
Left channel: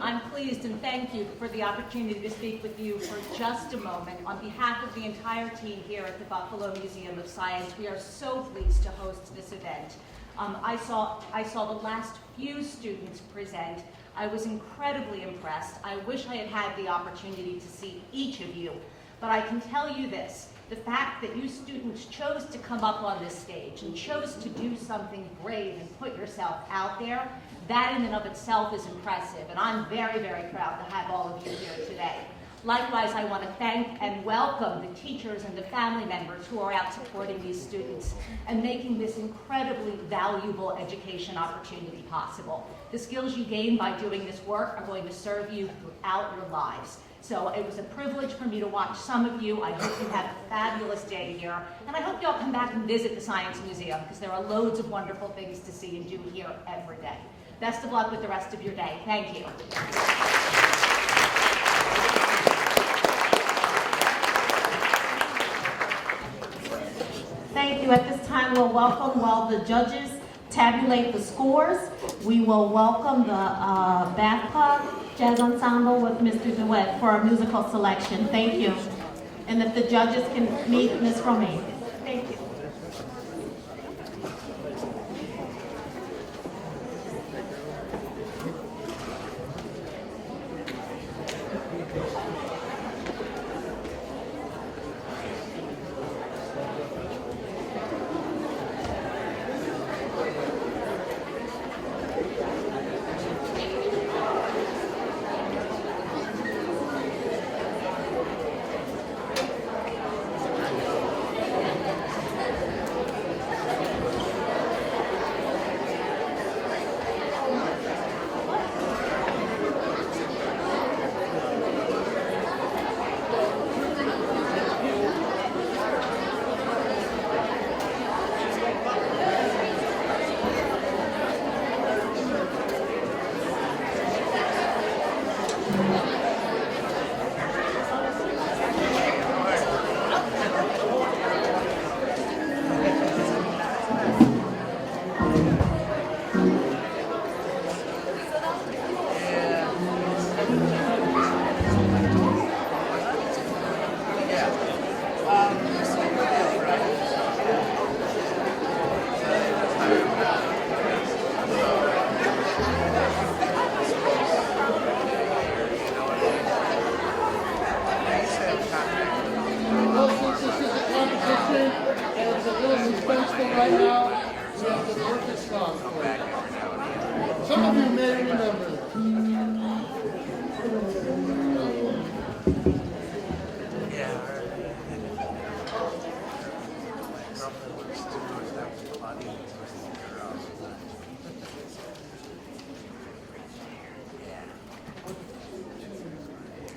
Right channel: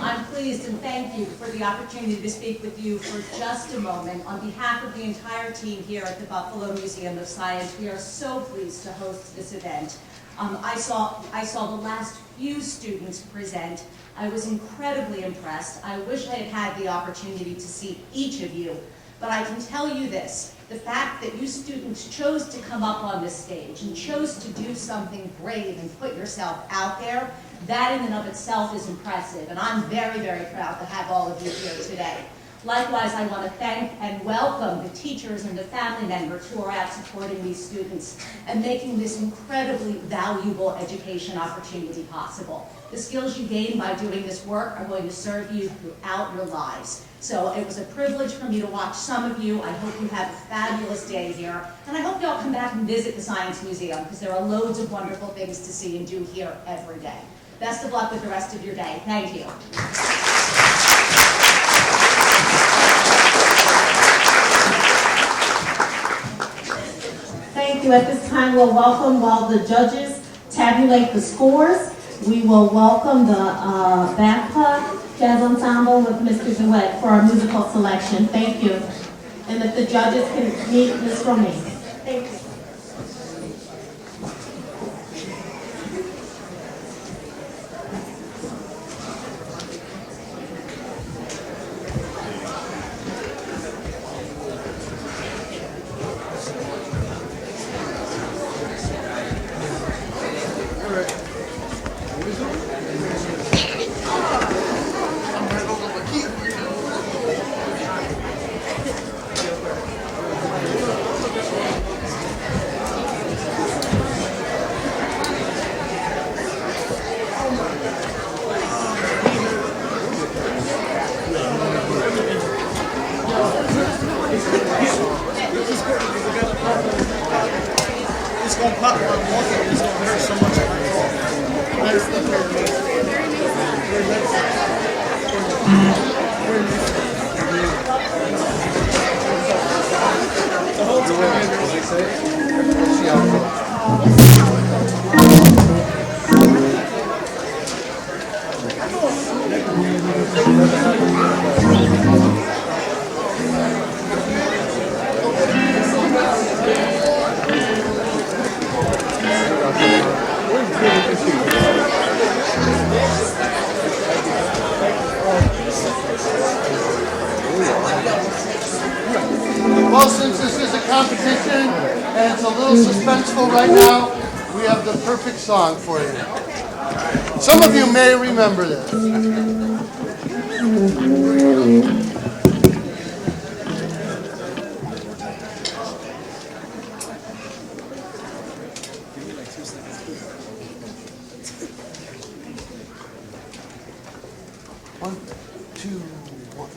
I'm pleased and thank you for the opportunity to speak with you for just a moment. On behalf of the entire team here at the Buffalo Museum of Science, we are so pleased to host this event. I saw the last few students present. I was incredibly impressed. I wish I had had the opportunity to see each of you, but I can tell you this. The fact that you students chose to come up on this stage and chose to do something brave and put yourself out there, that in and of itself is impressive, and I'm very, very proud to have all of you here today. Likewise, I want to thank and welcome the teachers and the family members who are out supporting these students and making this incredibly valuable education opportunity possible. The skills you gain by doing this work are going to serve you throughout your lives. So it was a privilege for me to watch some of you. I hope you have a fabulous day here. And I hope you all come back and visit the Science Museum because there are loads of wonderful things to see and do here every day. Best of luck with the rest of your day. Thank you. Thank you. At this time, we'll welcome, while the judges tabulate the scores, we will welcome the Babcock Jazz Ensemble with Mr. DeWitt for our musical selection. Thank you. And if the judges can meet Ms. Romaine. Thank you. Well, since this is a competition and it's a little suspenseful right now, we have the perfect song for you. Some of you may remember this. One, two, one.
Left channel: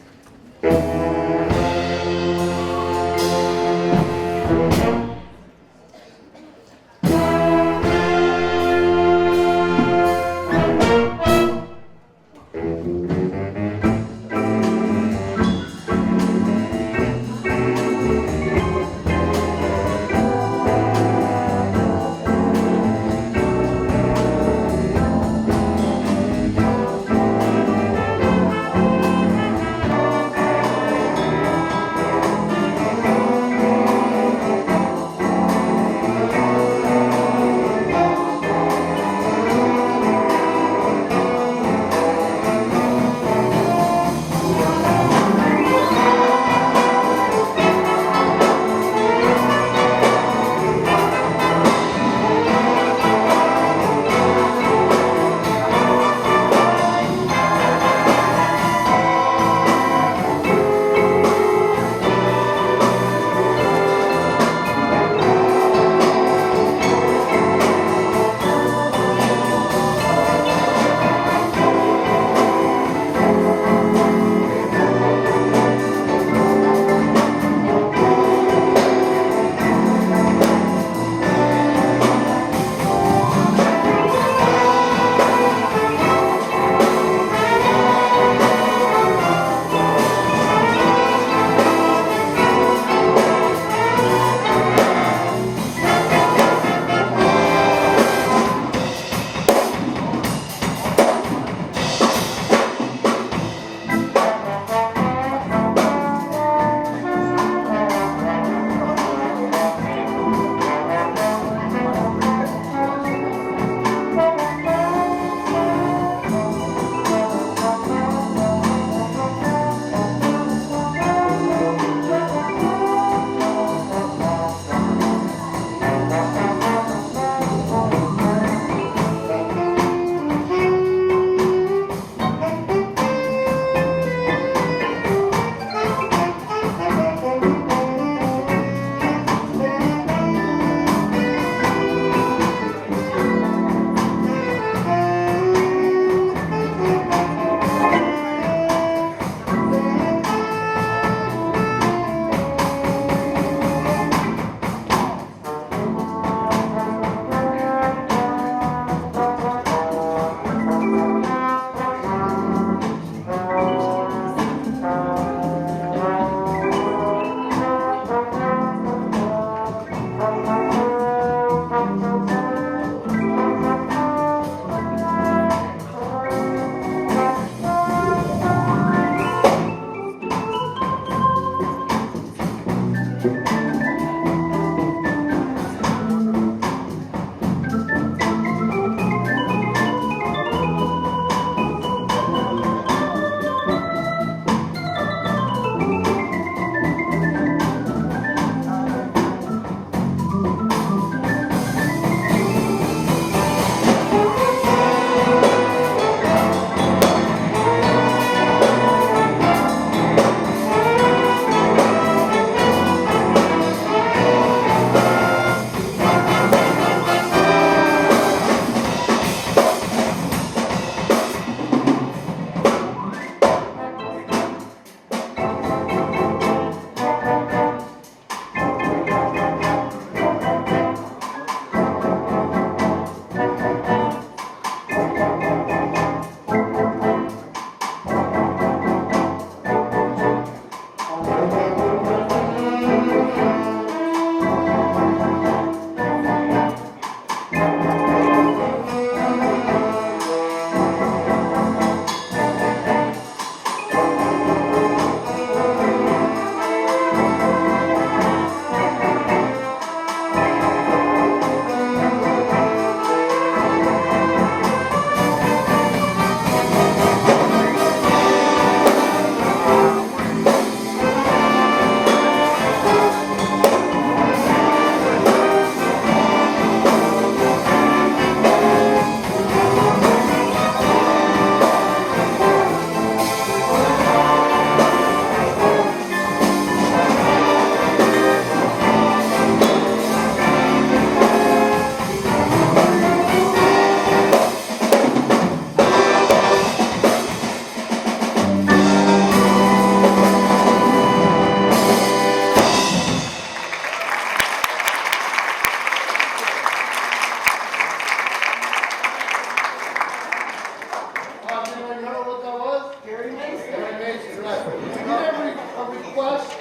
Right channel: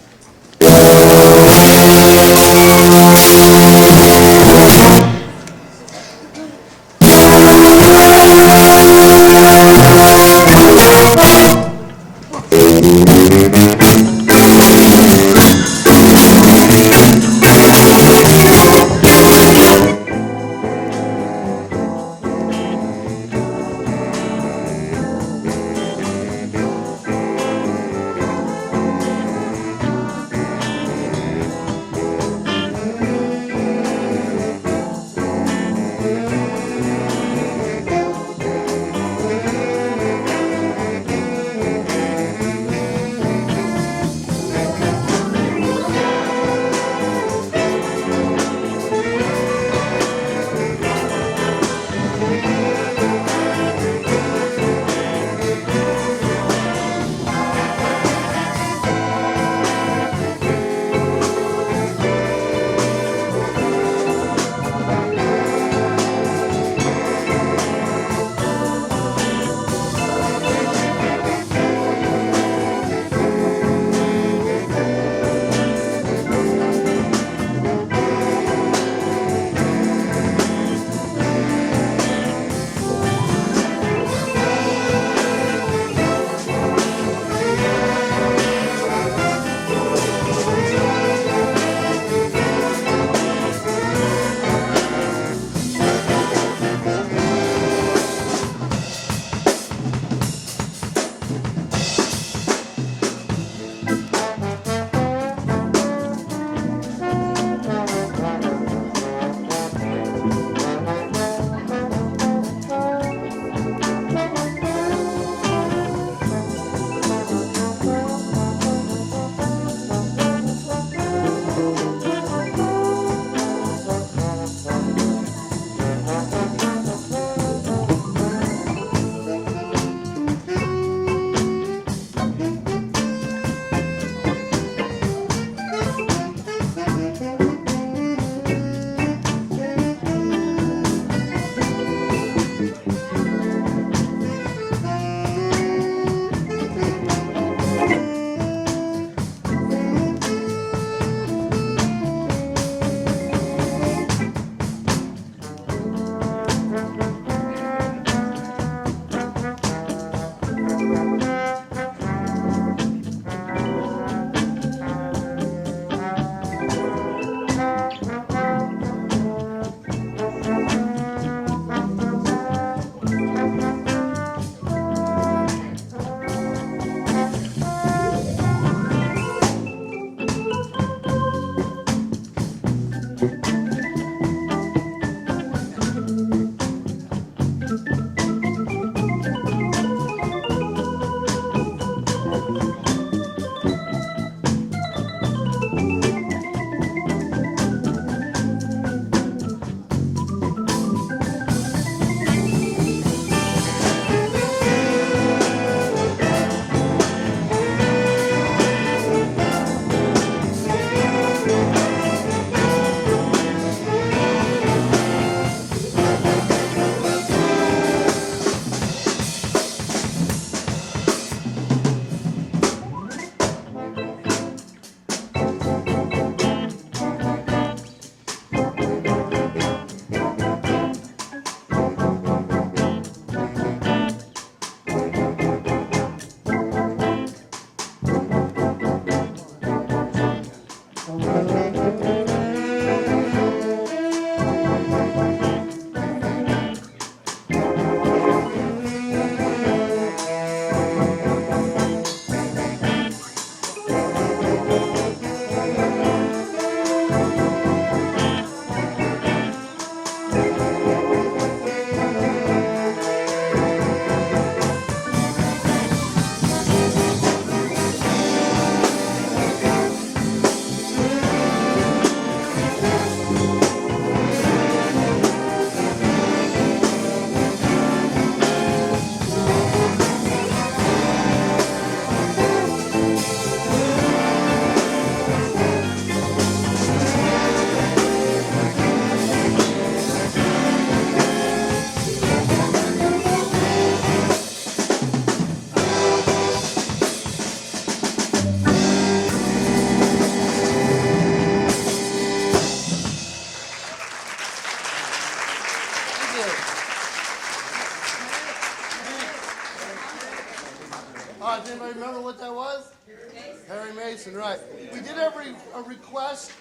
Right. We did have a request.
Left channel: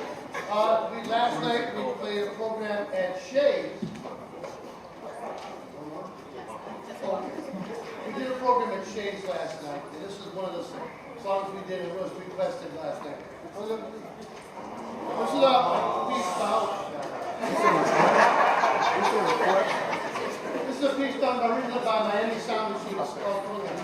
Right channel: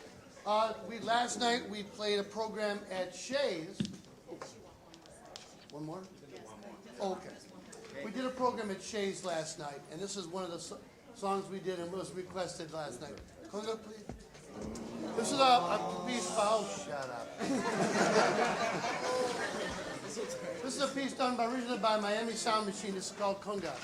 Last night we played a program at Shays. We did a program at Shays last night, and this is one of the songs we did and was requested last night. This is a piece This is a piece done original by Miami Sound Machine. It's called Program.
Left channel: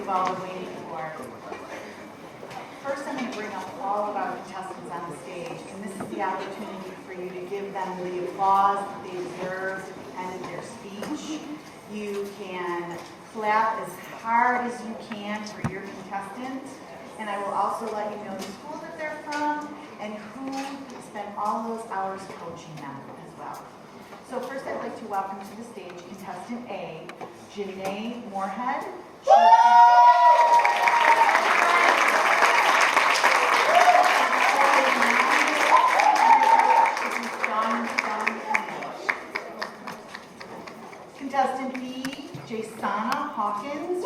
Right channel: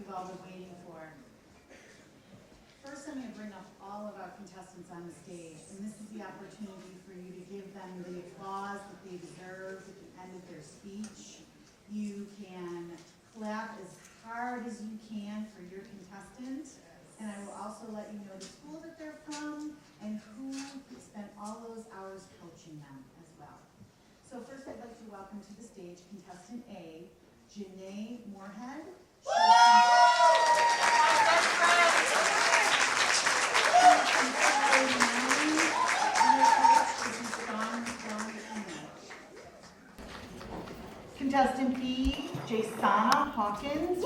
you've all been waiting for. First, I'm going to all of our contestants on the stage, and this is the opportunity for you to give them the applause that they deserve at the end of their speech. You can clap as hard as you can for your contestant, and I will also let you know the school that they're from and who spent all those hours coaching them as well. So first I'd like to welcome to the stage contestant A, Janae Moorhead. Contestant B, Jasana Hawkins.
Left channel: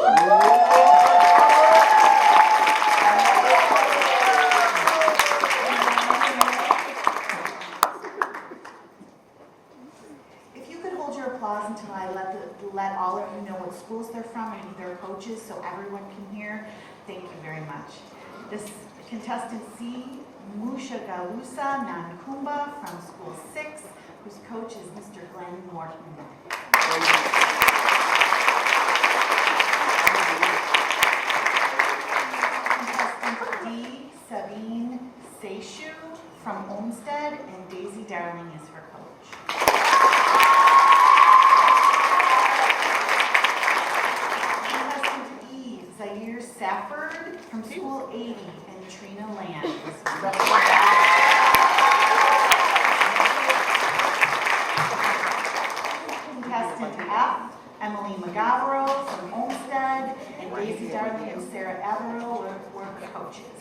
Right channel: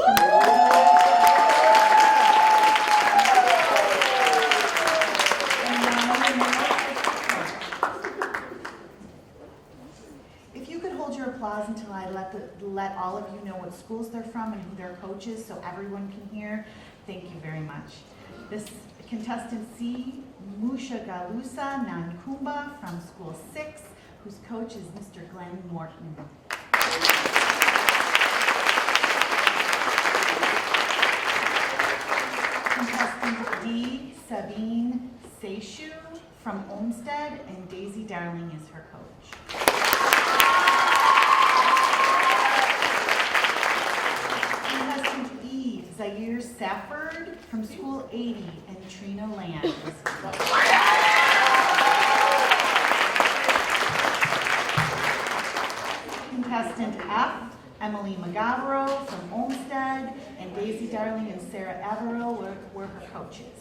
If you could hold your applause until I let all of you know what schools they're from and who their coach is so everyone can hear, thank you very much. This contestant C, Musha Galusa Nankumba from School 6, whose coach is Mr. Glenn Morton. Contestant D, Sabine Seishu from Olmsted, and Daisy Darling is her coach. Contestant E, Zaire Safford from School 80, and Trina Land is her coach. Contestant F, Emily McGavro from Olmsted, and Daisy Darling and Sarah Averill were her coaches.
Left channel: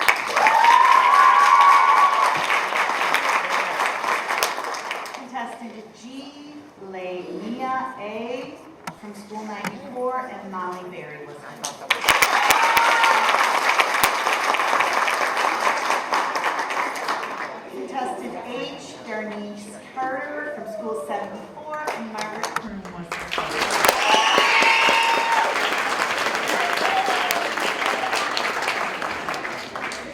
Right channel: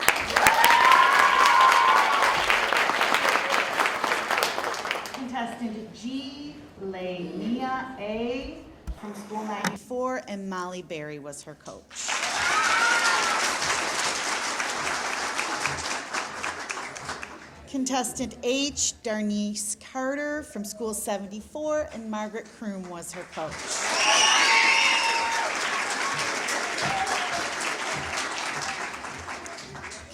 Contestant G, Leimia A from School 94, and Molly Berry was her coach. Contestant H, Darnice Carter from School 74, and Margaret Kroom was her coach.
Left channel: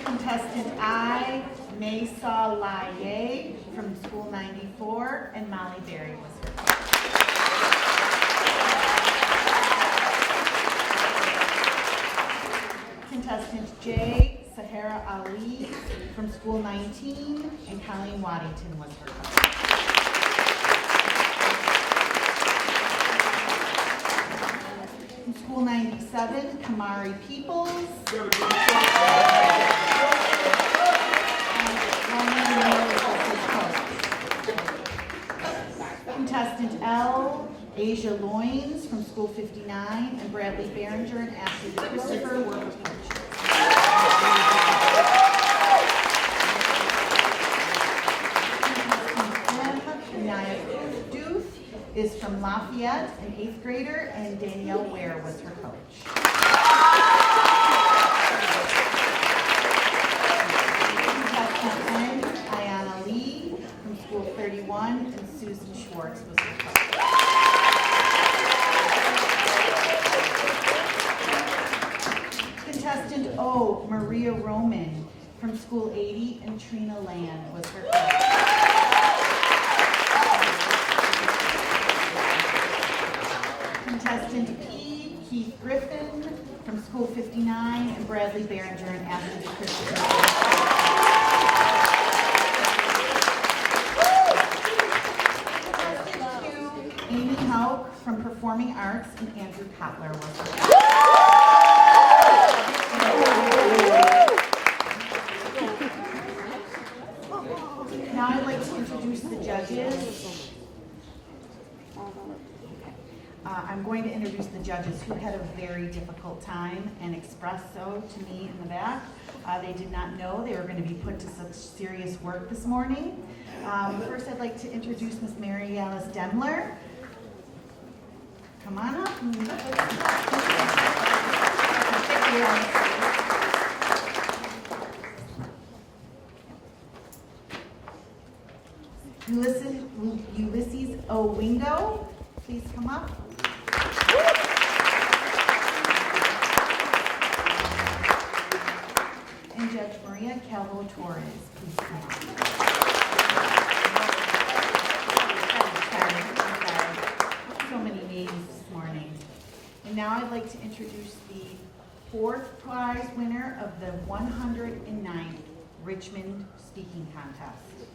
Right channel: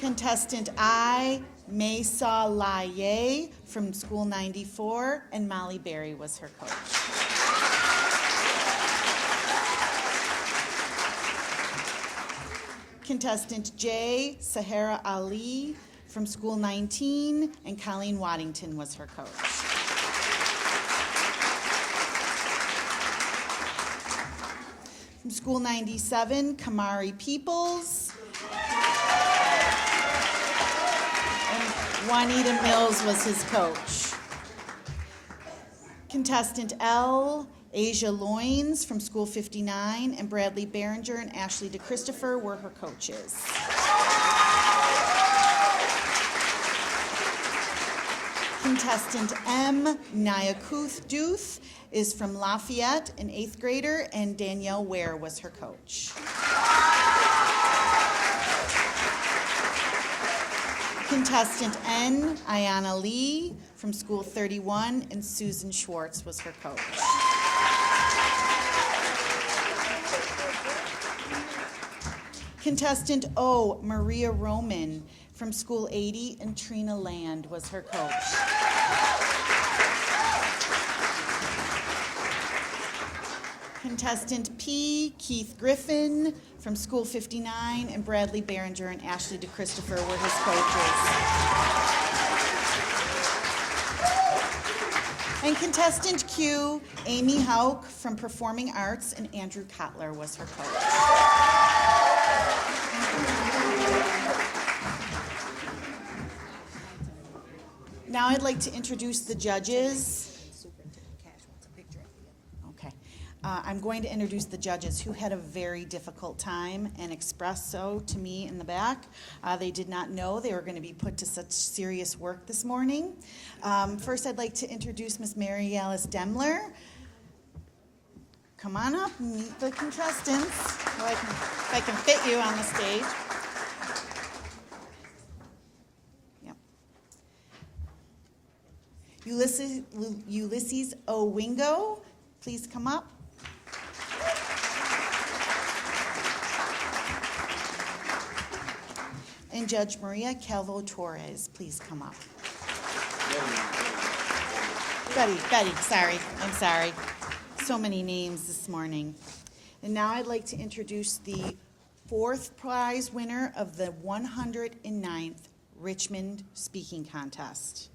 Contestant I, Mesa Laye from School 94, and Molly Berry was her coach. Contestant J, Sahara Ali from School 19, and Colleen Waddington was her coach. From School 97, Kamari Peoples. Juanita Mills was his coach. Contestant L, Asia Loins from School 59, and Bradley Behringer and Ashley DeChristopher were her coaches. Contestant M, Nyakuth Duth, is from Lafayette, an 8th grader, and Danielle Ware was her coach. Contestant N, Ayana Lee from School 31, and Susan Schwartz was her coach. Contestant O, Maria Roman from School 80, and Trina Land was her coach. Contestant P, Keith Griffin from School 59, and Bradley Behringer and Ashley DeChristopher were his coaches. And contestant Q, Amy Hauk from Performing Arts, and Andrew Kotler was her coach. Now I'd like to introduce the judges. I'm going to introduce the judges who had a very difficult time and expressed so to me in the back. They did not know they were going to be put to such serious work this morning. First, I'd like to introduce Miss Mary Alice Demler. Come on up and meet the contestants. I can fit you on the stage. Ulysses Owingo, please come up. And Judge Maria Calvo Torres, please come up. Betty, I'm sorry. So many names this morning. And now I'd like to introduce the 4th prize winner of the 109th Richmond speaking contest.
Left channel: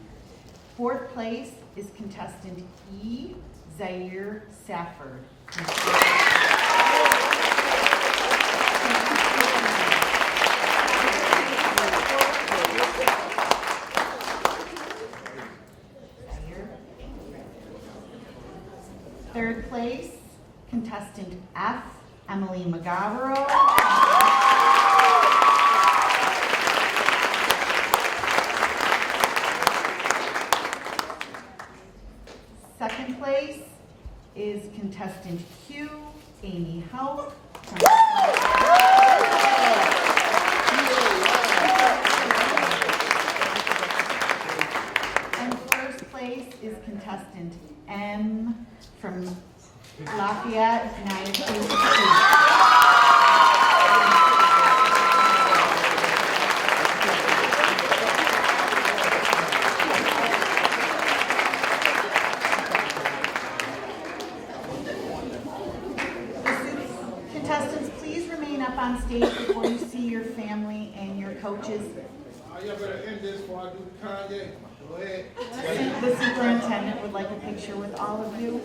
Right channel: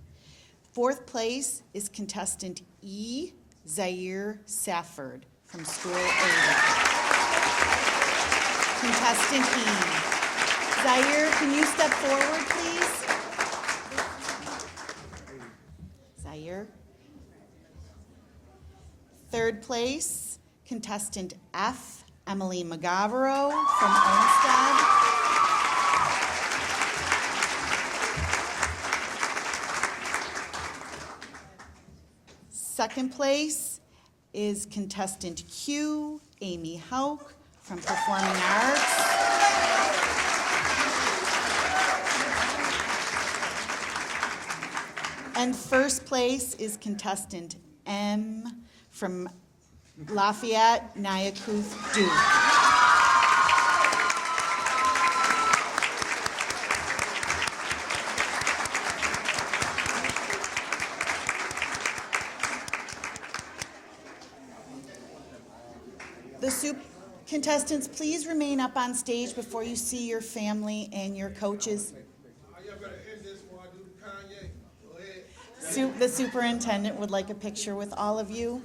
Fourth place is contestant E. Zaire Safford from School of Contestant E. Zaire, can you step forward, please? Zaire. Third place, contestant F. Emily Magavero from Amsterdam. Second place is contestant Q, Amy Hauk from Performing Arts. And first place is contestant M from Lafayette, Nyaku, Contestants, please remain up on stage before you see your family and your coaches. Y'all better end this before I do the Kanye. Go ahead. The superintendent would like a picture with all of you.